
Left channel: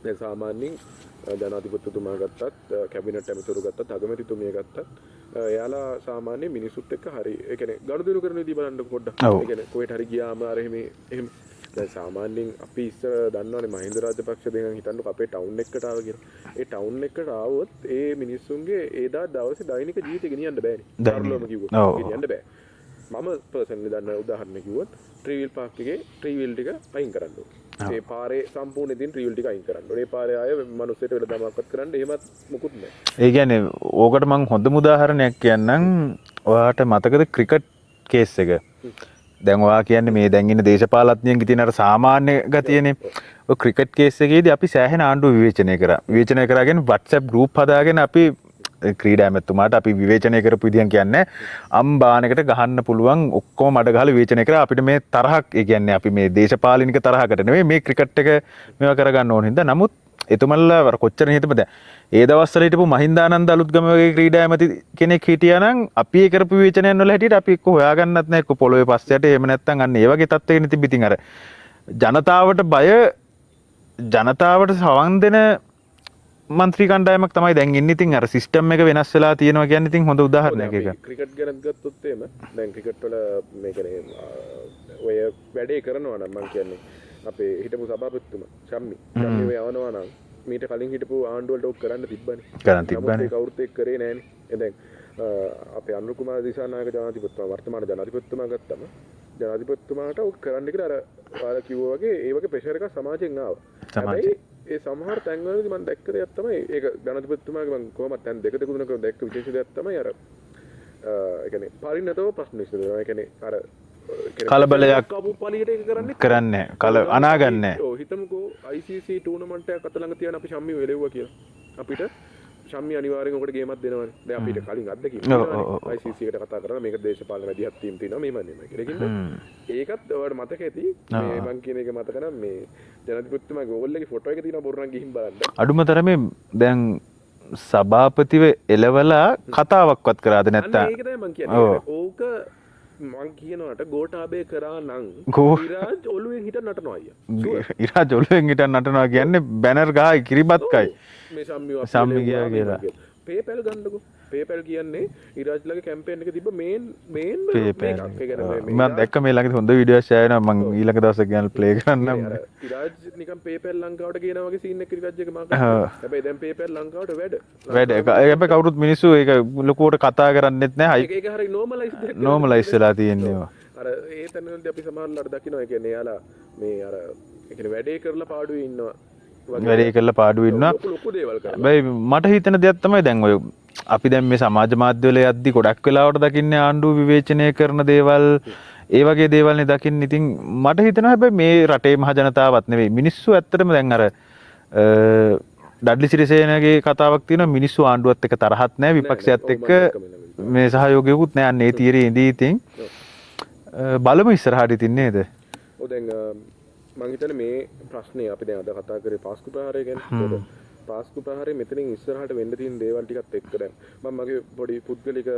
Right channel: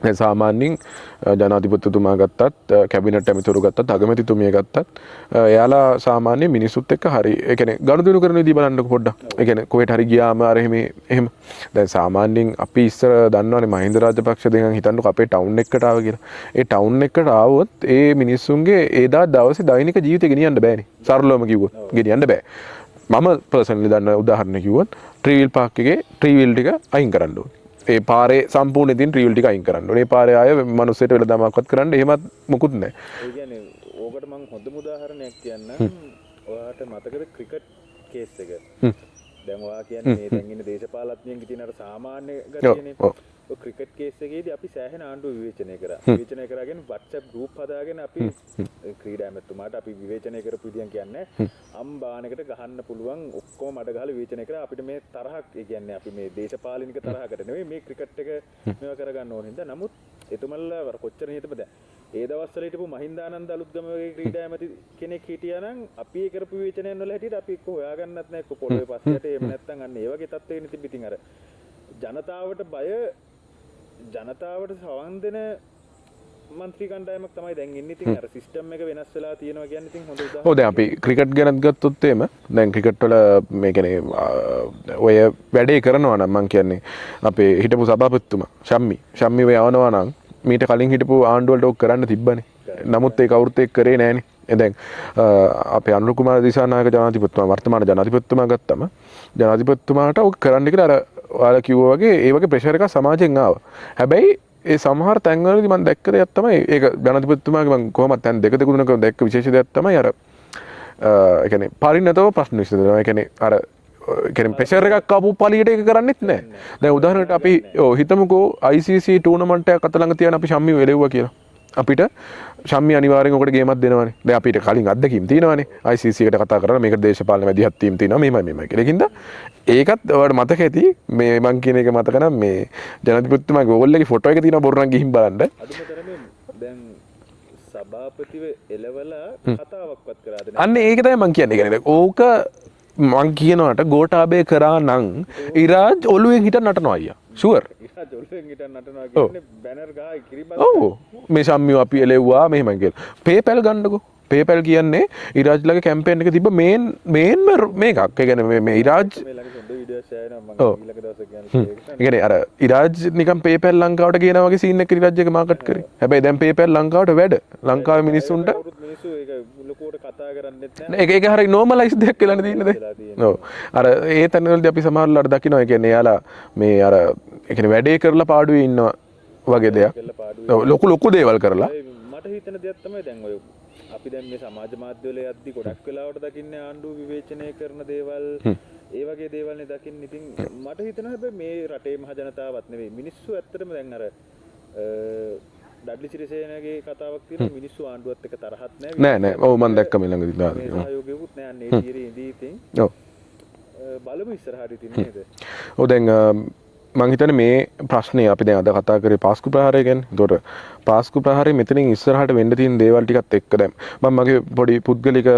දැන් සාමාන්‍යයෙන් ජනාධිපතිතුමා ගත්තත් කැබිනට් ඇමතිවරු ගත්තත් අගමැතිතුමිය ගත්තත් එයාලා සාමාන්‍ය මිනිස්සුත් එක්ක හරි ඒ කියන්නේ ගනුදෙනු කරන විදිහ බලන්නකො පොඩ්ඩක්. ඒ කියන්නේ කොහෙට හරි ගියාම අර එහෙම දැන් සාමාන්‍යයෙන් අපි ඉස්සර දන්නවනේ මහින්ද රාජපක්ෂ දෙකන් හිතන්නකො අපේ ටවුන් එකකට ආව කියලා. ඒ ටවුන් එකකට ආවොත් ඒ මිනිස්සුන්ගේ එදා දවසේ දෛනික ජීවිතේ ගෙනියන්න බෑනේ. සරලවම කිව්වොත් ගෙනියන්න බෑ. මම පර්සනලි දන්න උදාහරණ කිව්වොත් ට්‍රීවිල් පාක් එකේ ට්‍රීවිල් ටික අයින් කරන්න ඕනේ. ඒ පාරේ සම්පූර්ණ ඉතින් ට්‍රීවිල් ටික අයින් කරන්න ඕනේ. ඒ පාරේ ආය මිනිස්සුන්ට වෙලදාමක්වත් කරන්න එහෙමත් මොකුත් නැහැ. ඒ කියන්නේ ඕකට මම හොඳම උදාහරණයක් කියන්නම්. ඔයාට මතකද ක්‍රිකට් කේස් එක? දැන් ඔයා කියන්නේ මේ දැන් ඉන්න දේශපාලඥයන්ගේ තියෙන අර සාමාන්‍ය ගතියනේ. ඔය ක්‍රිකට් කේස් එකේදී අපි සෑහෙන ආණ්ඩුව විවේචනය කරා. විවේචනය කරාගෙන WhatsApp group හදාගෙන අපි ක්‍රීඩා ඇමතුමාට අපි විවේචනය කරපු විදිහන් කියන්නේ අම්බානකට ගහන්න පුළුවන් ඔක්කොම මඩ ගහලා විවේචනය කරා. අපිට මේ තරහක් ඒ කියන්නේ අපි මේ දේශපාලනික තරහකට නෙවෙයි මේ ක්‍රිකට් එක මේවා කරගන්න ඕන හින්දා. නමුත් එතුමන්ලා කොච්චර හිතපද ඒ දවස්වල හිටපු මහින්දානන්ද අලුත්ගම වගේ ක්‍රීඩා ඇමති කෙනෙක් හිටියා නම් අපි ඒ කරපු විවේචනයන් වල හැටියට අපි එක්ක හොයාගන්නත් නැහැ එක්ක පොළොවේ පස්සට එහෙම නැත්නම් අන්න ඒ වගේ තත්ත්වයකින් තිබිතින් අර ජනතාවට බය ජනතාවට සවන් දෙන මන්ත්‍රී කණ්ඩායමක් තමයි දැන් ඉන්නේ. ඉතින් අර සිස්ටම් එක වෙනස් වෙලා තියෙනවා කියන්නේ ඉතින් හොඳ උදාහරණයක්. දැන් අපි ක්‍රිකට් ගැනත් ගත්තොත් එහෙම දැන් ක්‍රිකට් වල මේ කියන්නේ ඔය වැඩේ කරනවා නම් මං කියන්නේ අපේ හිටපු සභාපතිතුමා ශම්මි ඔය යවනවා නම් මීට කලින් හිටපු ආණ්ඩු වලට ඔක් කරන්න තිබ්බනේ. නමුත් ඒක කවුරුත් ඒක කරේ නෑනේ. දැන් අපේ අනුර කුමාර දිසානායක ජනාධිපතිතුමා වර්තමාන ජනාධිපතිතුමා ගත්තම ජනාධිපතිතුමාට ඔක් කරන්න කියලා අර ඔයාලා කිව්වා වගේ ඒ වගේ ප්‍රෙෂර් එකක් සමාජයෙන් ආවා. හැබැයි ඒ සමහර තැන්වලදී මම දැක්ක දෙයක් තමයි ඒක ජනාධිපතිතුමාගේ මම කොහොමද තැන් දෙක තුනක දැක්ක විශේෂ දෙයක් තමයි අර ඒ කියන්නේ පරිණතව ප්‍රශ්න විසඳනවා. ඒ කියන්නේ අර ප්‍රෙෂර් එකක් ආපු පළියට ඒක කරන්නේ නැහැ. උදාහරණයක් අපි හිතමුකෝ ICC ටූර්නමන්ට් එකක් අත ළඟ තියන අපි ශම්මිව එලෙව්වා කියලා. අපිට ශම්මි අනිවාර්යෙන් ඔකට ගේමක් දෙනවනේ. දැන් අපිට කලින් අත්දැකීම් තියෙනවනේ. ICC එකට කතා කරලා මේකට දේශපාලන මැදිහත් ටීම් තියෙනවා මෙහෙමයි කියලා. ඒකින්ද ඒකත් ඔයාලට මතක ඇති මේ මං කියන එක මතක නම් මේ ජනාධිපතිතුමාගේ ඕගොල්ලෝ එකේ ෆොටෝ එක තියෙනවා බොරු නම් ගිහින් බලන්න. අඩුම තරමේ දැන් සභාපතිව එලවලා කතාවක්වත් කරාද නැත්නම් අන්න ඒක තමයි මං කියන්නේ. ඕක මං කියනවාට ගෝඨාභය කරා නම් ඉරාජ් ඔළුවෙන් හිටන් නටනවා අයියා. ෂුවර්. ඉරාජ් ඔළුවෙන් හිටන් නටනවා කියන්නේ බැනර් ගහයි කිරිබත් කයි. මේ ශම්මිව අපි එලෙව්වා මෙහෙම කියලා. PayPal ගන්නකො. PayPal කියන්නේ ඉරාජ්ලගේ කැම්පේන් එක තිබ්බ මේන් මේකක්. ඒ කියන්නේ මේ ඉරාජ් මේ ළඟ හොඳ වීඩියෝ ෂෙයාර් කරනවා මම ඊළඟ දවසේ ගිහලා ප්ලේ කරන්න. කියන්නේ අර ඉරාජ් නිකන් PayPal ලංකාවට කියනවා වගේ සීන් එකක් ඉරාජ් එක මාකට් කරනවා. හැබැයි දැන් PayPal ලංකාවට වැඩ. ලංකාවේ මිනිස්සුන්ට කවුරුත් මිනිස්සු ඒක ලොකුවට කතා කරන්නෙත් නැහැ. ඒක හරිය normalize දෙයක් කියලා normalize වෙලා තියෙනවා. අර ඒ තැන්වලදී අපි සමහරවල්ලාට දකිනවා. ඒ කියන්නේ එයාලා මේ අර ඒ කියන්නේ වැඩේ කරලා පාඩුවේ ඉන්නවා වගේ වැඩේ කරලා පාඩුවේ ඉන්නවා. ලොකු දේවල් කරලා. මට හිතෙන දෙයක් තමයි දැන් ඔය අපි දැන් මේ සමාජ මාධ්‍යවල යද්දි ගොඩක් වෙලාවට දකින්නේ ආණ්ඩුව විවේචනය කරන දේවල් ඒ වගේ දේවල්නේ දකින්නේ. ඉතින් මට හිතෙනවා හැබැයි මේ රටේ මහ ජනතාවත් නෙවෙයි මිනිස්සු ඇත්තටම දැන් අර ඩඩ්ලි සිරිසේනගේ කතාවක් තියෙනවා මිනිස්සු ආණ්ඩුවත් එක්ක තරහක් නැහැ විපක්ෂයත් එක්ක මේ සහයෝගයකුත් නැහැ අන්න ඒ තීරේ ඉඳී ඉතින් බලමු ඉස්සරහට ඉතින් නේද. ඔව් දැන් මං හිතන්නේ මේ ප්‍රශ්නේ අපි දැන් අද කතා කරේ පාස්කු ප්‍රහාරය ගැන. ඒතකොට පාස්කු ප්‍රහාරය මෙතනින් ඉස්සරහට වෙන්න තියෙන දේවල් ටිකත් එක්ක දැන් මම මගේ පොඩි පුද්ගලික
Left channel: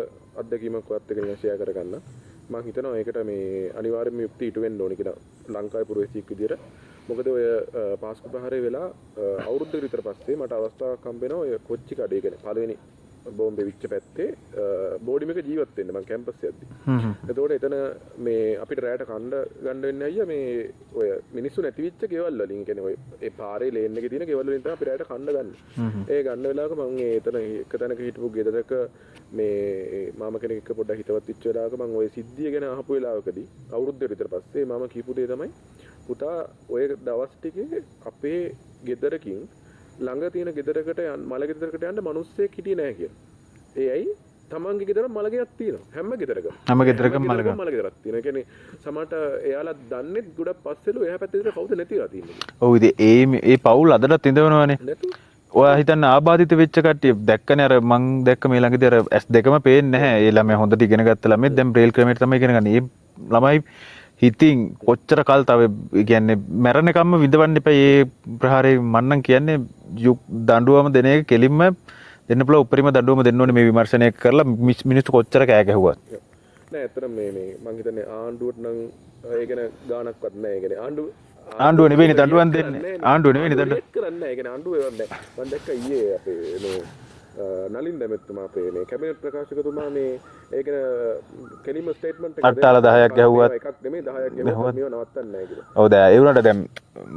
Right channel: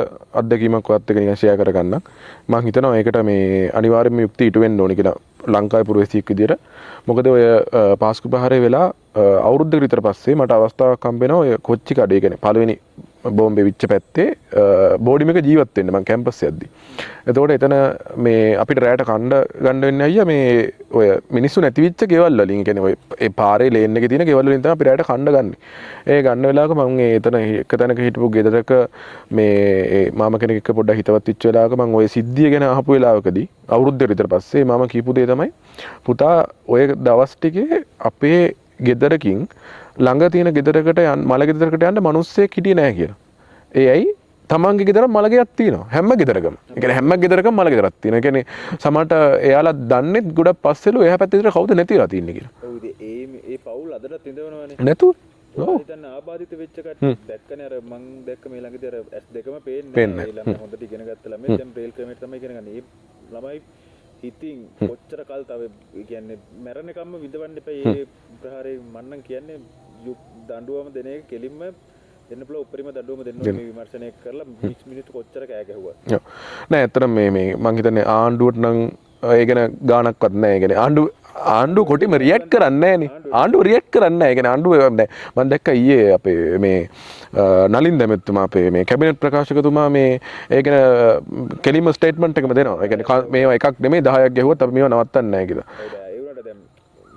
අත්දැකීමක් ඔයත් එක්ක නිකන් ෂෙයා කරගන්නම්. මං හිතනවා ඒකට මේ අනිවාර්යයෙන්ම යුක්ති ඉටු වෙන්න ඕනේ කියලා ලංකාවේ පුරවැසියෙක් විදියට. මොකද ඔය පාස්කු ප්‍රහාරය වෙලා අවුරුද්දකට විතර පස්සේ මට අවස්ථාවක් හම්බ වෙනවා ඔය කොච්චි කඩේ කියන්නේ පළවෙනි බෝම්බේ විච්ච පැත්තේ බෝඩිම එක ජීවත් වෙන්න මං කැම්පස් යද්දි. එතකොට එතන මේ අපිට රැයට කණ්ඩ ගන්න වෙන්නේ අයියා මේ ඔය මිනිස්සු නැති වෙච්ච ගෙවල් වලින් කියන්නේ ඔය ඒ පාරේ ලේන් එකේ තියෙන ගෙවල් වලින් තමයි අපි රැයට කණ්ඩ ගන්න. ඒ ගන්න වෙලාවක මං එතන එක තැනක හිටපු ගෙදරක මේ මාම කෙනෙක් එක්ක පොඩ්ඩක් හිතවත් වෙච්ච වෙලාවක මං ඔය සිද්ධිය ගැන අහපු වෙලාවකදී අවුරුද්දකට විතර පස්සේ මාම කියපු දේ තමයි පුතා ඔය දවස් ටිකේ අපේ ගෙදරකින් ළඟ තියෙන ගෙදරකට මල ගෙදරකට යන්න මිනිස්සෙක් හිටියේ නැහැ කියලා. ඒ ඇයි? තමන්ගේ ගෙදර මල ගෙයක් තියෙනවා. හැම ගෙදරකම. හැම ගෙදරකම මල ගෙදරක් තියෙනවා. ඒ කියන්නේ සමහරට එයාලා දන්නේ ගොඩක් පස්සෙලු එහා පැත්තේ විතර කවුද නැතිලා තින්නේ කියලා. ඔව් ඉතින් ඒ පවුල් අදටත් ඉඳවනවනේ. නැතුව. ඔයා හිතන්න ආබාධිත වෙච්ච කට්ටිය දැක්කනේ අර මං දැක්ක මේ ළඟදී අර S2ම පේන්නේ නැහැ. ඒ ළමයා හොඳට ඉගෙන ගත්ත ළමයි දැන් බ්‍රේල් ක්‍රමයට තමයි ඉගෙන ගන්න. මේ ළමයි හිතින් කොච්චර කල් තව කියන්නේ මැරෙනකම්ම විඳවන්න එපා. මේ ප්‍රහාරේ මන්නම් කියන්නේ දඬුවම දෙන එක කෙලින්ම දෙන්න පුළුවන් උපරිම දඬුවම දෙන්න ඕනේ මේ විමර්ශනය කරලා මිනිස්සු කොච්චර කෑ ගැහුවත්. නෑ ඇත්තටම මේ මං හිතන්නේ ආණ්ඩුවට නම් ඒ ගැන ගාණක්වත් නෑ. ඒ කියන්නේ ආණ්ඩුව රියැක්ට් කරන්නේ නෑනේ. ආණ්ඩුව රියැක්ට් කරන්නේ නෑ. ඒ කියන්නේ ආණ්ඩුව නෑ. මං දැක්ක ඊයේ අපේ මේ නලින් දැමෙත්තුමා අපේ මේ කැබිනට් ප්‍රකාශකතුමා මේ ඒ ගැන කෙලිම ස්ටේට්මන්ට් එකක් දෙනවා. මේවා එකක් නෙමෙයි 10ක් ගැහුවොත් අපි මේවා නවත්තන්නේ නෑ කියලා. ඔව් දැන් ඒ වුණාට දැන්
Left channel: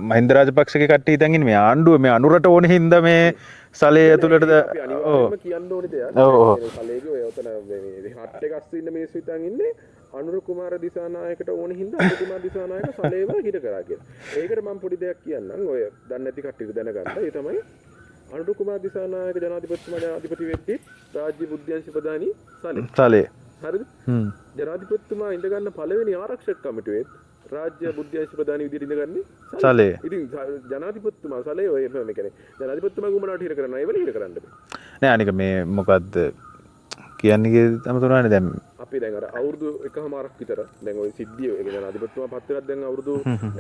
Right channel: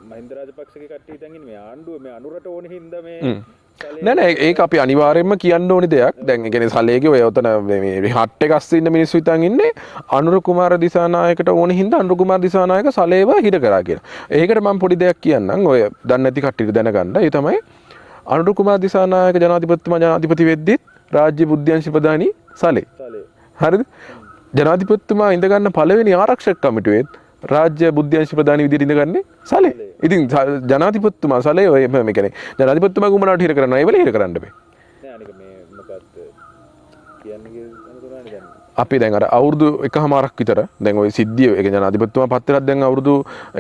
මහින්ද රාජපක්ෂගේ කට්ටිය හිතන් ඉන්නේ මේ ආණ්ඩුව මේ අනුරට ඕනේ හින්දා මේ සලේ ඒක අපි අනිවාර්යයෙන්ම කියන්න ඕනේ දෙයක්. දැන් ඒ කියන්නේ සලේගේ ඔය උතන මේ හට් එක අස්සේ ඉන්න මිනිස්සු හිතන් ඉන්නේ අනුර කුමාර දිසානායකට ඕනේ හින්දා අනුර කුමාර දිසානායක සලේව හිර කරා කියලා. ඒකට මම පොඩි දෙයක් කියන්නම්. ඔය දන්නේ නැති කට්ටියට දැනගන්න. ඒ තමයි අනුර කුමාර දිසානායක ජනාධිපතිතුමා ජනාධිපති වෙද්දිත් රාජ්‍ය බුද්ධ්‍යංශ ප්‍රධානී සලේ. හරිද? ජනාධිපතිතුමා ඉඳ ගන්න පළවෙනි ආරක්ෂක කමිටුවේත් රාජ්‍ය බුද්ධ්‍යංශ ප්‍රධානී විදිහට ඉඳගන්නේ සලේ. ඉතින් ජනාධිපතිතුමා සලේ ඔය මේ කියන්නේ ජනාධිපතිතුමා කුමනාවට හිර කරනවා. ඒ වෙලේ හිර කරන්න බෑ. නෑ අනික මේ මොකද්ද කියන්නේ අමතනවානේ දැන් අපි දැන් අර අවුරුදු එකමාරක් විතර දැන් ওই සිද්ධිය ඒ ජනාධිපතිතුමා පත් වෙලත් දැන් අවුරුදු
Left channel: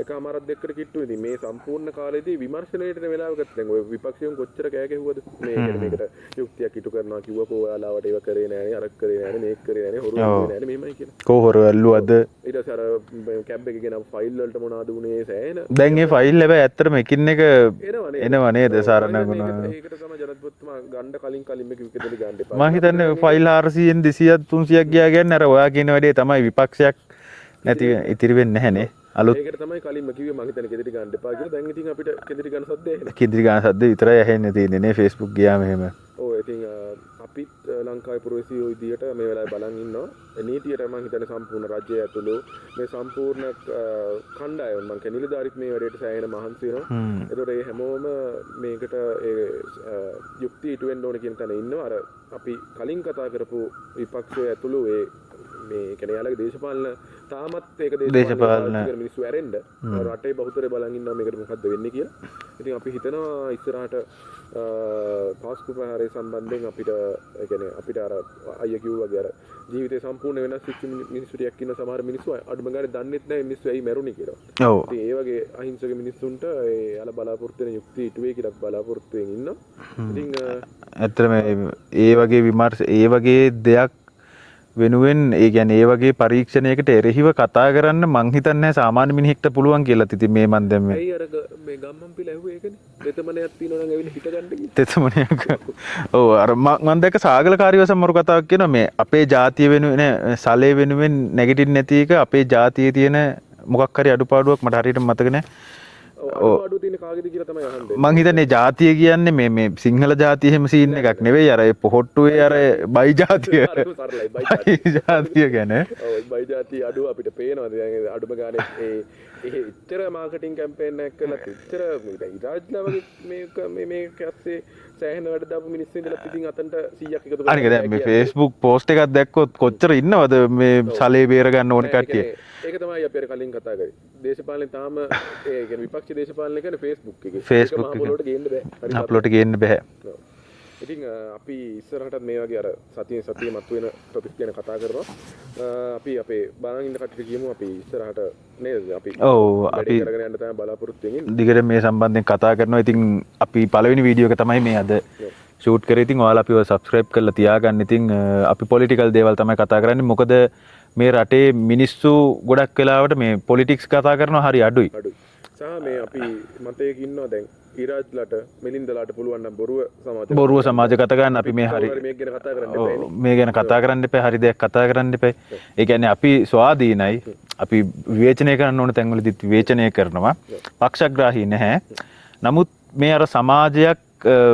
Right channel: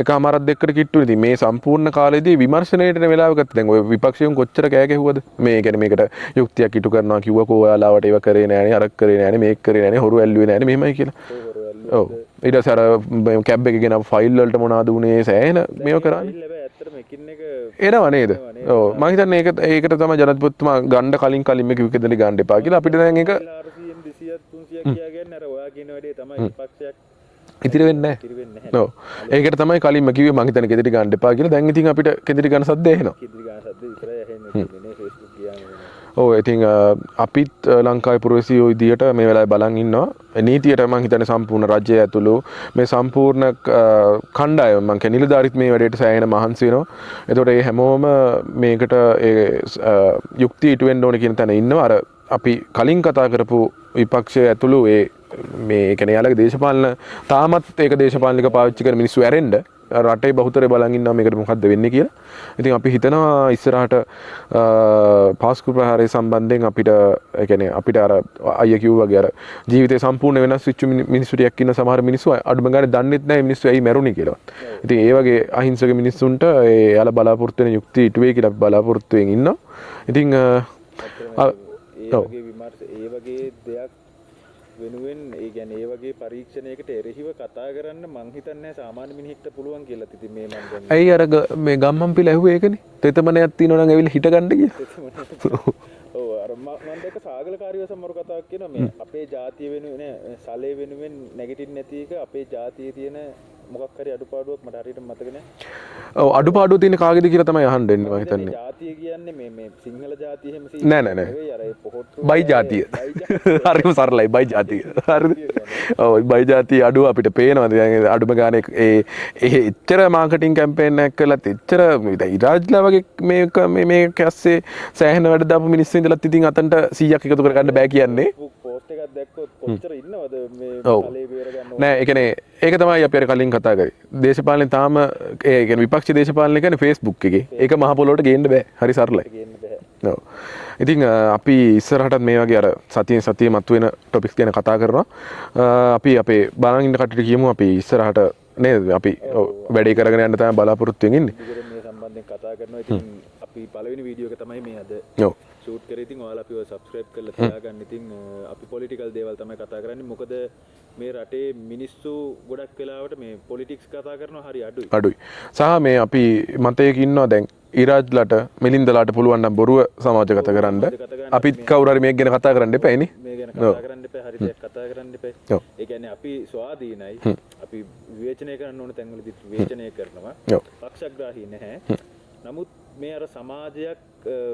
එකමාරක් දෙකකට කිට්ටුනේ. ඉතින් මේ සම්පූර්ණ කාලෙදී විමර්ශනයේට වෙලාවකට දැන් ওই විපක්ෂයන් කොච්චර කෑ ගැහුවද මේ කියන්නේ මේකට යුක්තියක් ඉටු කරනවා කිව්වකෝ ඔයාලාවට ඒව කරේ නෑනේ අරක් කරේ නෑනේ මේක කරේ නෑනේ හොරු ඇල්ලුවේ නෑනේ මෙහෙමයි කියලා. කෝ හොරු ඇල්ලුවද ඊට පස්සේ අර කැබ් එකේ ගෙන ෆයිල් වලට මොනවද උනේ සෑහෙන දැන් මේ ෆයිල් හැබැයි ඇත්තටම එකින් එක එනවා නේද මම හිතන්නේ ඒකට තමයි ජනාධිපතිතුමා ගන්න කලින් මේක විකදලි ගන්න එපා කියලා අපිට දැන් ෆයිල් 400න් 200 300ක් ගියා කියන්නේ අර ඔයා කියන වැඩේ තමයි විපක්ෂයක් ඉතිරි වෙන්නේ නැහැ නේ. ඒකට තමයි කලින්ම කිව්වේ මං හිතන්නේ කෙදිරි ගන්න එපා කියලා. දැන් ඉතින් අපිට කෙදිරි ගන්න සද්ද එනවා. කෙදිරි ගන්න සද්ද විතරයි ඇහෙන්නේ තියෙන්නේ නේ Facebook ගියාම එහෙම. ඔව් ඉතින් අපිත් ලංකාවේ පුරවැසියෝ විදියට මේ වෙලාවේ බලන් ඉන්නවා. නීතියට මං හිතන්නේ සම්පූර්ණ රජය ඇතුළු මේ සම්පූර්ණ කණ්ඩායම මං කියන්නේ නිලධාරීත් මේ වැඩේට සෑහෙන මහන්සි වෙනවා. එතකොට මේ හැමෝම මේකට යුක්තිය ඉටු වෙන්න ඕනේ කියන තැන ඉන්නවා. අර අපි කලින් කතා කරපු විපක්ෂය ඇතුළු ඒ මේ කියන්නේ යාලගේ දේශපාලන තාමත් ඒක දේශපාලනික පාවිච්චි කරන මිනිස්සු ඇරෙන්න රටේ බහුතරය බලන් ඉන්නවා මේකට මොකද්ද වෙන්නේ කියලා. ඉතින් අපි හිතනවා ඉස්සරහට පාස්කු ප්‍රහාරය සම්බන්ධයෙන් අපිට ඒ කියන්නේ අපිට අර අයියා කිව්වා වගේ අර ජීවිතේ සම්පූර්ණ වෙනස් වෙච්ච මිනිස්සු ටිකක් ඉන්න සමහර මිනිස්සු අඩුම ගානේ දන්නෙත් නැහැ මිනිස්සු ඇයි මැරුණේ කියලා. ඉතින් ඒ වගේ අහිංසක මිනිස්සුන්ට ඒ යාලා බලාපොරොත්තු වෙන යුක්තිය ඉටු වෙයි කියලා බලාපොරොත්තු වෙමින් ඉන්නවා. ඉතින් ඇත්තටම ඒ වගේ විමර්ශ ඒ වගේ දෙයක් වෙනුවෙන් ඒ ගැන ඒ වගේ පරීක්ෂණයකට එරෙහිව කතා කරන්න මං හිතන්නේ සාමාන්‍ය මිනිහෙක්ට පුළුවන් කියලා. ඉතින් මේ මන් දැන් ඇයි අර මේ ගම්මන් පිළ ඇහුවේ ඒකනේ. තෙතමනයක් තියෙනවා නම් ඇවිල්ලා හිට ගන්න කියලා. තෙතමනයක්. ඔව් අර මං දැක්ක සාගලකාරී වසමරු කතාවක් කියනවා මේ අපේ ජාතිය වෙනුවෙන් සලේ වෙනුවෙන් නැගිටින්න නැති එක අපේ ජාතියේ තියෙන මොකක් හරි අඩුපාඩුවක් මට හරියට මතක නැහැ. අඩුපාඩුව තියෙන කාගෙද කියලා තමයි අහන්නේ. මං හිතන්නේ ජාතිය කියන්නේ මේ සිංහල ජාතිය එහෙම සීන් එකක් නෙවෙයි අර පොහොට්ටුවේ අර බයි ජාතිය. හරිම සරලයි බයි ජාතිය. ජාතිය කියන්නේ. ඔව් බයි ජාතිය අඩුව අපිට පේනවා. දැන් අඩුම ගානේ ඒ එච්චර මාකටිං කැම්පේන් එකක් කළත් එච්චර ඉරාජ්ලා වගේ මේ කැස්සේ සෑහෙන වැඩ දාපු මිනිස්සු ඉඳලත් ඉතින් අතන්ට 100ක් එකතු කරගන්න බෑ කියන්නේ. Facebook post එකක් දැක්කොත් කොච්චර ඉන්නවද මේ සලේ බේර ගන්න ඕන කට්ටිය. ඒක තමයි අපි අර කලින් කතා කරේ. දේශපාලනේ තාම ඒ කියන්නේ විපක්ෂ දේශපාලනය කියන්නේ Facebook එකේ. ඒක මහ පොළොවට ගේන්න බෑ. හරි සරලට ගේන්න බෑ. ඔව්. ඉතින් අපි ඉස්සරහටත් මේ වගේ අර සතියේ මතුවෙන ටොපික්ස් ගැන කතා කරනවා. අපි අපේ බලන් ඉන්න කට්ටියට කියමු අපි ඉස්සරහට නේද අපි වැඩේ කරගෙන යන්න තමයි බලාපොරොත්තු වෙමින්. දිගට මේ සම්බන්ධයෙන් කතා කරනවා. ඉතින් අපි පළවෙනි වීඩියෝ එක තමයි මේ අද ෂූට් කරේ. ඉතින් ඔයාලා අපිව සබ්ස්ක්‍රයිබ් කරලා තියාගන්න. ඉතින් අපි පොලිටිකල් දේවල් තමයි කතා කරන්නේ. මොකද මේ රටේ මිනිස්සු ගොඩක් වෙලාවට මේ පොලිටික්ස් කතා කරනවා හරි අඩුයි. සහ මේ අපි මතයක ඉන්නවා දැන් ඉරාජ්ලට මිලින්දලාට පුළුවන් නම් බොරුව සමාජගත කරන්න. අපි කවුරු හරි මේක ගැන කතා කරන්න එපා නේ. මේ ගැන කතා කරන්න එපා. හරි දෙයක් කතා කරන්න එපා. ඒ කියන්නේ අපි ස්වාධීනයි. අපි විවේචනය කරන්න ඕන තැන්වලදීත් විවේචනය කරනවා. පක්ෂග්‍රාහී නැහැ. නමුත් මේ අර සමාජයක්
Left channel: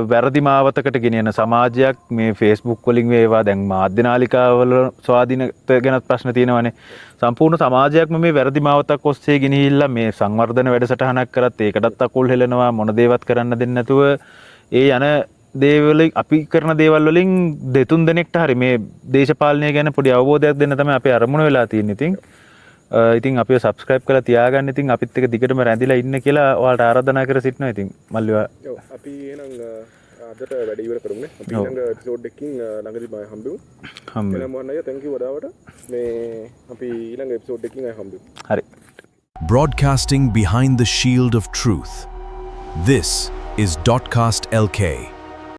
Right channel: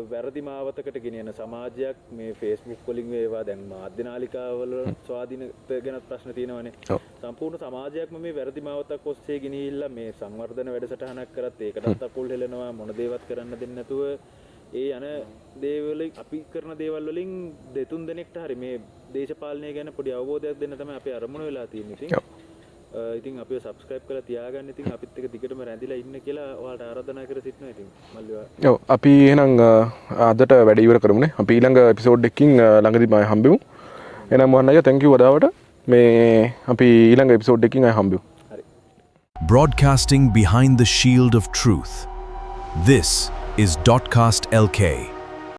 වැරදි මාවතකට ගෙනියන සමාජයක් මේ Facebook වලින් වේවා දැන් මාධ්‍ය නාලිකාවල ස්වාධීනත්වය ගැන ප්‍රශ්න තියෙනවානේ. සම්පූර්ණ සමාජයක්ම මේ වැරදි මාවතක් ඔස්සේ ගෙනිහිල්ලා මේ සංවර්ධන වැඩසටහනක් කරත් ඒකටත් අකුල් හෙලනවා මොන දේවත් කරන්න දෙන්නේ නැතුව ඒ යන දේවල් අපි කරන දේවල් වලින් දෙතුන් දෙනෙක්ට හරි මේ දේශපාලනය ගැන පොඩි අවබෝධයක් දෙන්න තමයි අපේ අරමුණ වෙලා තියෙන්නේ. ඉතින් අපිව සබ්ස්ක්‍රයිබ් කරලා තියාගන්න. ඉතින් අපිත් එක්ක දිගටම රැඳිලා ඉන්න කියලා ඔයාලට ආරාධනා කර සිටිනවා. ඉතින් මල්ලිවා ඔව් අපි එහෙනම් අදට වැඩ ඉවර කරමුනේ. අපි ඊළඟ එපිසෝඩ් එකකින් ළඟදී මම හම්බෙමු. එහෙනම් මොහොන් අයියා thank you වදාවට මේ අපි ඊළඟ එපිසෝඩ් එකකින් ආයෙ හම්බෙමු. හරි. Broadcasting behind the shield of truth. This is Dotcast LK.